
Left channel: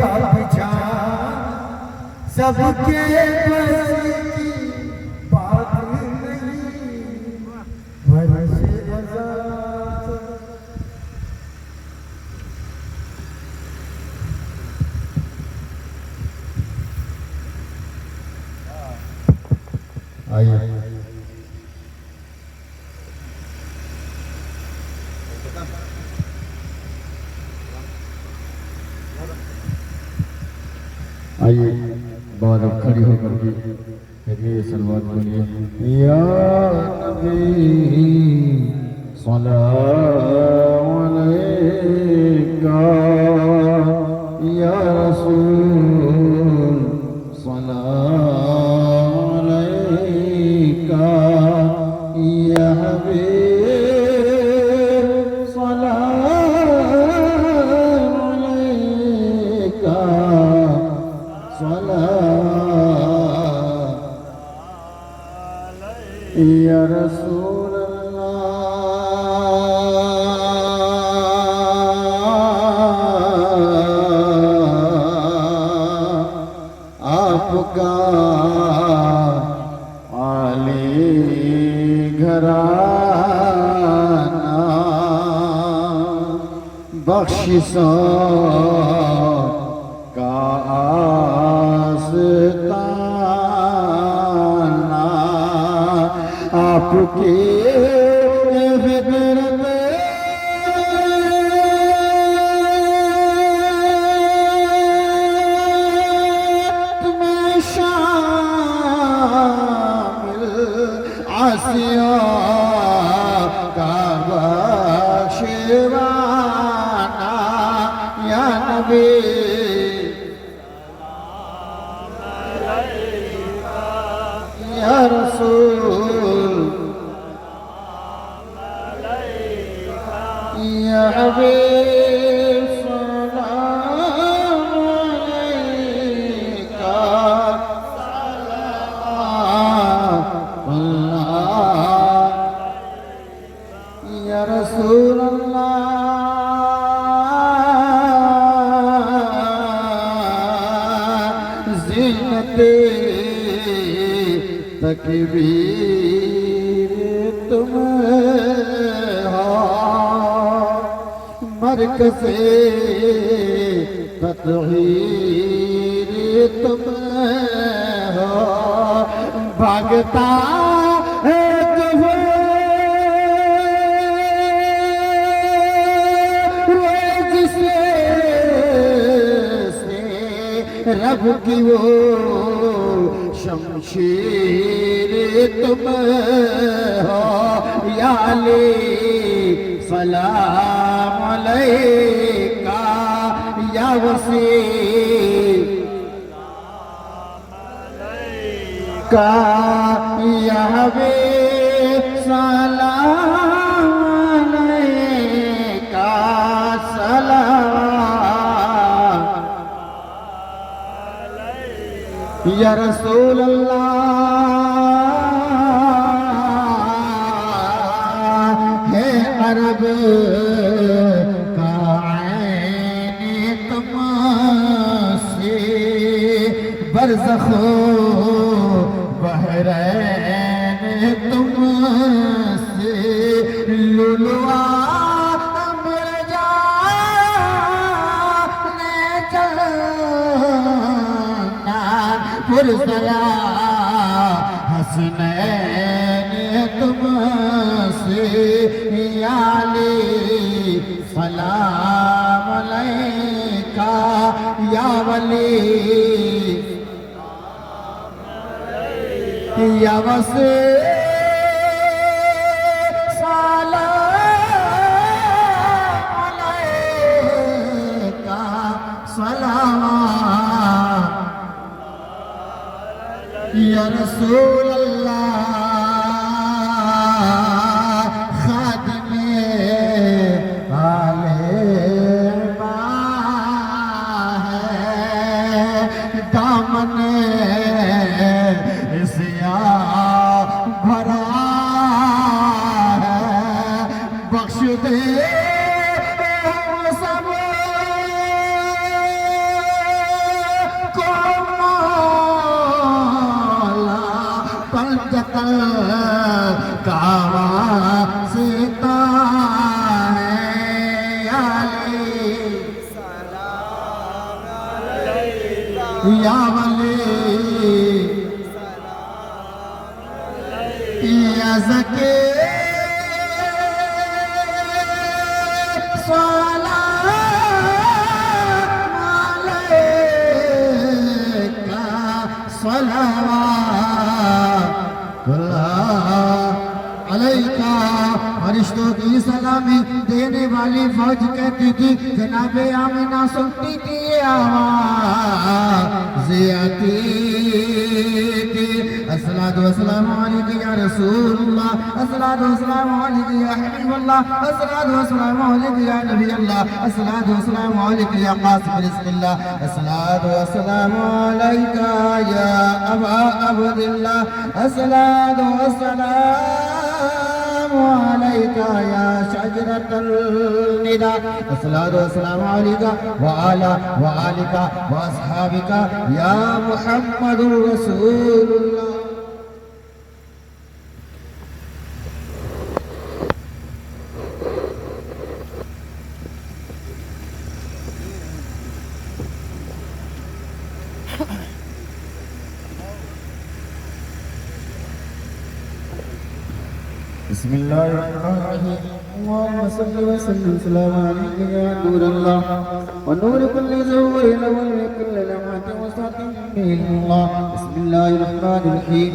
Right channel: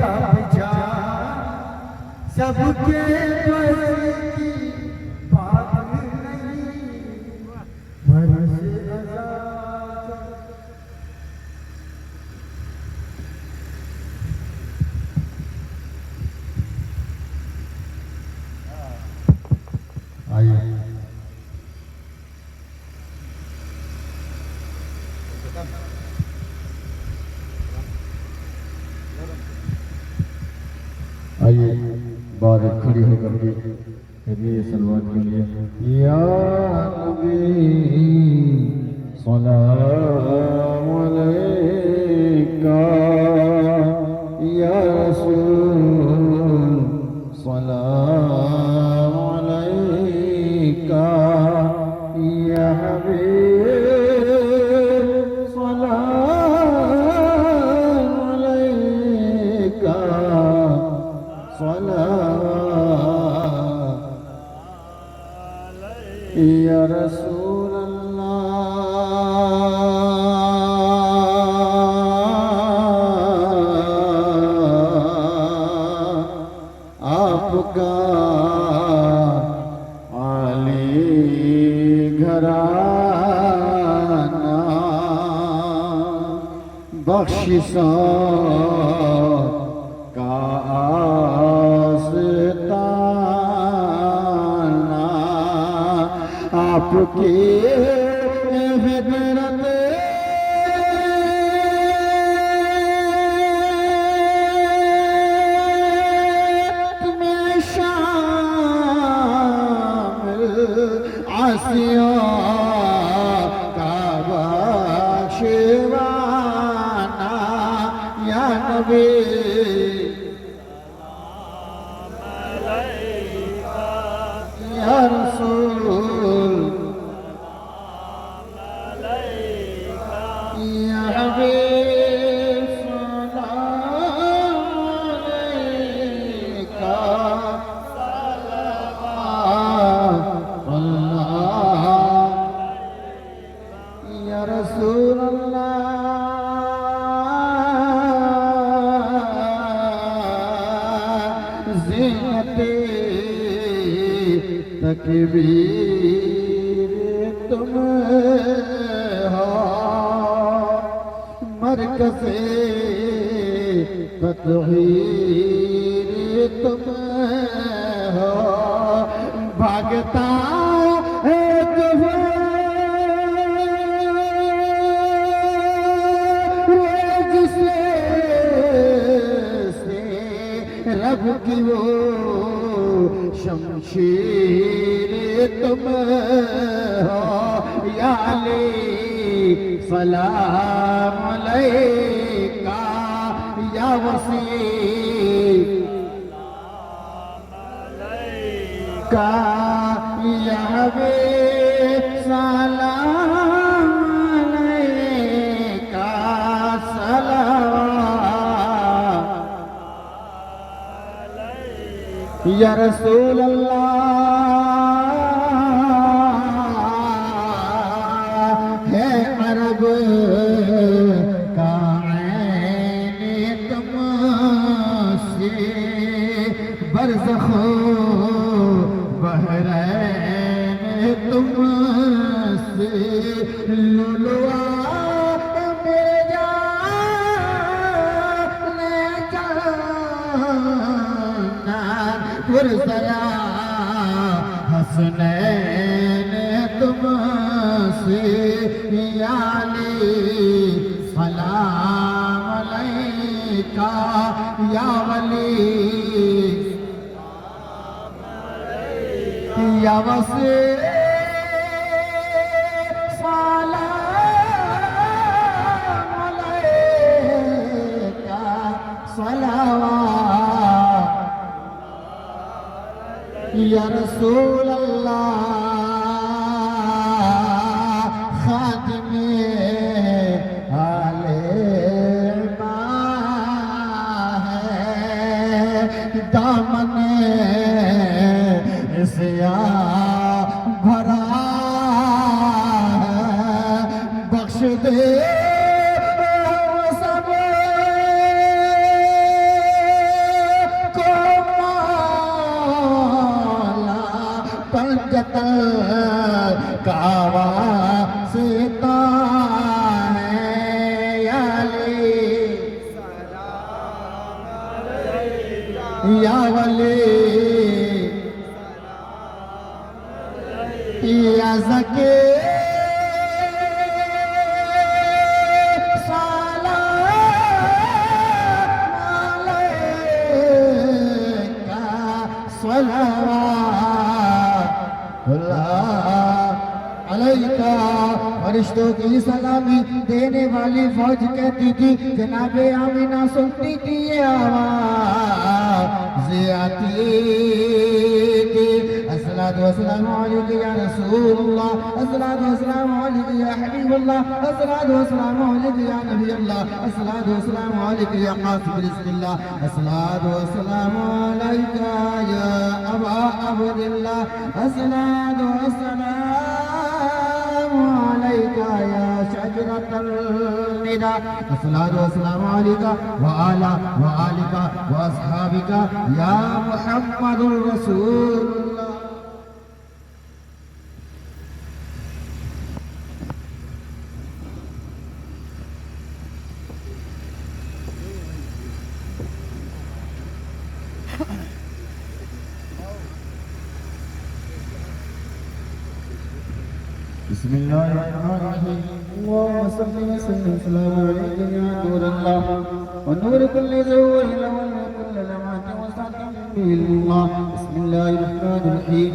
पापी जान सबके बस की बात नहीं, बरसे आजाद। आइए आइए बाद खड़ी होकर के करिए सलमान बोलिए या नबी सल्लल्लाहु अलैका या रसूल सल्लल्लाहु अलैका या हबीब सल्लल्लाहु अलैका या रसूल अल्लाह आपका आली घराना बख्शिशों का आस्ताना आपकी फिक्र में शामिल आसिया का बख्शवाना या नबी या रसूल या हबीब सलाम अलैका या रसूल अल्लाह ज़ीनते तकबीर तुम हो मरकज़े तत्हीर तुम हो भागता है जिसे रब की वो शमशीर तुम हो या अली सलाम अलैका या वसी का या हबीब सलाम अलैका सलाम या रसूल अल्लाह है अरब का ऐन तुमसे बरज़ख बहरैन तुमसे लुलुआ मेरे जाने जाना पुरसरा हसनैन तुमसे या अली सलाम अलैका या वली या वसी सलाम अलैका सलावत या रसूल अल्लाह खादिमे आले है दामन सिया भरा है बख्श दे सब हुज्जत का वास्ता है या या वली या ज़के फरिश्तों की सलामी देने वाली फौज कहती थी जनाबे आमिना सुनती थी आवाज़ आती थी अस्सलातु वस्सलामु अलैका या रसूलल्लाह अस्सलातु वस्सलामु अलैका या हबीबल्लाह अस्सलातु वस्सलामु अलैका या नबील्लाह अस्सलातु वस्सलामु अलैका या कासिम रिज़्क़िल्लाह अस्सलातु वस्सलामु अलैका या अबा अब्दिल्लाह अस्सलातु वस्सलामु अलैका या शजरतल निदा अस्सलातु वस्सलामु अलैका व आला व आलिका व अस्हाबिका या मुहम्मदुर रसूलुल्लाह। बिस्मिल्लाहिर्रहमानिर्रहीम अल्लाहुम्मा सल्लि व सल्लिम सलाम अलैका या नूर अल्लाह व नूर कुल्लि ज़ूरिन व कुल्लि लम्हातिन व सातिन बिल्लाह। बिस्मिल्लाहिर्रहमानिर्रहीम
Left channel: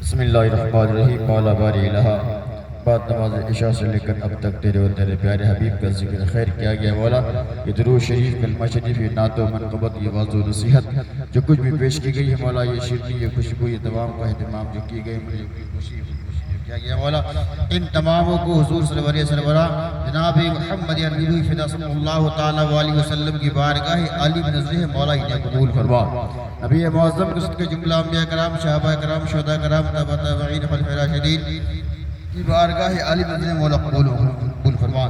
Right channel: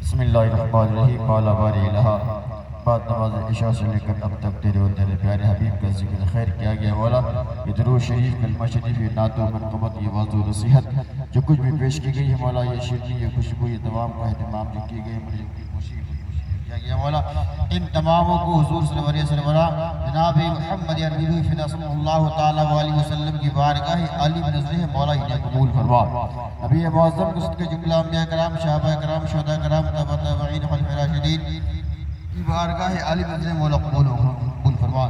बिस्मिल्लाहिर्रहमानिर्रहीम बाला बारी लहा बाद नमाज इशा से लेकर अब तक तेरे और तेरे प्यारे हबीब का जिक्र खैर किया गया मौला। ये दुरूद शरीफ कलमा शरीफ ये नात और मनक़बत ये वाज़ और नसीहत जो कुछ भी पेश की गई है मौला ये शिरनी ये खुशबू ये तमाम का एहतमाम जो की गई किया गया मौला इन तमामों को हुजूर सल्लल्लाहु अलैहि वसल्लम जनाब मोहम्मद अरबी फिदा सल्लल्लाहु तआला अलैहि वसल्लम की बारगाह आली में नज़र मौला इन्हें कबूल फरमा। नबी मुअज़्ज़म के सदक़े जुमला अंबिया कराम सहाबा कराम शुहदा कराम ताबईन खलीफाए राशिदीन की बारगाह आली में नज़र मौला कबूल फरमा।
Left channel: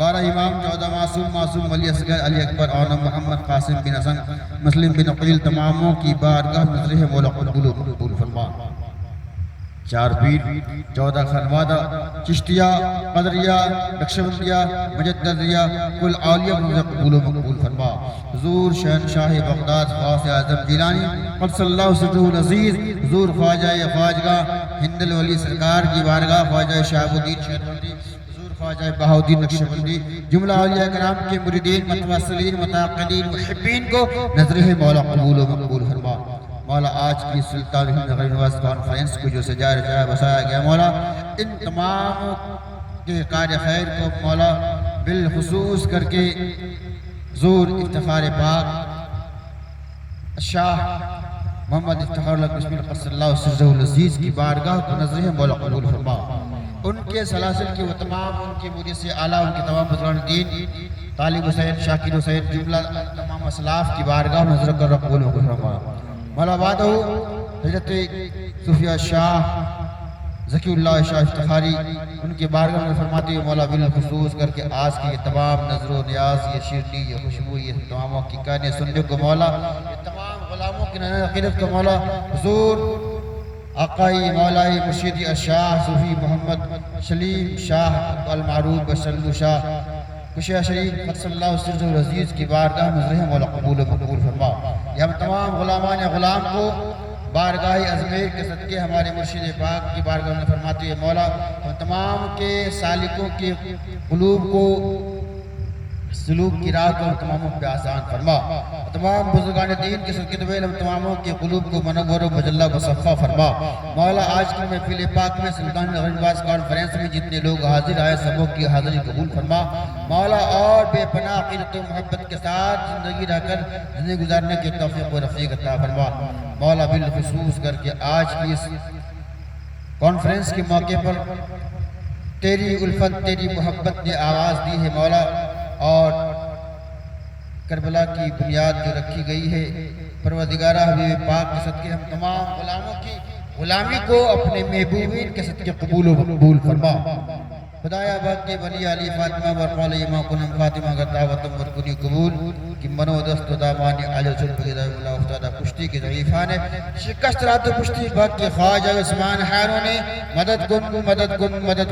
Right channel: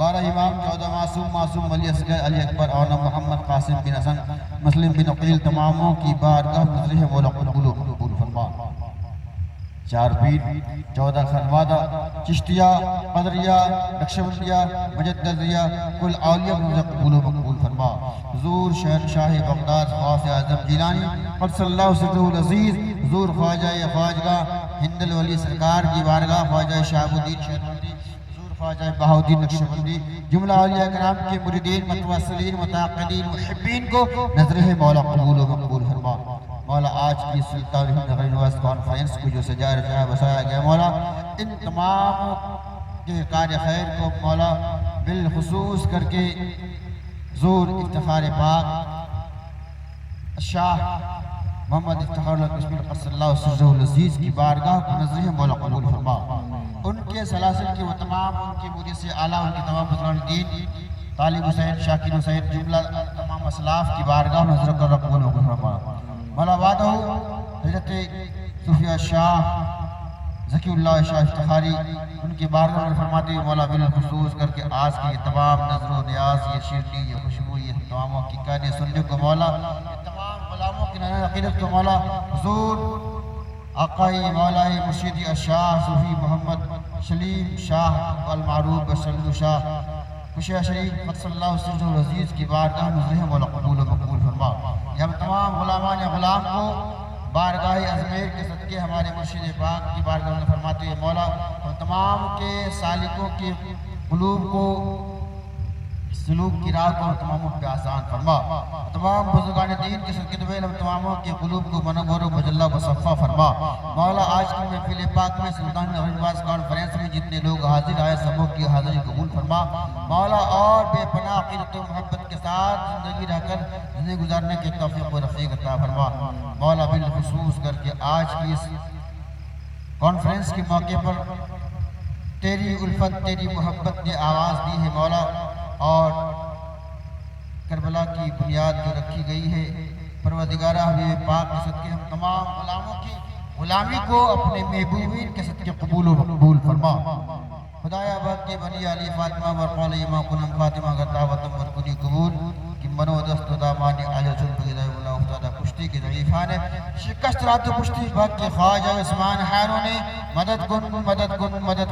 12 इमाम 14 मासूम अली असगर अली अकबर और मोहम्मद कासिम बिन हसन मुस्लिम बिन अकील तमामों की बारगाह नज़र मौला कबूल फरमा। 4 पीर 14 खलवादा चिश्तिया कदरिया नक्शबंदिया मुजद्दिदिया कुल आलिया कबूल फरमा। हुजूर शहनशाह बगदाद ग़ौस आज़म जिलानी क़ुद्दसल्लाहु सिर्रुल अज़ीज़ हुजूर ख्वाजा ख्वाजगा हिंदुल वली सरकार की बारगाह ख्वाजा शहाबुद्दीन शेरवंदी हुजूर ख्वाजा बहाउद्दीन नक्शबंदी जुमला औलिया कराम के मुरीदीन मुतवस्सिलीन मुताक़िदीन मुहिब्बीन को नज़र मौला कबूल फरमा। मौला आज की सुल्तान हिंद नगर कॉन्फ्रेंस को जो सजाया रचाया बसाया गया मौला इन तमाम के कार्य खैर को मौला बिलखुसूस करके ज़ूर इफ्तिखार पाक शाह मोहम्मद इफ्तिखार क़ुद्दसल्लाहु अज़ीज़ की बारगाह को नज़र मौला कबूल फरमा। उनके सलासिल की वो तमाम उनके मुझे से आला उनके तमाम बुज़ुर्गान दीन तालिब हुसैन शाकिर हुसैन जुमला तमाम असलाफ की बारगाह में नज़र कर कबूल फरमा। मौला बादहू हज़रत सूफिया शाह ज़कीउल्लाह शाह इफ्तिखारी उनके बारगाह में फरमाते हुए मौला बिलखुसूस करके आज की ये तमाम नज़रो नियाज ये शीरनी ये खुशबू ये तमामों की कहने सुनने को मौला ये तमाम गुलामों की नज़र क़िरत को मौला हुजूर आक़ाई मौलाई मुर्शिदी शाह सूफी मोहम्मद सलीम शाह अल मारूफ बशल्लु शाह कुशिया शरीफ क़ुद्दसल्लाहु सिर्रुल अज़ीज़ की बारगाह में नज़र मौला कबूल फरमा। हम तमाम गुलामान गुलाम को बारगाह अज़मीर के सदक़े हमारे मुर्शिद पाक की बारगाह में फरमाते हैं मौला हम तमाम के सालिकों के क़ुलूब को सलूक की राह को तमामों पे आसान फरमा। तमाम बुजुर्गान दीन के सदक़े हम तमामों के क़ुलूब को मनव्वर बजल्ला मुसफ़्फ़ा फरमा। मौला आज की महफ़िल पाक में सुल्तान नगरवास कॉन्फ्रेंस में जितने लोग हाजिर आए सबों की हाज़िरी कबूल फरमा। मौला और बेपनाह क़िरत मोहब्बत के साथ ज़िंदगी रहकर ज़िंदगी गुजारने के तौफ़ीक़ व रफ़ीक़ अता फरमा। मौला बिलखुसूस करके आज की इस कॉन्फ्रेंस के मौके पर तेरी उल्फत तेरी मोहब्बत ने आवाज़ दी है मौला और करबला की बुनियाद जो रखी गई है परवरदिगारा हबीब पाक के सदक़े हम तमाम गुलामों की गुलामी को अपने महबूबीन के सदक़े कबूल फरमा। खुदाया बाकी वली अली फातिमा वरक़ाल इमा कुनम फातिमा गतावतम वरकुनी कबूल कि मनो दस्त दामानी अजल चुल बगिदा अल्लाह ताला पुश्ती के ज़ईफ़ा ने शिकस्त रात पुश्ती बाकी ख्वाजा उस्मान हारो ने मदद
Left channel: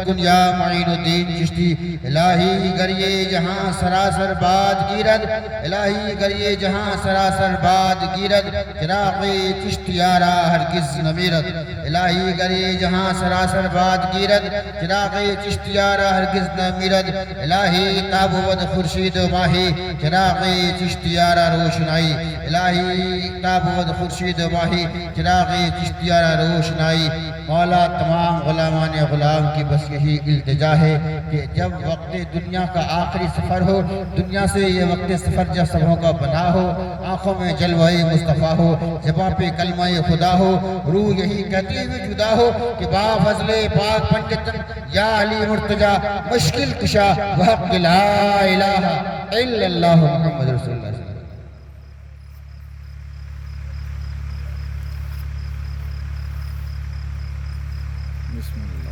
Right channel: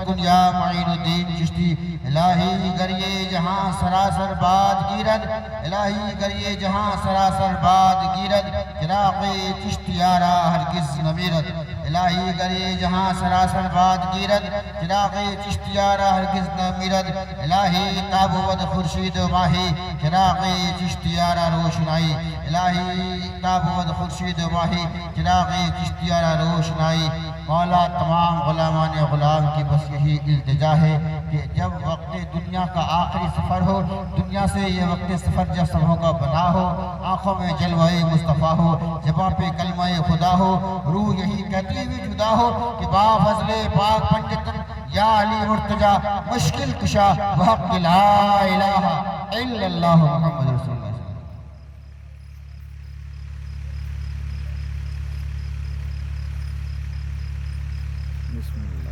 कुन या मुईनुद्दीन चिश्ती इलाही गरिए जहां सरासर बाद गिरद इलाही गरिए जहां सरासर बाद गिरद चिराग़े चिश्तियारा हरगिज़ न मिरद इलाही गरिए जहां सरासर बाद गिरद चिराग़े चिश्तियारा हरगिज़ न मिरद इलाही ताबुवद खुर्शीद माही चिराग़े चिश्तियारा रोशनाई इलाही ताबुवद खुर्शीद माही चिराग़े चिश्तियारा रोशनाई। मौला तमाम गुलामान गुलाम की बस यही इल्तिजा है कि जब वक्त दुनिया का आखिरी सफ़र हो दुनिया से ये वक्त सफ़र जब सबों का बना हो आँखों में जलवाए मुस्तफ़ा हो ज़बां पे कलमाए खुदा हो रूह यही कहती हुई जुदा हो कि बा फज़ले पाक पंडितन या अली मुर्तजा मुश्किल कुशा वहक़ ला इलाहा इल्लल्लाह मुहम्मद रसूलुल्लाह। बिस्मिल्लाह।